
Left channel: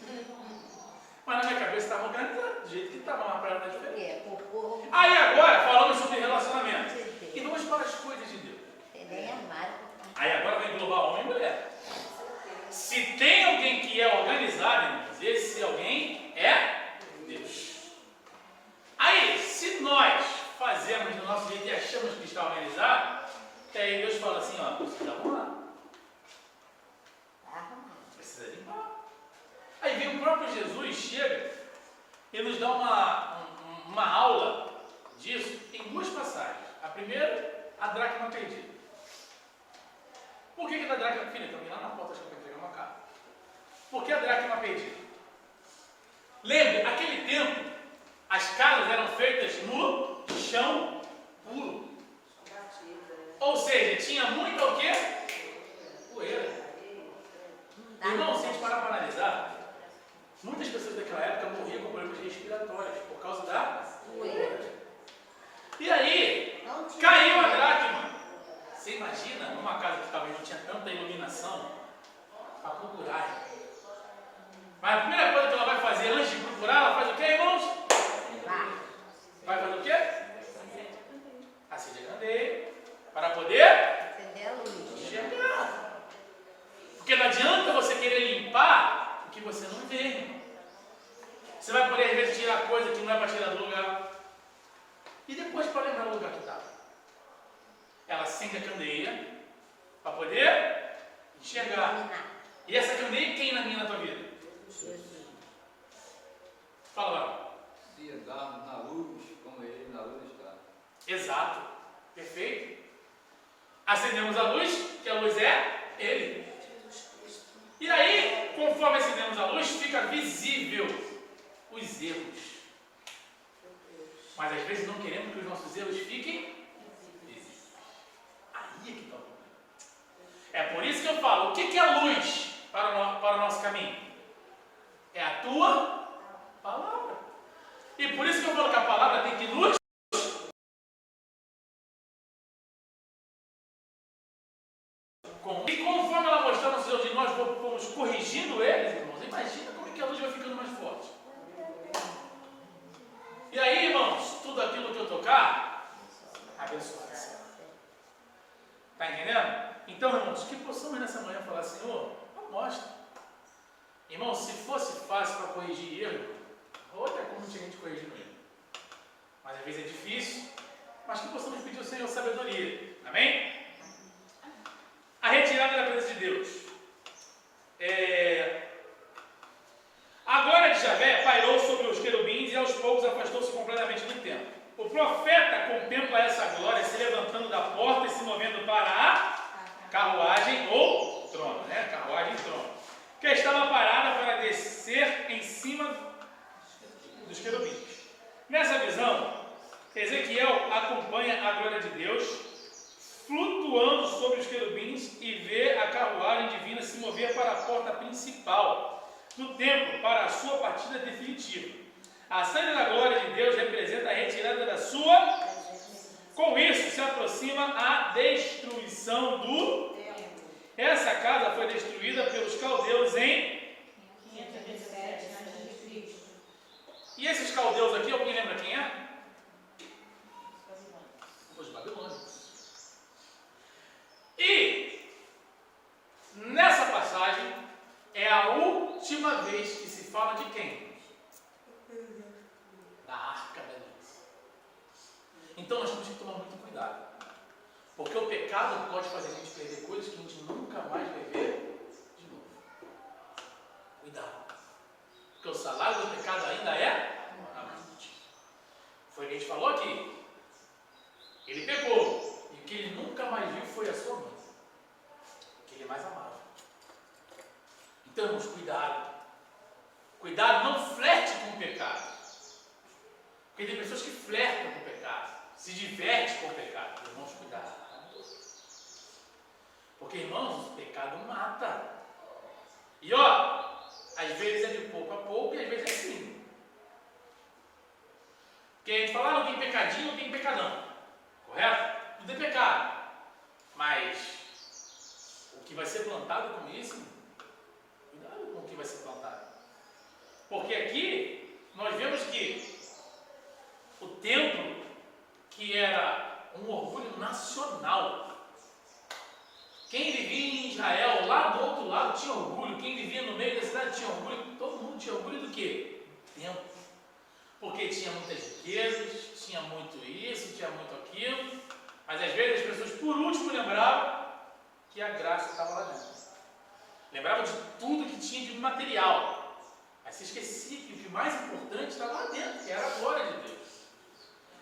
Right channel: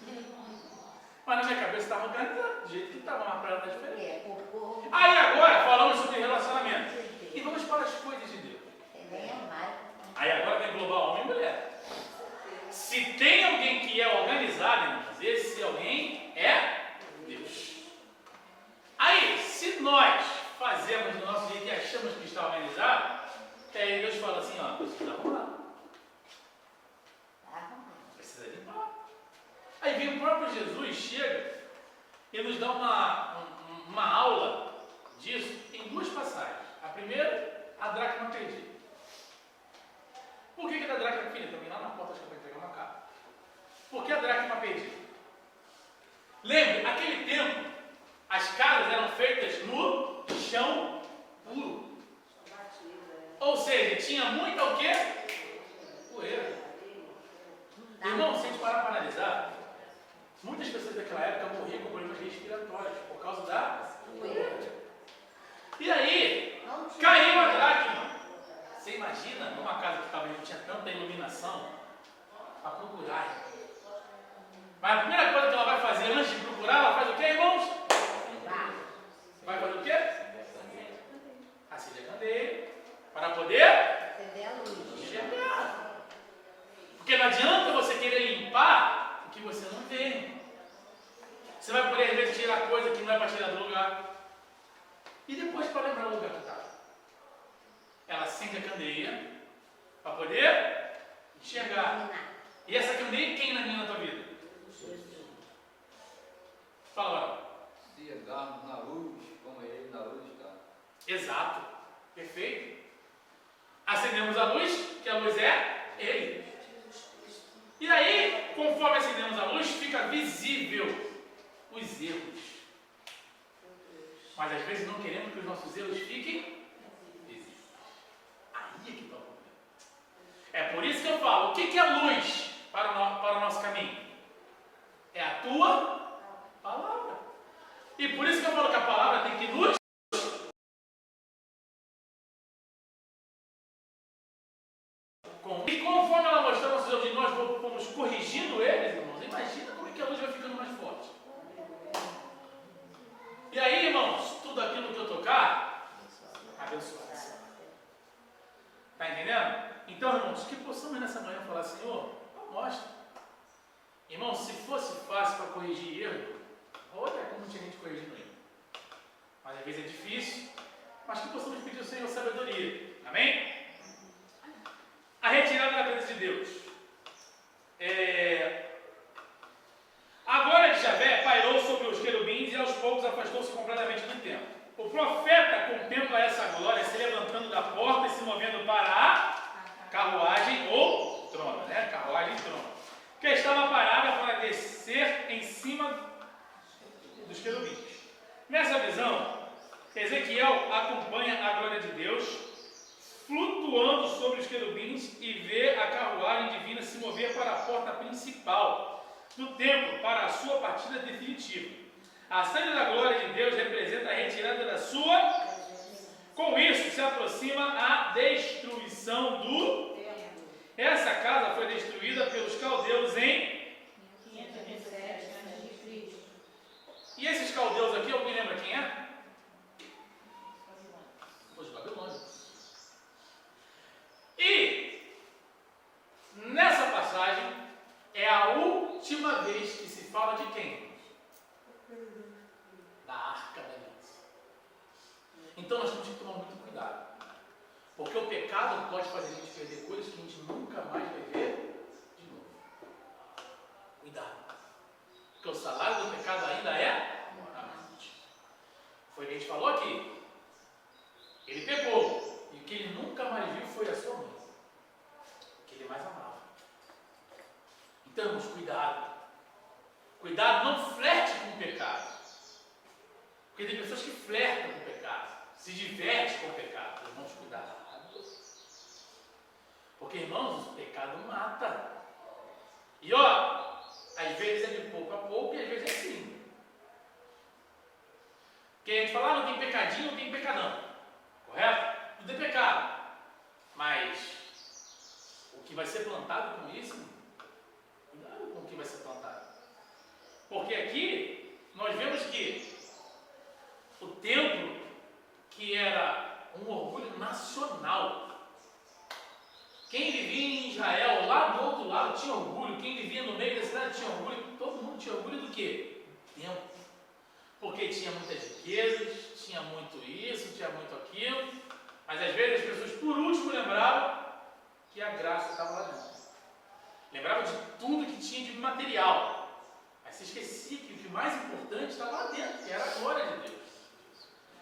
Mas na minha cabeça estava organizado, do jeito que estava, mas para ela está diferente. Aí agora falamos sobre relacionamento. E vamos para as coisas de Deus. Aí agora vai englobar homem e mulher. Se tem alguém que é organizado, irmãos, esse alguém é Deus. Aí, se nós fazemos do nosso jeito e achamos que está organizado, aí Deus fala assim, ó, precisa arrumar. Precisa limpar. Aí vem o próprio Jesus, chega e nos dá uma aula disso em duas passagens. A primeira, a dracma perdida. Por que da dracma perdida? Também lá na porta acho que eu vou entregar uma carta. Por que a dracma perdida? Lembre, naquele tempo, as casas eram feitas no chão puro. Ou seja, tinha muita o quê? Poeira. Irmão, se a gente parar para analisar, muitas pessoas daquela época morriam com problemas respiratórios por causa da poeira. E aí, caiu a dracma. Você imagina, numa casa que talvez não tinha tanta iluminação, para procurar. Mas a primeira coisa que ela vai fazer antes de procurar, ela faz o quê, irmãos? Vai fazer o quê? Acende a candeia, para poder enxergar. Porque não adianta você querer limpar o que você não vê. Você vai poder, às vezes, tirar coisa que não é para tirar do lugar. E depois, para lembrar o lugar que estava. Ela acende a candeia para poder enxergar. E essa candeia quem na tua vida? Fala, Barão. Se andarmos na luz, como ele na luz está. Exato. Perfeito. Acendemos a luz, que a luz é Ele. E aí, conforme acendemos a luz, fica visível os erros. Mas às vezes não queremos que os nossos erros fiquem visíveis. Aí é que está o problema. É por isso que eu falo, o que é luz para o nosso caminho? É a tua palavra. E por isso que eu falo que a palavra tem que nos e conforme ela mostrar nossos erros e nós vamos corrigindo eles, irmãos, imagina como é que a luz vai ficando mais forte. E aí, irmãos, tudo aquilo que eu tocar, abençoado. Está entendendo? Então, irmãos, que possamos nessa manhã falar, Senhor, mostra. Irmãos, se fosse fácil para corrigir erro, outra como tinha gente corrigindo erro. Mas às vezes é difícil, mas que possamos pedir ao Senhor sabedoria. Amém? A retirada da presença de Deus. A glória de Javé pairou sobre os querubins e aos poucos afastou-se completamente do templo. O profeta contempla essa glória se levantando da porta e se movendo para a carruagem ou trono, né? Carruagem e trono, que estava parada para descer em cima dos querubins. Nessa visão, Ezequiel acompanha a glória de Deus flutuando sobre os querubins e vê a carruagem divina se mover para a porta principal do templo para a sua partida definitiva. A saída da glória de Deus representa a retirada da sua. Com isso se aproxima a destruição do. Essa casa foi destruída pelos caldeus em 517 a.C. E esses caldeus aqui, alguém lembra quem é? Os babilônios. E nessa passagem é a última vez que se fala de quem? Da Arca da Aliança. Então nós temos que tomar muito cuidado, porque o pecado pode fazer a gente perder coisas que a gente nunca mais vai ver de novo. Cuidado, porque o salário do pecado ainda é a morte. Foi o que a gente falou aqui. Ele pecou, e o que ele nunca mais viu foi a sua mãe, que ele mais amava. Então, irmãos, cuidado. Cuidado, não flerte com o pecado. Porque tem pessoas que flertam com o pecado, se divertem com o pecado. Irmãos, cuidado. Porque, irmãos, o pecado mata. E ó, às vezes é de pouco a pouco e às vezes é assim. Porque a gente fala, não tem pecadinho, não tem pecadão. Correto? Não tem pecado. Mas o que vai ser plantado com isso, cuidado com o que vai ser plantado. Porque aqui nós vemos que o templo, que era um orgulho nacional, quem vivia em Israel, lá do outro lado, tinha orgulho. Quem vivia no meio da cidade tinha orgulho. Todo mundo tinha orgulho do quê? Do templo. Porque tinha muitas riquezas, tinha muito isso, tinha muito aquilo. Mas às vezes as pessoas, por último, lembravam que a graça estava lá dentro. Lembravam de tudo que tinha de material. Mas se esquecia que o que mais importante estava lá dentro, que era a glória de Deus.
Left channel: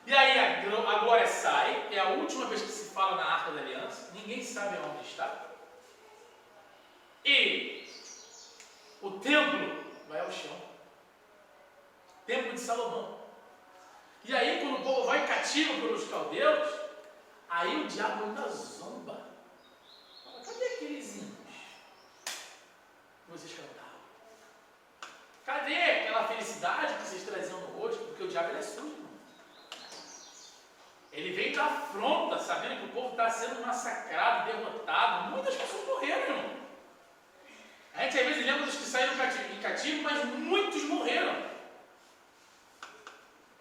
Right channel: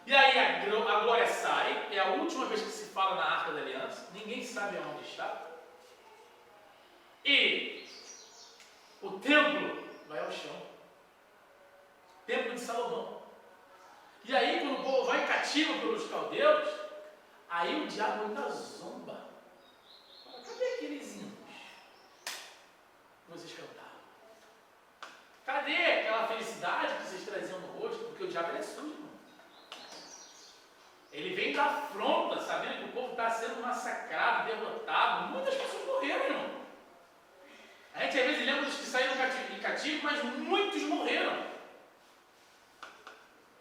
E aí a glória sai, é a última vez que se fala na Arca da Aliança, ninguém sabe onde está. E o templo vai ao chão. Templo de Salomão. E aí quando o povo vai cativo pelos caldeus, aí o diabo ainda zomba. Fala, cadê aqueles hinos que vocês cantavam? Cadê aquela felicidade que vocês traziam no rosto? Porque o diabo ele é sujo, irmão. Ele vem da afronta, sabendo que o povo está sendo massacrado, derrotado. Muitas pessoas morreram, irmão. A gente às vezes lembra dos que saíram em cativo, mas muitos morreram.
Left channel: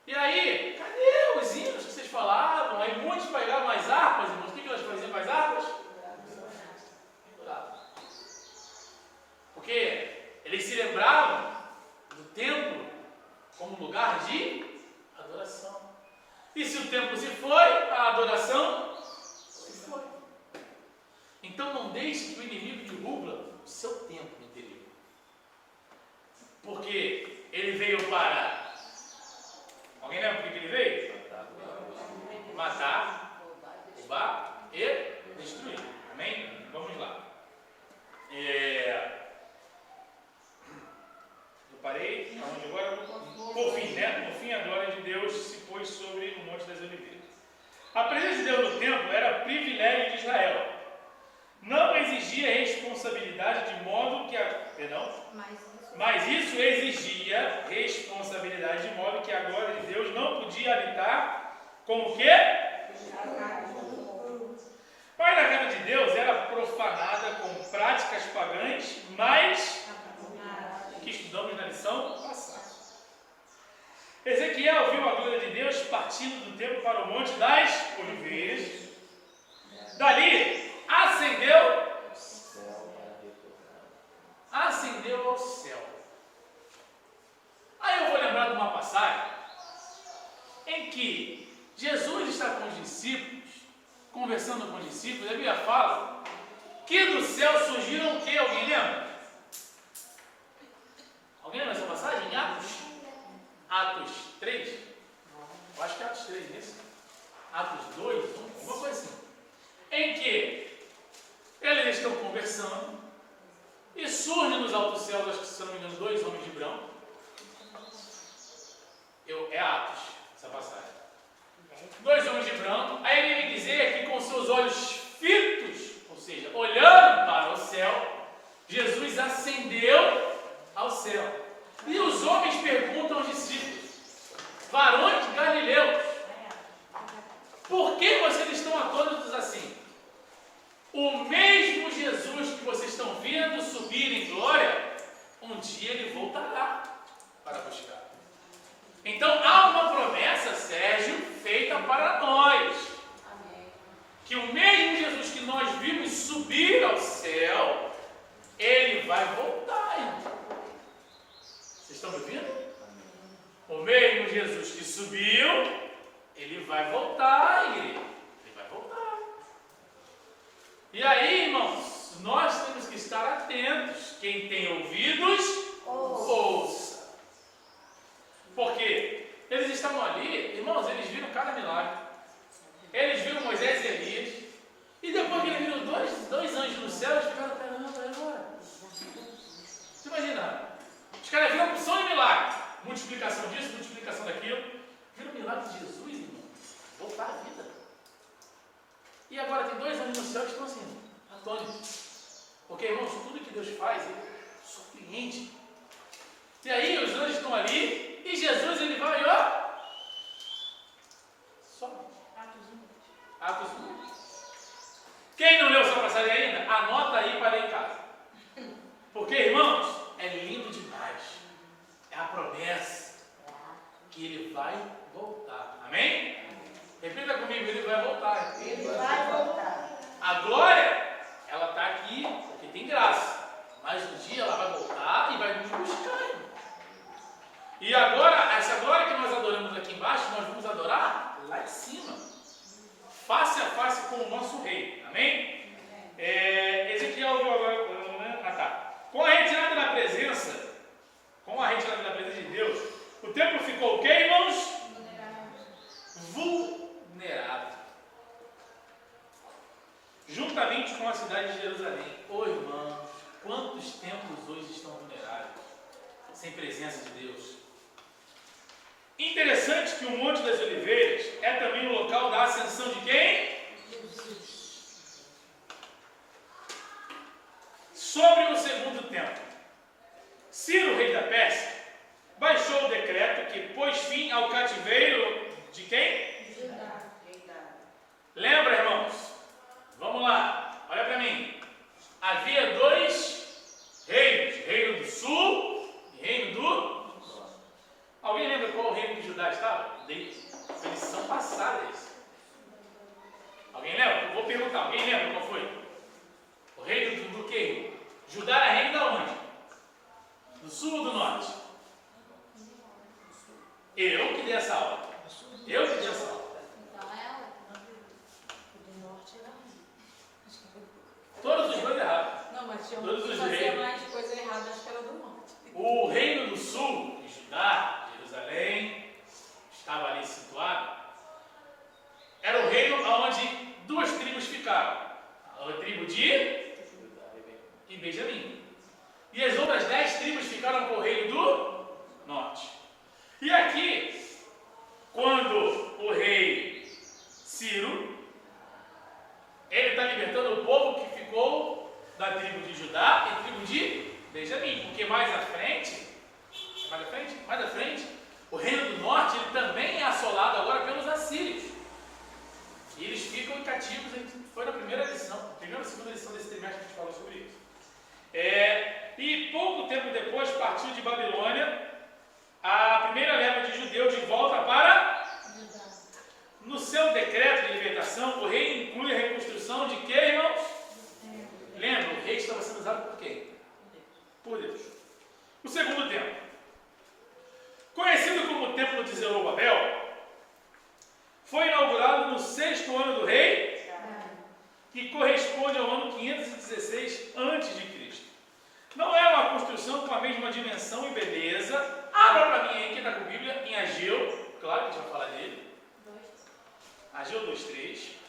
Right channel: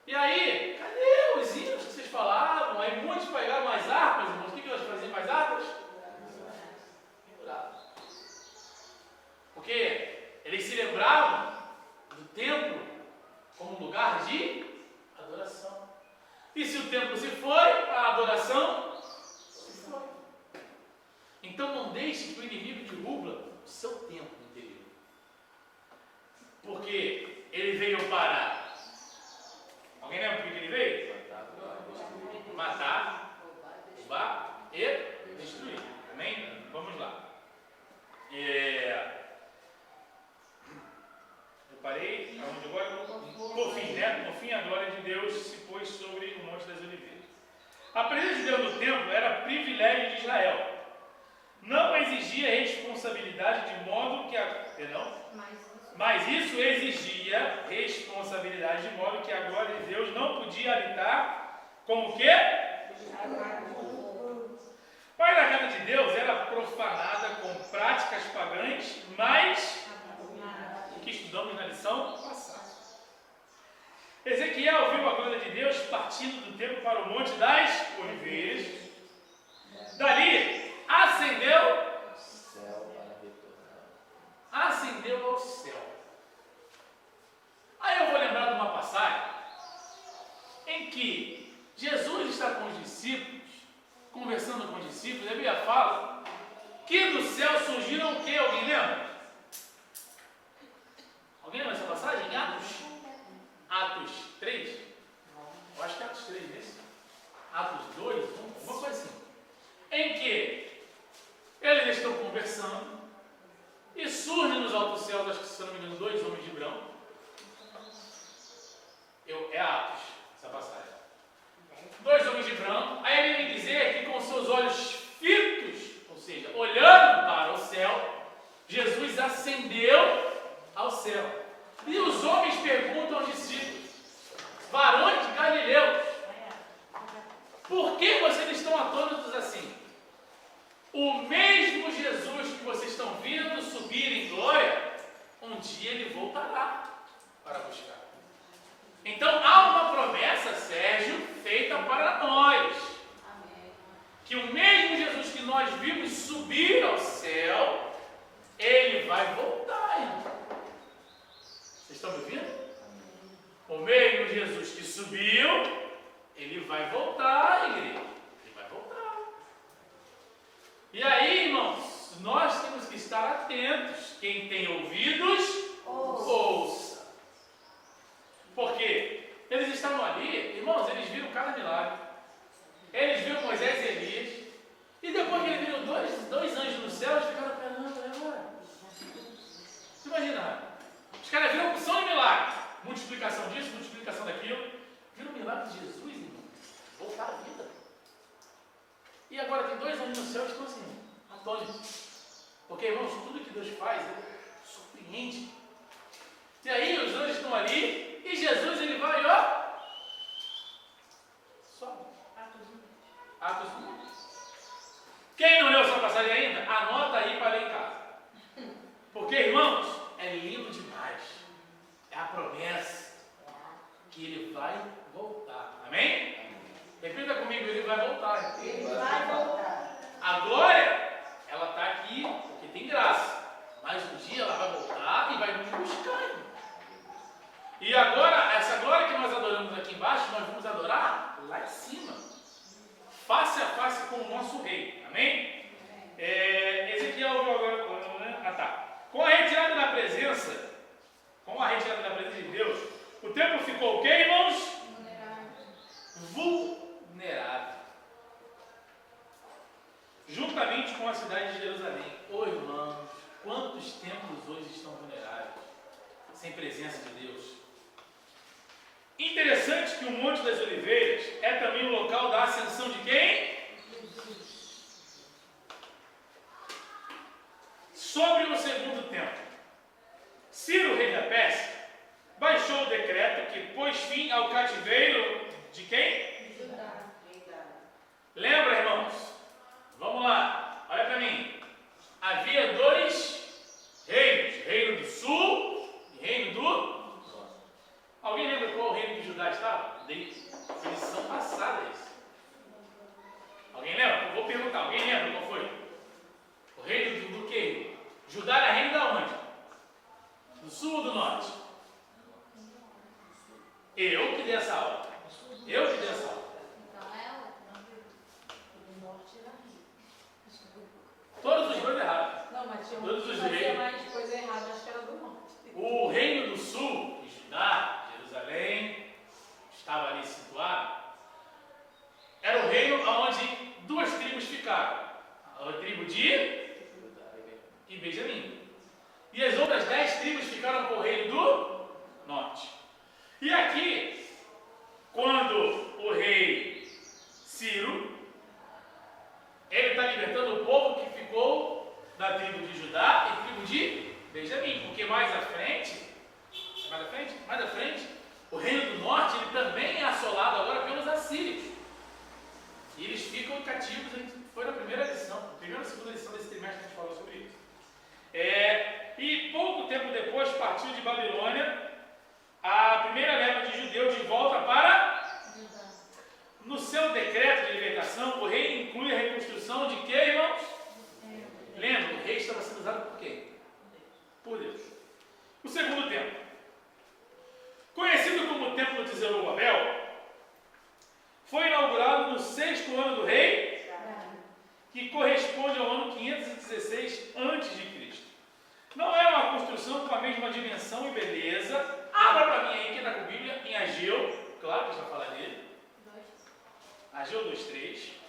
E aí, cadê os hinos que vocês falavam? Aí muitos pegavam as harpas, irmãos. O que nós faziam com as harpas? Porque eles se lembravam do templo como lugar de adoração. E se o templo se foi, a adoração se foi. Então não deixe que o inimigo derruba o seu templo interior. Porque ele veio para... Alguém lembra por que ele veio? Matar, roubar e destruir. Amém? Vamos lá. Eu parei aonde agora? Por fim, né? No fim, a glória de Deus se pôs sobre o Monte das Oliveiras. A presença de Deus no templo era privilégio de Israel. Não exigia responsabilidade de modo que mas isso exigia responsabilidade de modo que a glória de Deus não podia habitar como o quê? Mas a casa de Deus era profanada com práticas pagãs, mas o que estudamos na lição passada. Ezequiel viu a glória de Deus partindo do templo para o Monte das Oliveiras. Dali ascendeu ao céu. Aí eu vou lembrar de uma passagem em que Jesus está com os discípulos, conversando com os discípulos, a Bíblia fala que do céu surgiram o quê? Alguém lembra? Alguém lembra essa passagem? Em Atos 3? Eu acho que é Atos 3, não é isso? Atos 2, uma coisa assim. Em que eles estão conversando e surge nos altos céus, acho que se eu não me engano, 2 homens de branco. É Atos, essa passagem. 2 homens de branco. Aí ele vem dizer que com seus olhos fitos, ou seja, olhando para o céu, Jesus ascendeu ao céu. E os homens perguntam aos discípulos: varões de Galileus, por que vocês estão atônitos assim? O mesmo Jesus que vocês estão vendo subir em glória, um dia ele voltará para buscar. Então há uma promessa, Sérgio, feita para nós. Que o mesmo Jesus que nós vimos subir ao céu, ele vai voltar, irmão. Vocês estão me ouvindo? O mesmo Jesus que subiu, ele vai voltar, igreja. Ele vai voltar. E aí, irmãos, nós temos que estar atentos. Quem tem ouvidos, ouça. Porque eles estavam ali, irmãos, eles viram cada milagre. Eles viram Moisés e Elias. E depois que eles viram dois anjos no céu, eles ficaram, caramba, agora. Você imagina? Os caras viram opção de milagre. Multiplicação disso, multiplicação daquilo. Viram o milagre de Jesus, irmão. Voltar à vida. E agora tem 2 anjos no céu que estão assim, atônitos. Porque, irmãos, tudo que Deus faz, ele surpreende. E aí os anjos estão ali, e Jesus ele vai, ó, vai voltar. Amém? Repita comigo, ele vai voltar. Ele vai voltar. A glória, ela está aqui porque tem graça. Mas um dia ela vai voltar e vai nos buscar, irmão. E agora, essa glória que nós adoramos aqui embaixo, nós vamos adorar lá em cima. Face a face com o nosso rei. Amém? Ezequiel viu agora. Com a retirada da presença, de Deus, o templo ficou o quê, irmãos? Vulnerável. Juntamente com a cidade de Jerusalém. Ô irmãos, quantos templos hoje estão vulneráveis, sem presença de Deus? Interessante que o Monte das Oliveiras é também o local da ascensão de quem? Sobre o segundo templo, Ciro, rei da Pérsia, baixou o decreto que pôs fim ao cativeiro de quem? Lembra, irmãos? Vamos lá, olha para mim. Havia dois reinos, reino do sul e reino do norte. Alguém lembra qual o reino que Judá estava? Foi lição passada isso. Alguém lembra? Eu vou perguntar, alguém lembra qual foi? O reino do quê? Judá era reino da onde? Do sul ou do norte? Eu que dei essa aula. Todos os dois errados. Não, mas tinha Todos os fazia reis. mais coisa errada, acho que era do norte. O reino do sul, de Judá, Jerusalém, estava ali situado, era o reino onde duas tribos ficaram. A tribo de e Benjamim. E as outras 10 tribos ficaram com o reino do norte. E aqui, quando o rei Ciro, ele está libertando o povo que ficou da tribo de Judá e tribo de Benjamim. Porque mais à frente, o reino do norte ele também é assolado agora pelos assírios. E eles ficam cativos. Foi na primeira lição, primeira ou segunda lição desse trimestre que a gente falou sobre isso. E pouco tempo depois partiu de Babilônia a primeira leva de judeus de volta para... No seu decreto de libertação, o rei inclui a reconstrução de quê, irmãos? Lembra, o rei estava sendo usado por quem? Por Deus. O segundo templo, conhecido como o Templo de Zorobabel, foi inaugurado no 6º ano do rei, que corresponde ao ano 516 a.C. Não é uma construção com a mesma dimensão e beleza. Abra para mim aí, quem está com a Bíblia, em Ageu, claro que a gente vai falar dele. Ageu 2:3,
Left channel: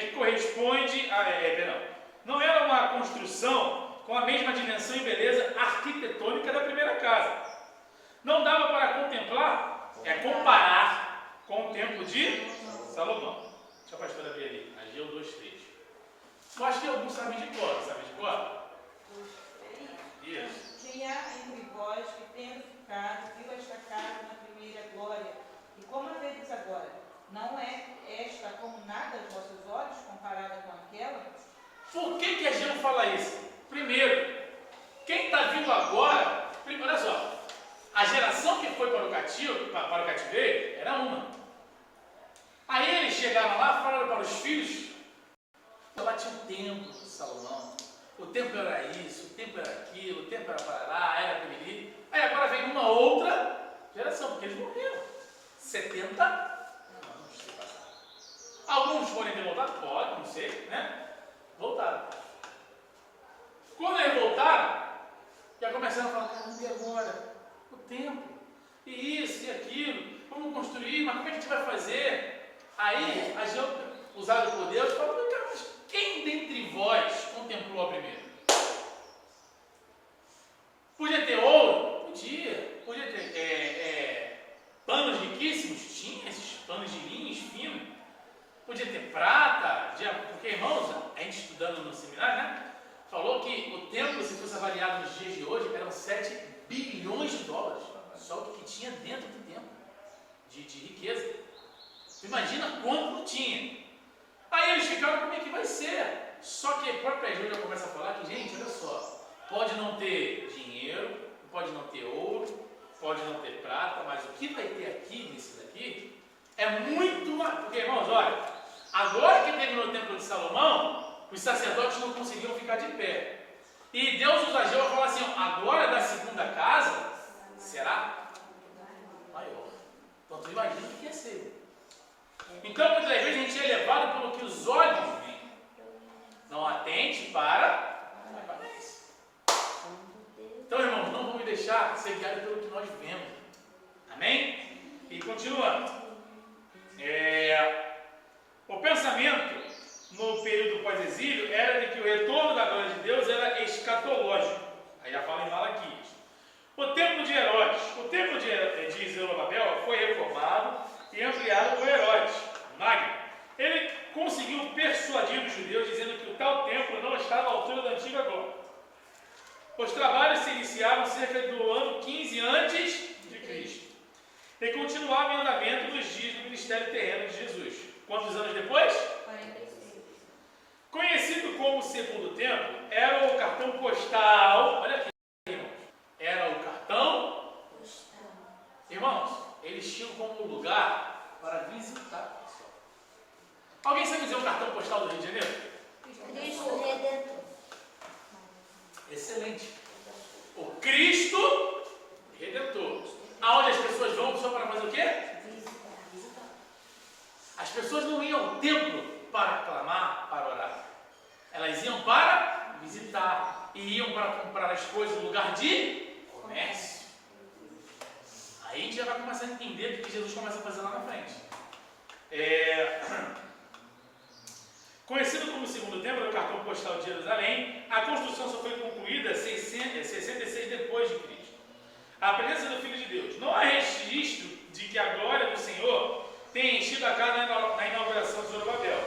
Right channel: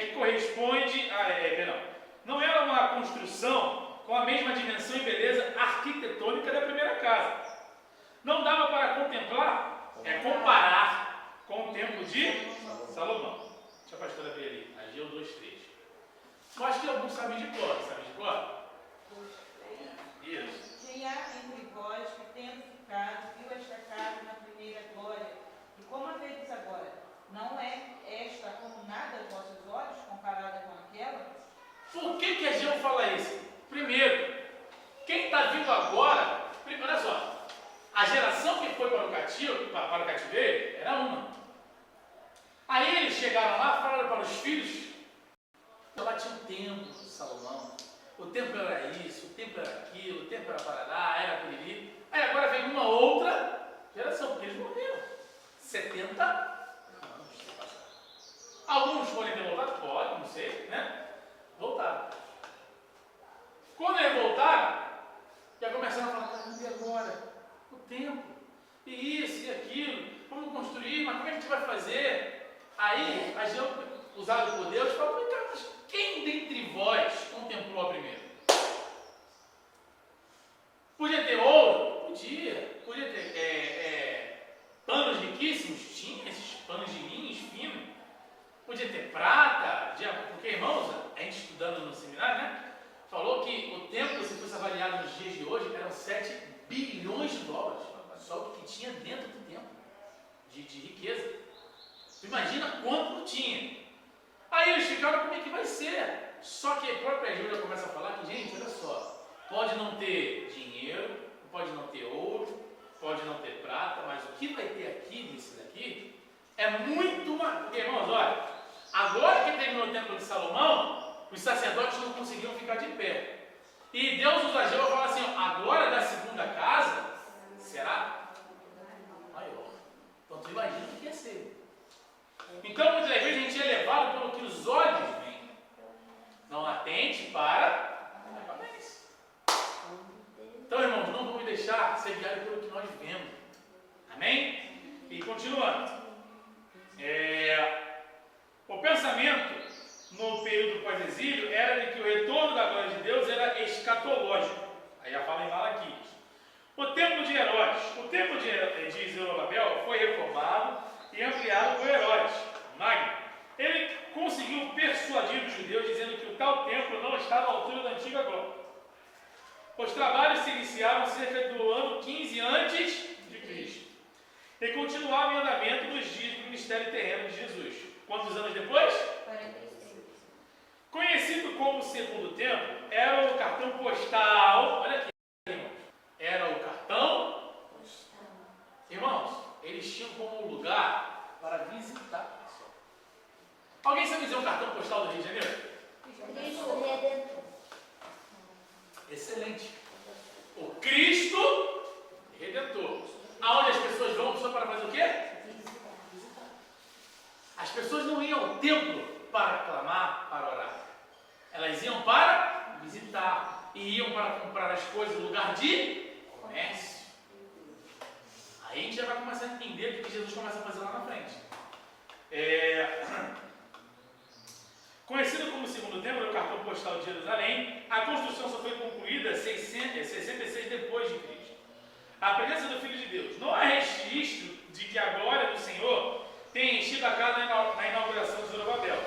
que corresponde a... não era uma construção com a mesma dimensão e beleza arquitetônica da primeira casa. Não dava para comparar com o templo de Salomão. Deixa a pastora abrir ali, Ageu 2:3. Eu acho que alguns sabem de cor, Isso. Quem há entre vós que tendo ficado, viu esta casa na primeira glória, e como a vedes agora, não é esta como nada aos vossos olhos, comparada com aquela? Por que Ageu fala isso? Primeiro, quem está vindo agora, olha só, a geração que foi para o cativeiro era uma. Aí eles chegaram lá, falaram para os filhos, lá tinha um templo de Salomão, o templo era isso, o templo era aquilo, o templo era Parará, era Piriri. Aí agora vem uma outra geração, porque eles morreram. 70 anos se passaram. Alguns podem ter voltado? Pode, não sei, né? Voltaram. Quando eles voltaram, já começaram a falar, caramba, e agora? O templo, e isso, e aquilo, vamos construir, mas como é que a gente vai fazer? Aí, a gente, usado por Deus, falou, cara, mas quem dentre vós contemplou a primeira? Podia ter ouro? Podia. Podia ter panos riquíssimos? Tinha esses panos de linhos finos. Podia ter prata, porque, irmãos, a gente estudando no seminário, né? Falou que o templo, se fosse avaliado nos dias de hoje, eram 7 bilhões de dólares. Só o que tinha dentro do templo, de riqueza. Imagina quanto tinha. Aí eles ficaram, como é que vai ser? Só que a própria Júlia começa a falar que, gente, olha só, pode não ter dinheiro, pode não ter ouro, pode não ter prata, mas o que vai ter aqui, nesse daqui, é muito mais. Porque, irmãos, olha, agora que terminou o templo de Salomão, os sacerdotes não conseguiam ficar de pé. E Deus usa Ageu para falar assim: ó, a glória da segunda casa será maior. Então tu imagina o que ia ser. Então muitas vezes a gente é levado pelo que os olhos veem. Não atente para a aparência. Então, irmãos, não vamos deixar ser guiados pelo que nós vemos. Amém? E continuando. O pensamento no período pós-exílio era de que o retorno da glória de Deus era escatológico. Aí já fala em Malaquias. O templo de Herodes. O templo de Zorobabel foi reformado e ampliado por Herodes Magno. Ele conseguiu persuadir os judeus dizendo que o tal templo não estava à altura da antiga glória. Os trabalhos se iniciaram cerca do ano 15 a.C. e continuavam em andamento nos dias do ministério terreno de Jesus. Quantos anos depois? 46. Conhecido como Segundo Templo, era o cartão postal. Olha aqui, irmãos. Era o cartão postal. Irmãos, eles tinham como lugar para visitar. Alguém sabe dizer um cartão postal do Rio de Janeiro? Cristo Redentor. Excelente. O Cristo Redentor. Aonde as pessoas vão só para fazer o quê? Visitar. As pessoas não iam ao templo para clamar, para orar. Elas iam para visitar. E iam para comprar as coisas no lugar de comércio. Aí a gente já vai começar a entender o que Jesus começa a fazer lá na frente. Conhecido como Segundo Templo, o cartão postal de Jerusalém, a construção só foi concluída 66 depois de Cristo. A presença do Filho de Deus. Não há registro de que a glória do Senhor tenha enchido a casa na inauguração de Zorobabel.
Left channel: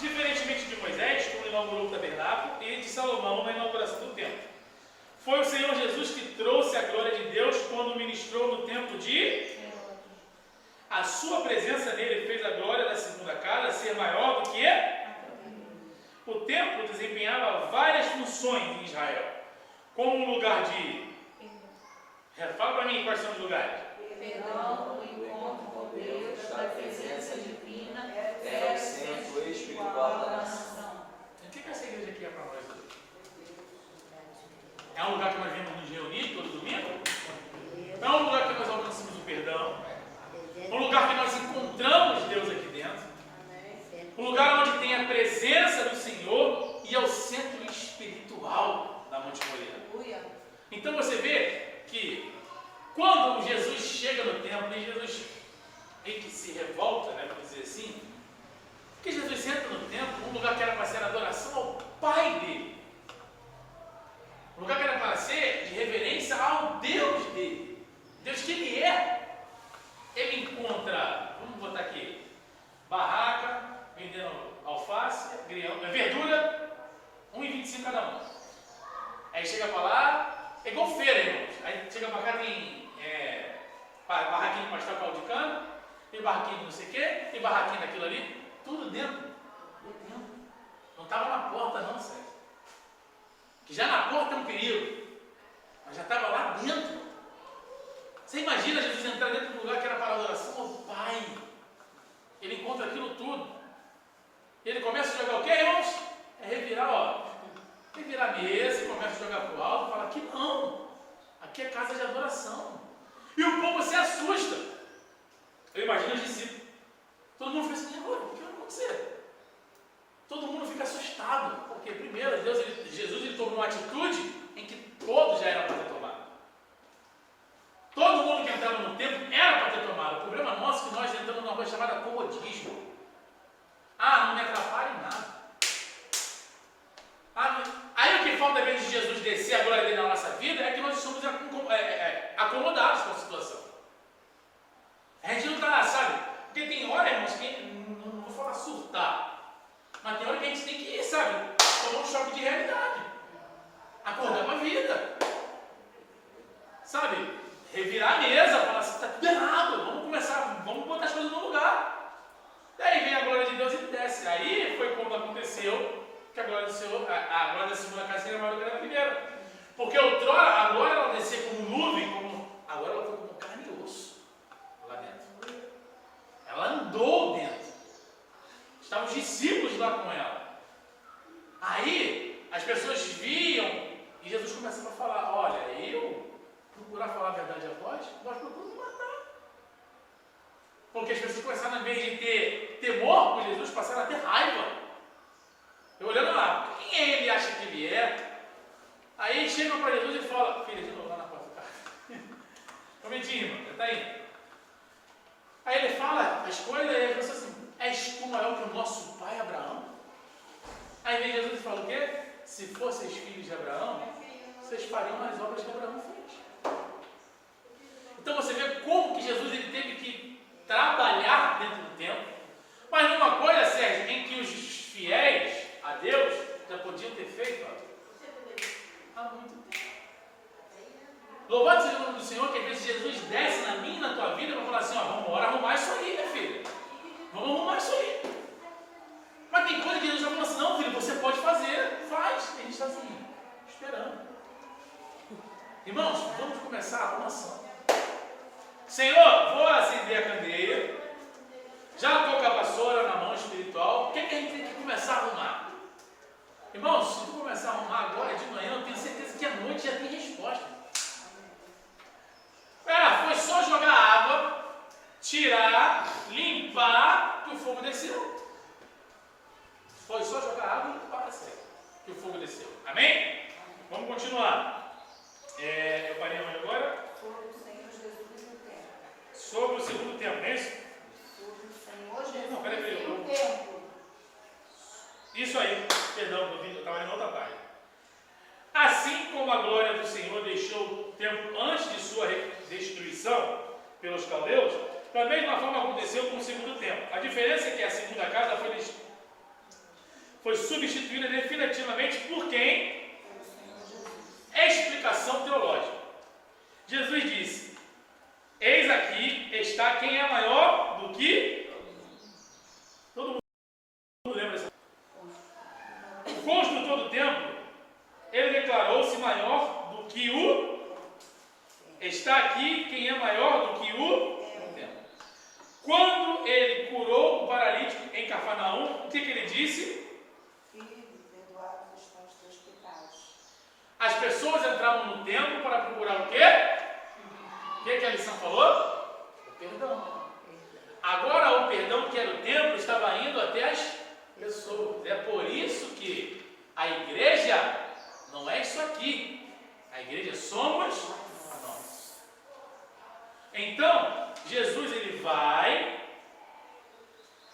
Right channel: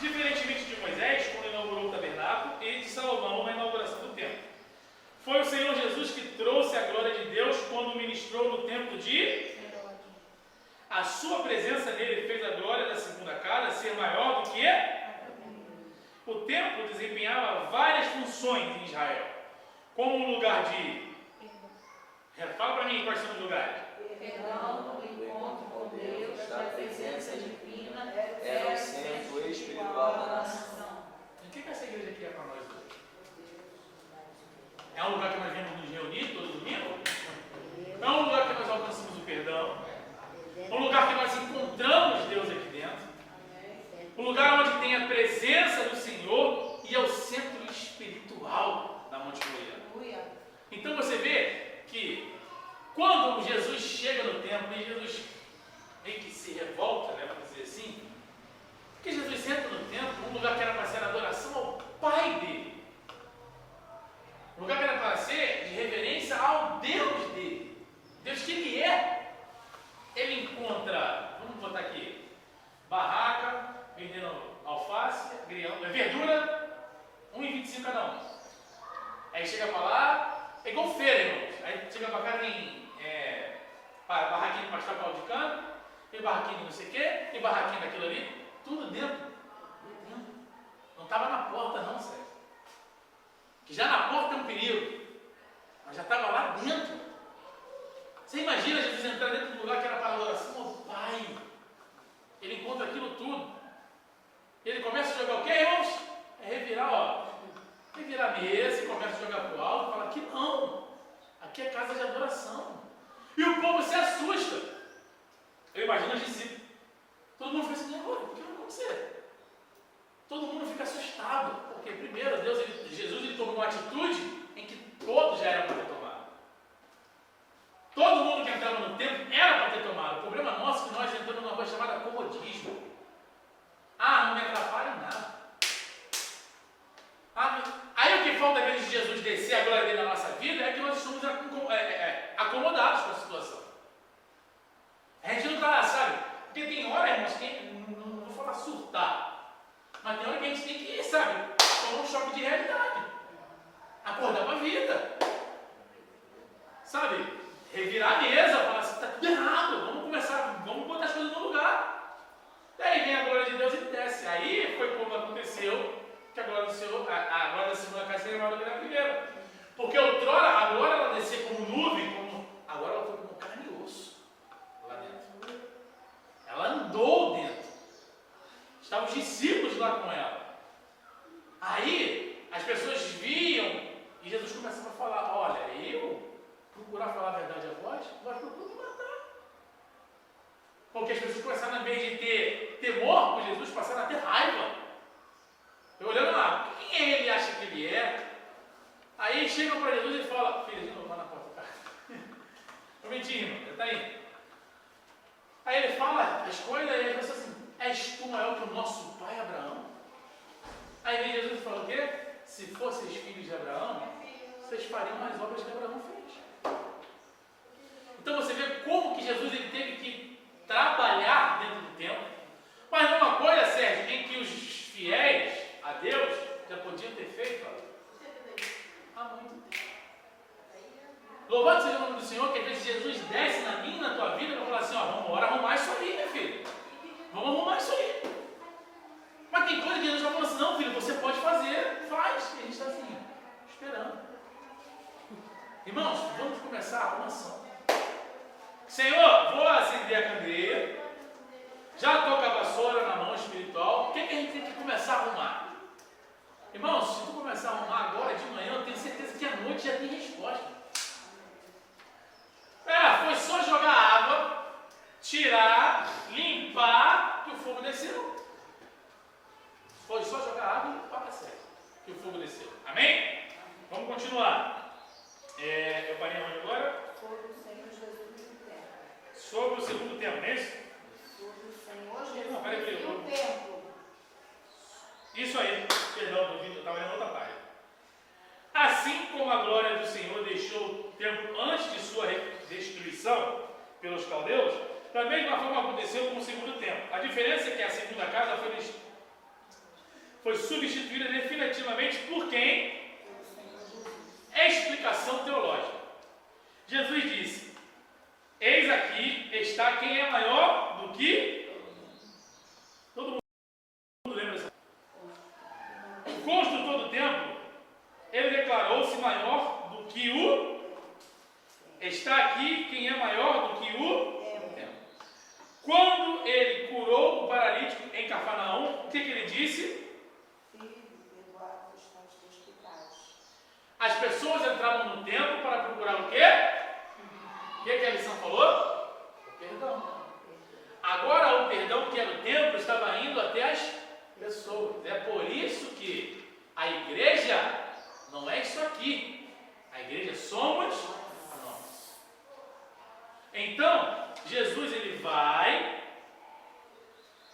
Diferentemente de Moisés, quando inaugurou o tabernáculo, e de Salomão na inauguração do templo. Foi o Senhor Jesus que trouxe a glória de Deus quando ministrou no templo de... A sua presença nele fez a glória da segunda casa ser maior do que... O templo desempenhava várias funções em Israel, como um lugar de... Fala para mim quais são os lugares. Perdão, o encontro com Deus, da presença divina, Era o centro espiritual da nação. O que essa igreja aqui é para nós hoje? É um lugar que nós vemos nos reunir todo domingo? É um lugar que nós alcançamos o perdão? Um lugar que nós encontramos Deus aqui dentro? Um lugar onde tem a presença do Senhor e é o centro espiritual da Monte Moriá. Então você vê que quando Jesus chega no templo e Jesus meio que se revolta, né, para dizer assim, porque Jesus entra no templo, um lugar que era para ser adoração ao Pai dele, um lugar que era para ser de reverência ao Deus dele, Deus que ele é. Ele encontra, vamos botar aqui, barraca, vendendo alface, verdura, 1,25 cada um. Aí chega para lá, é igual feira, irmãos. Aí chega para cá, tem barraquinho de pastel caldo de cana, tem barraquinho de não sei o quê, tem barraquinho daquilo ali, tudo dentro. Não estava na porta não, sério. Que já na porta é um perigo, mas já estava lá dentro. Você imagina Jesus entrar dentro do lugar que era para adoração ao Pai. Ele encontra aquilo tudo. Ele começa a jogar o quê, irmãos? É revirar, revirar a mesa e começa a jogar para o alto e fala: aqui não, aqui é casa de adoração. E o povo se assusta. Eu imagino os discípulos. Todo mundo fica assim: agora, o que vai acontecer? Todo mundo fica assustado. Porque primeiro, Jesus tomou uma atitude em que todos já eram para ter tomado. Todo mundo que entrava no templo era para ter tomado. O problema nosso é que nós entramos numa coisa chamada comodismo. Não me atrapalha em nada. Aí o que falta, ao invés de Jesus descer a glória dele na nossa vida, é que nós somos acomodados com a situação. A gente não está, sabe? Porque tem hora, irmãos, que não vou falar surtar, mas tem hora que a gente tem que, sabe, tomar um choque de realidade. Acordar para a vida. Sabe? Revirar a mesa, falar assim: está tudo errado, vamos botar as coisas no lugar. Daí vem a glória de Deus e desce. Aí foi como aconteceu que a glória da segunda casa seria maior do que a primeira. Porque outrora a glória ela descia como nuvem, agora ela os discípulos lá com ela. Aí, as pessoas viam e Jesus começava a falar: olha, eu procurar falar a verdade a vós procuro me matar. Porque as pessoas começaram, em vez de ter temor por Jesus, passaram a ter raiva. Eu olhando lá, quem ele acha que ele é? Aí chegam para Jesus e falam: filha, de novo lá na porta do carro. Um momentinho, irmão, está aí. Aí ele fala as coisas e ele pensa assim: és tu maior que o nosso pai Abraão? Aí vem Jesus e fala o quê? Se fosseis filhos de Abraão, vocês fariam as obras que Abraão fez. Então você vê como que Jesus ele teve que trabalhar dentro do templo. Mas numa coisa, Sérgio, em que os fiéis a Deus já podiam ter feito há muito tempo. Louvado seja o nome do Senhor, que às vezes Jesus desce na minha e na tua vida para falar assim: ó, vamos embora arrumar isso aí, minha filha. Vamos arrumar isso aí. Mas tem coisa que Jesus já falou assim: não, filho, você pode fazer, faz. E a gente está assim, esperando. Irmãos, vamos começar a arrumação. Senhor, vou acender a candeia. Já estou com a vassoura na mão espiritual. O que, que a gente tem que começar a arrumar? Irmãos, se tu começar a arrumar agora de manhã, eu tenho certeza que à noite já tem resposta. Foi só jogar água, tirar, limpar, que o fogo desceu. Foi só jogar água e limpar, certo? Que o fogo desceu. Amém? Vamos continuar. Eu parei onde agora? Sobre o segundo tempo, não é isso? Não, peraí. Isso aí, perdão, eu estava lendo outra página. Assim como a glória do Senhor deixou o templo antes de sua destruição pelos caldeus, da mesma forma aconteceu com o segundo templo. A diferença é que a segunda casa foi substituída definitivamente por quem? Explicação teológica. Jesus disse: eis aqui está quem é maior do que... Todo mundo lembra dessa? O construtor do templo, ele declarou-se maior do que o... Está aqui quem é maior do que o templo. Quando ele curou o paralítico em Cafarnaum, o que ele disse? As pessoas entravam no templo para procurar o quê? O que a lição falou? O perdão. Agora o perdão que era o templo estava indo até as pessoas. É por isso que a igreja não é isso aqui. A igreja somos nós. Então, Jesus ele vai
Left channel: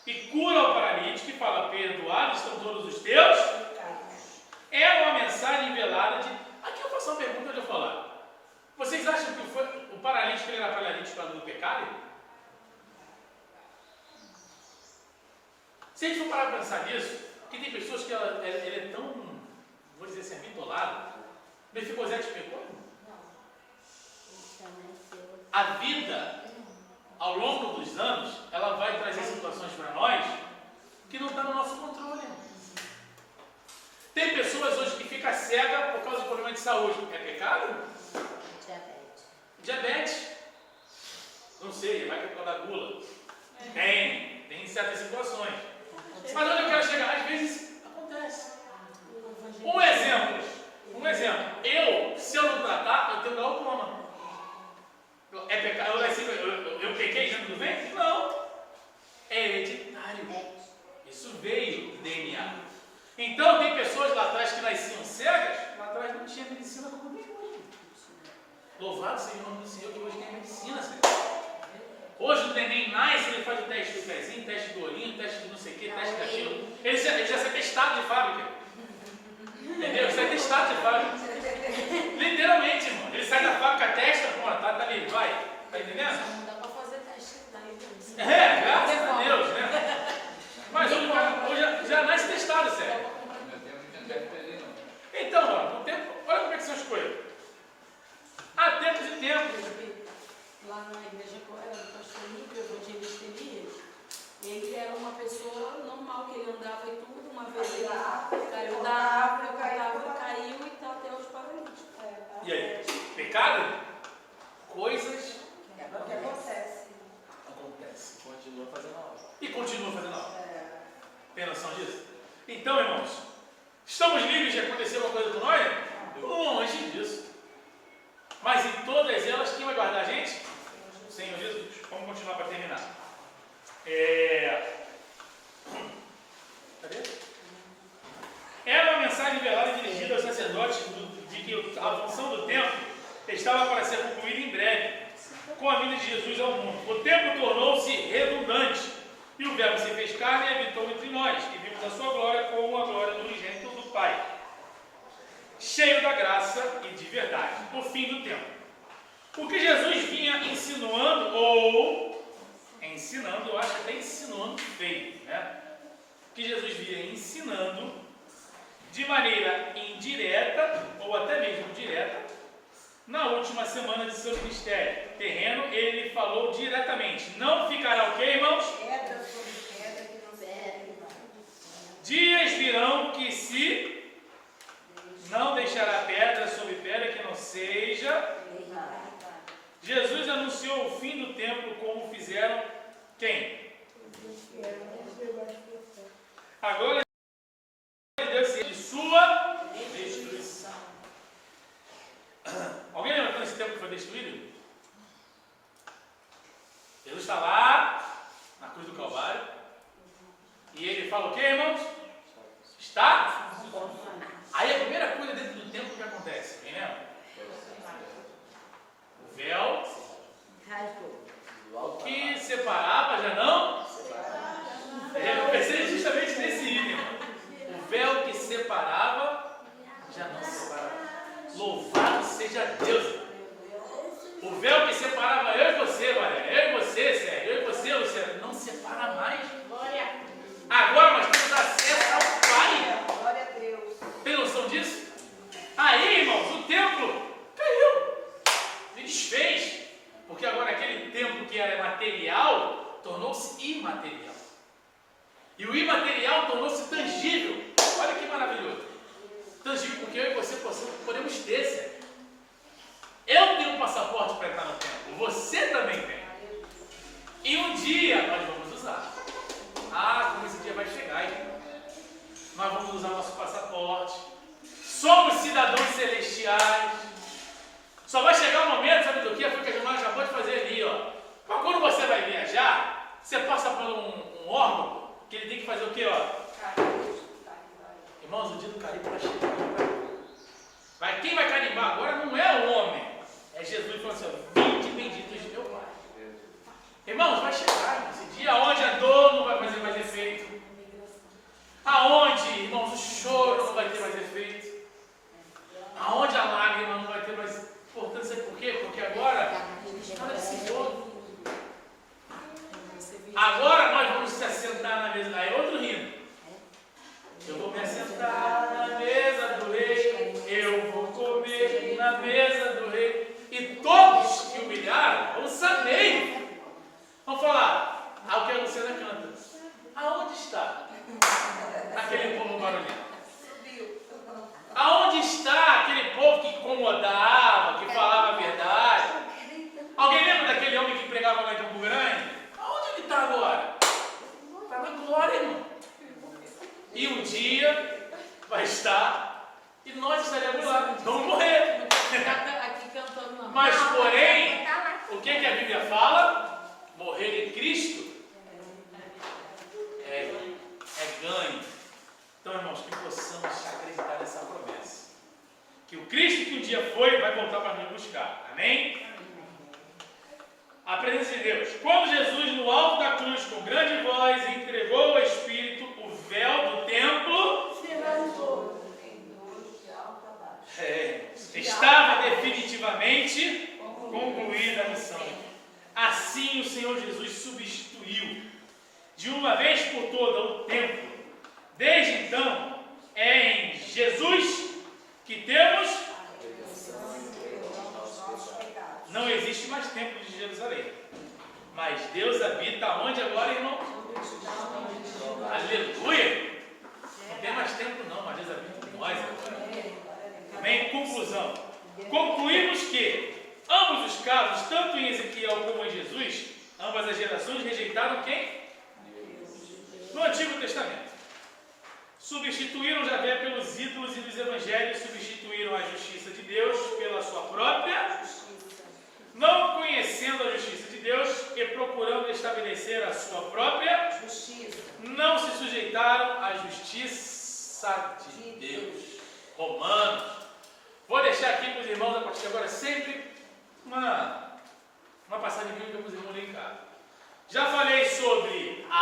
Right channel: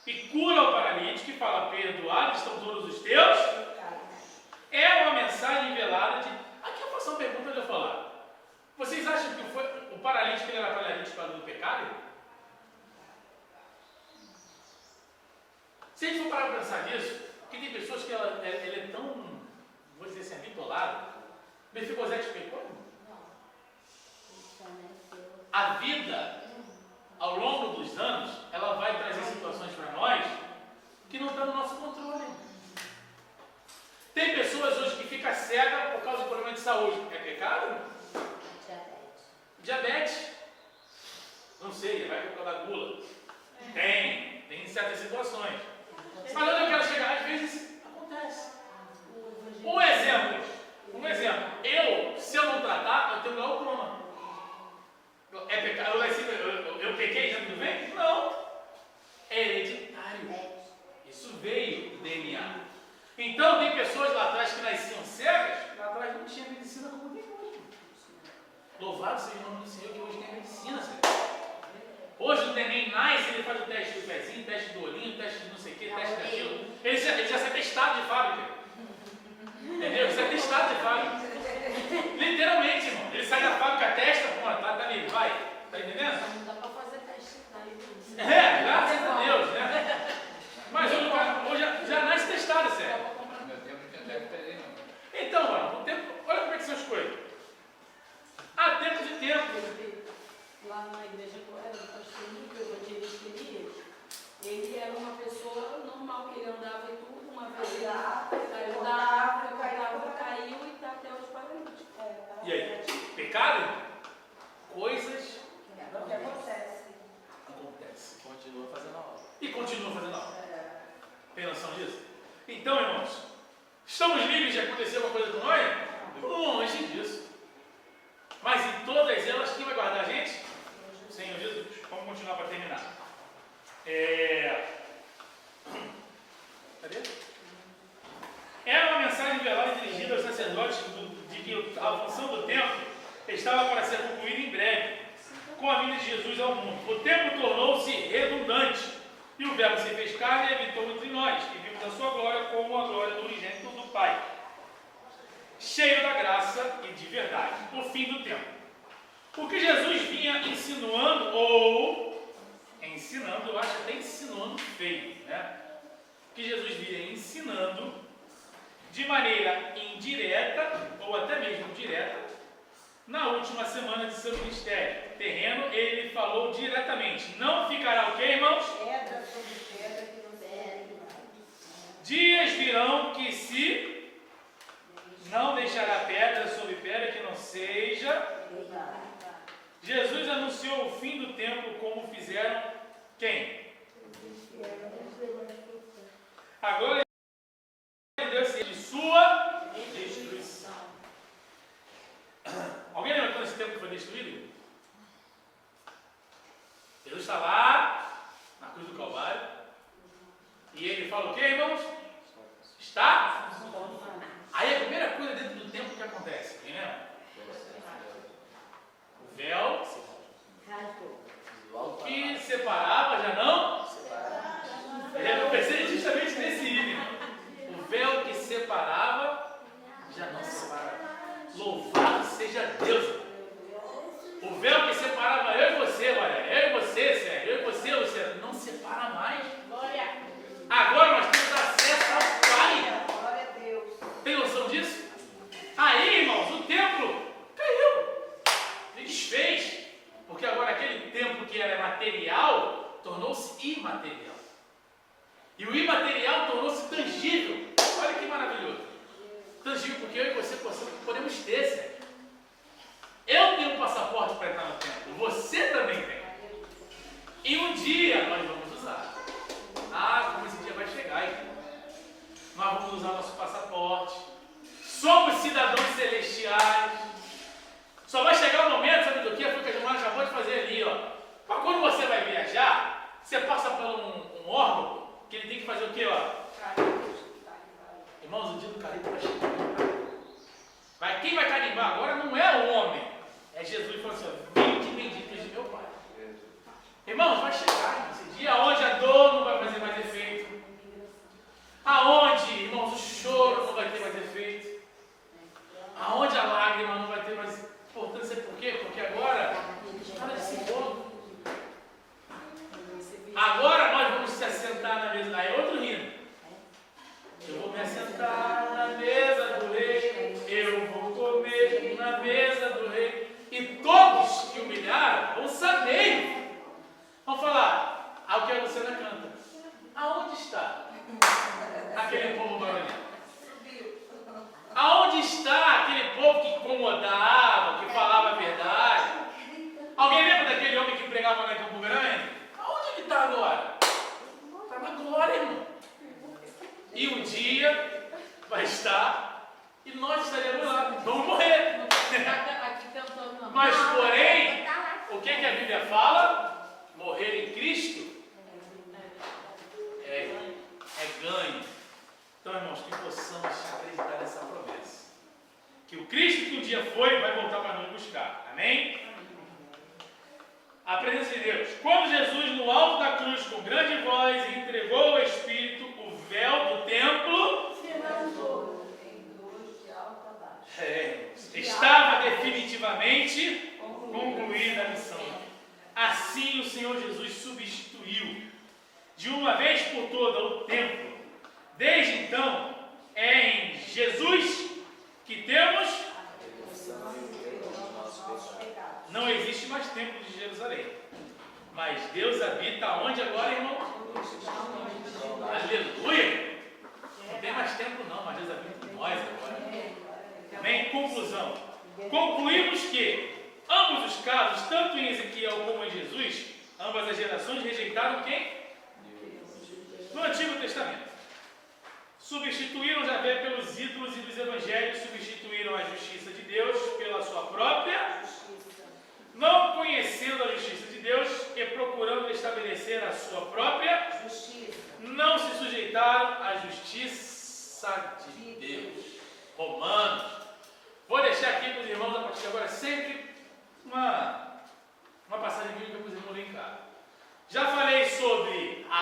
e cura o paralítico e fala: perdoados estão todos os teus. É uma mensagem velada de... Aqui eu faço uma pergunta de eu falar. Vocês acham que o paralítico ele era paralítico por causa do pecado? Se a gente for parar para pensar nisso, que tem pessoas que ele é tão, vou dizer assim, bitolado. Mefibosete pecou? A vida, ao longo dos anos, ela vai trazer situações para nós que não estão no nosso controle. Tem pessoas hoje que ficam cegas por causa de problema de saúde. É pecado? Diabetes. Não sei, vai por causa da gula. Tem certas situações. Mas onde eu quero chegar? Às vezes acontece. Um exemplo. Se eu não tratar, eu tenho glaucoma. É pecado? Eu pequei dentro do ventre? Não. É hereditário. Isso veio do DNA. Então tem pessoas lá atrás que nasciam cegas, lá atrás não tinha medicina como tem hoje. Louvado seja o nome do Senhor que hoje tem medicina, Senhor. Hoje o neném nasce, ele faz o teste do pezinho, teste do olhinho, teste de não sei o que, teste daquilo. Ele já sai testado de fábrica. Entendeu? Ele sai testado de fábrica. Literalmente, irmão. Ele sai da fábrica, testa, pô, tá ali, vai. Tá entendendo? Não dá pra fazer teste. Graças a Deus, né? Mas hoje o cara já nasce testado, sério. Então, mano, no tempo, olha como é que são as coisas. Há tempos e tempos. Lá na igreja que eu tinha Elias, ele era uma pessoa normal, que ele andava e tudo. Uma vez ele caiu da árvore, caiu e está até os paralíticos. E aí? Pecado? Coisas Acontece. acontecem. Continua fazendo a obra. E continua fazendo a obra. Tem noção disso? Então, irmãos, estamos livres de acontecer alguma coisa com nós? Longe disso. Mas em todas elas, quem vai guardar a gente? O Senhor Jesus. Vamos continuar para terminar. Cadê? Era uma mensagem velada dirigida aos sacerdotes de que a função do templo estava para ser concluída em breve, com a vinda de Jesus ao mundo. O templo tornou-se redundante, e o Verbo se fez carne e habitou entre nós, e vimos a sua glória como a glória do unigênito do Pai, cheio da graça e de verdade. O fim do tempo. O que Jesus vinha insinuando, eu acho até insinuando feio, né? O que Jesus vinha ensinando de maneira indireta, ou até mesmo direta, na última semana de seu ministério terreno, ele falou diretamente: não ficará o quê, irmãos? Pedra sobre pedra que não serve. Dias virão que se não deixará pedra sobre pedra que não seja. Jesus anunciou o fim do templo como fizeram quem? A glória de Deus seja de sua destruição. Alguém lembra quando esse templo foi destruído? Jesus está lá na cruz do Calvário e ele fala o que, irmãos? Está? Aí a primeira coisa dentro do templo que acontece, quem lembra? O véu, o que separava já não? Eu pensei justamente nesse item, irmão. O véu que separava já não separava. Louvado seja Deus. O véu que separava eu e você, Maria, eu e você, Sérgio, eu e você, Luciano, não separa mais. Agora nós temos acesso ao Pai. Glória a Deus. Tem noção disso? Aí, irmãos, o templo caiu, se desfez, porque agora aquele templo que era material tornou-se imaterial. E o imaterial tornou-se tangível. Olha que maravilhoso. Tangível, porque eu e você podemos ter, Sérgio. Eu tenho um passaporte para entrar no templo, você também tem. E um dia nós vamos usar. Como esse dia vai chegar, hein? Nós vamos usar o nosso passaporte. Somos cidadãos celestiais. Só vai chegar um momento, sabe do que? Foi o que a Gilmar acabou de fazer ali, ó. Mas quando você vai viajar, você passa por um órgão que ele tem que fazer o quê, ó? Irmãos, o dia do carimbo vai chegar. Quem vai carimbar agora não é o homem, é Jesus falando assim, ó, vinde benditos de meu Pai. Irmãos, vai chegar esse dia onde a dor não vai fazer mais efeito. Aonde, irmãos, o choro não vai ter mais efeito. Aonde a lágrima não vai ter mais importância. Por quê? Porque agora nada de se pôr. Agora nós vamos se assentar na mesa. Aí é outro hino. Eu vou me assentar na mesa do rei. Eu vou comer na mesa do rei. E todos que humilharam vão saber. Vamos falar. O que a Luciana canta. Aonde está aquele povo barulhento? Aonde está aquele povo que incomodava, que falava a verdade? Alguém lembra daquele homem que pregava lá em Campo Grande? Aonde ele está agora? Está na glória, irmão. E um dia vai estar e nós estaremos lá. Vamos morrer. Mas, porém, o que a Bíblia fala? Morrer em Cristo é ganho. Então, irmãos, que possamos acreditar nessa promessa. Que o Cristo que um dia foi, vai voltar para nos buscar. Amém? A presença de Deus. Quando Jesus, no alto da cruz, com grande voz, entregou o Espírito, o véu do templo Se levantou. estava definitivamente concluída a missão. Assim o Senhor Jesus substituiu de uma vez por toda o templo. Desde então, é em Jesus que temos. Não existe mais templo de Jerusalém. Mas Deus habita onde agora, irmão? Aleluia! Não tem mais templo não, mas Deus habita em nós agora. Amém? Conclusão. Concluímos que ambos os casos, tanto em Ezequiel como em Jesus, ambas as gerações rejeitaram quem? No Antigo Testamento. Substituíram Javé pelos ídolos e dos evangelhos substituíram a justiça de Deus pela sua própria, não conhecendo a justiça de Deus e procurando estabelecer a sua própria Justiça. não se sujeitaram à justiça de Deus. Romanos. Vou deixar aqui para os irmãos a partir de agora sempre uma passagem bíblica para os irmãos lerem em casa. Já falei sobre a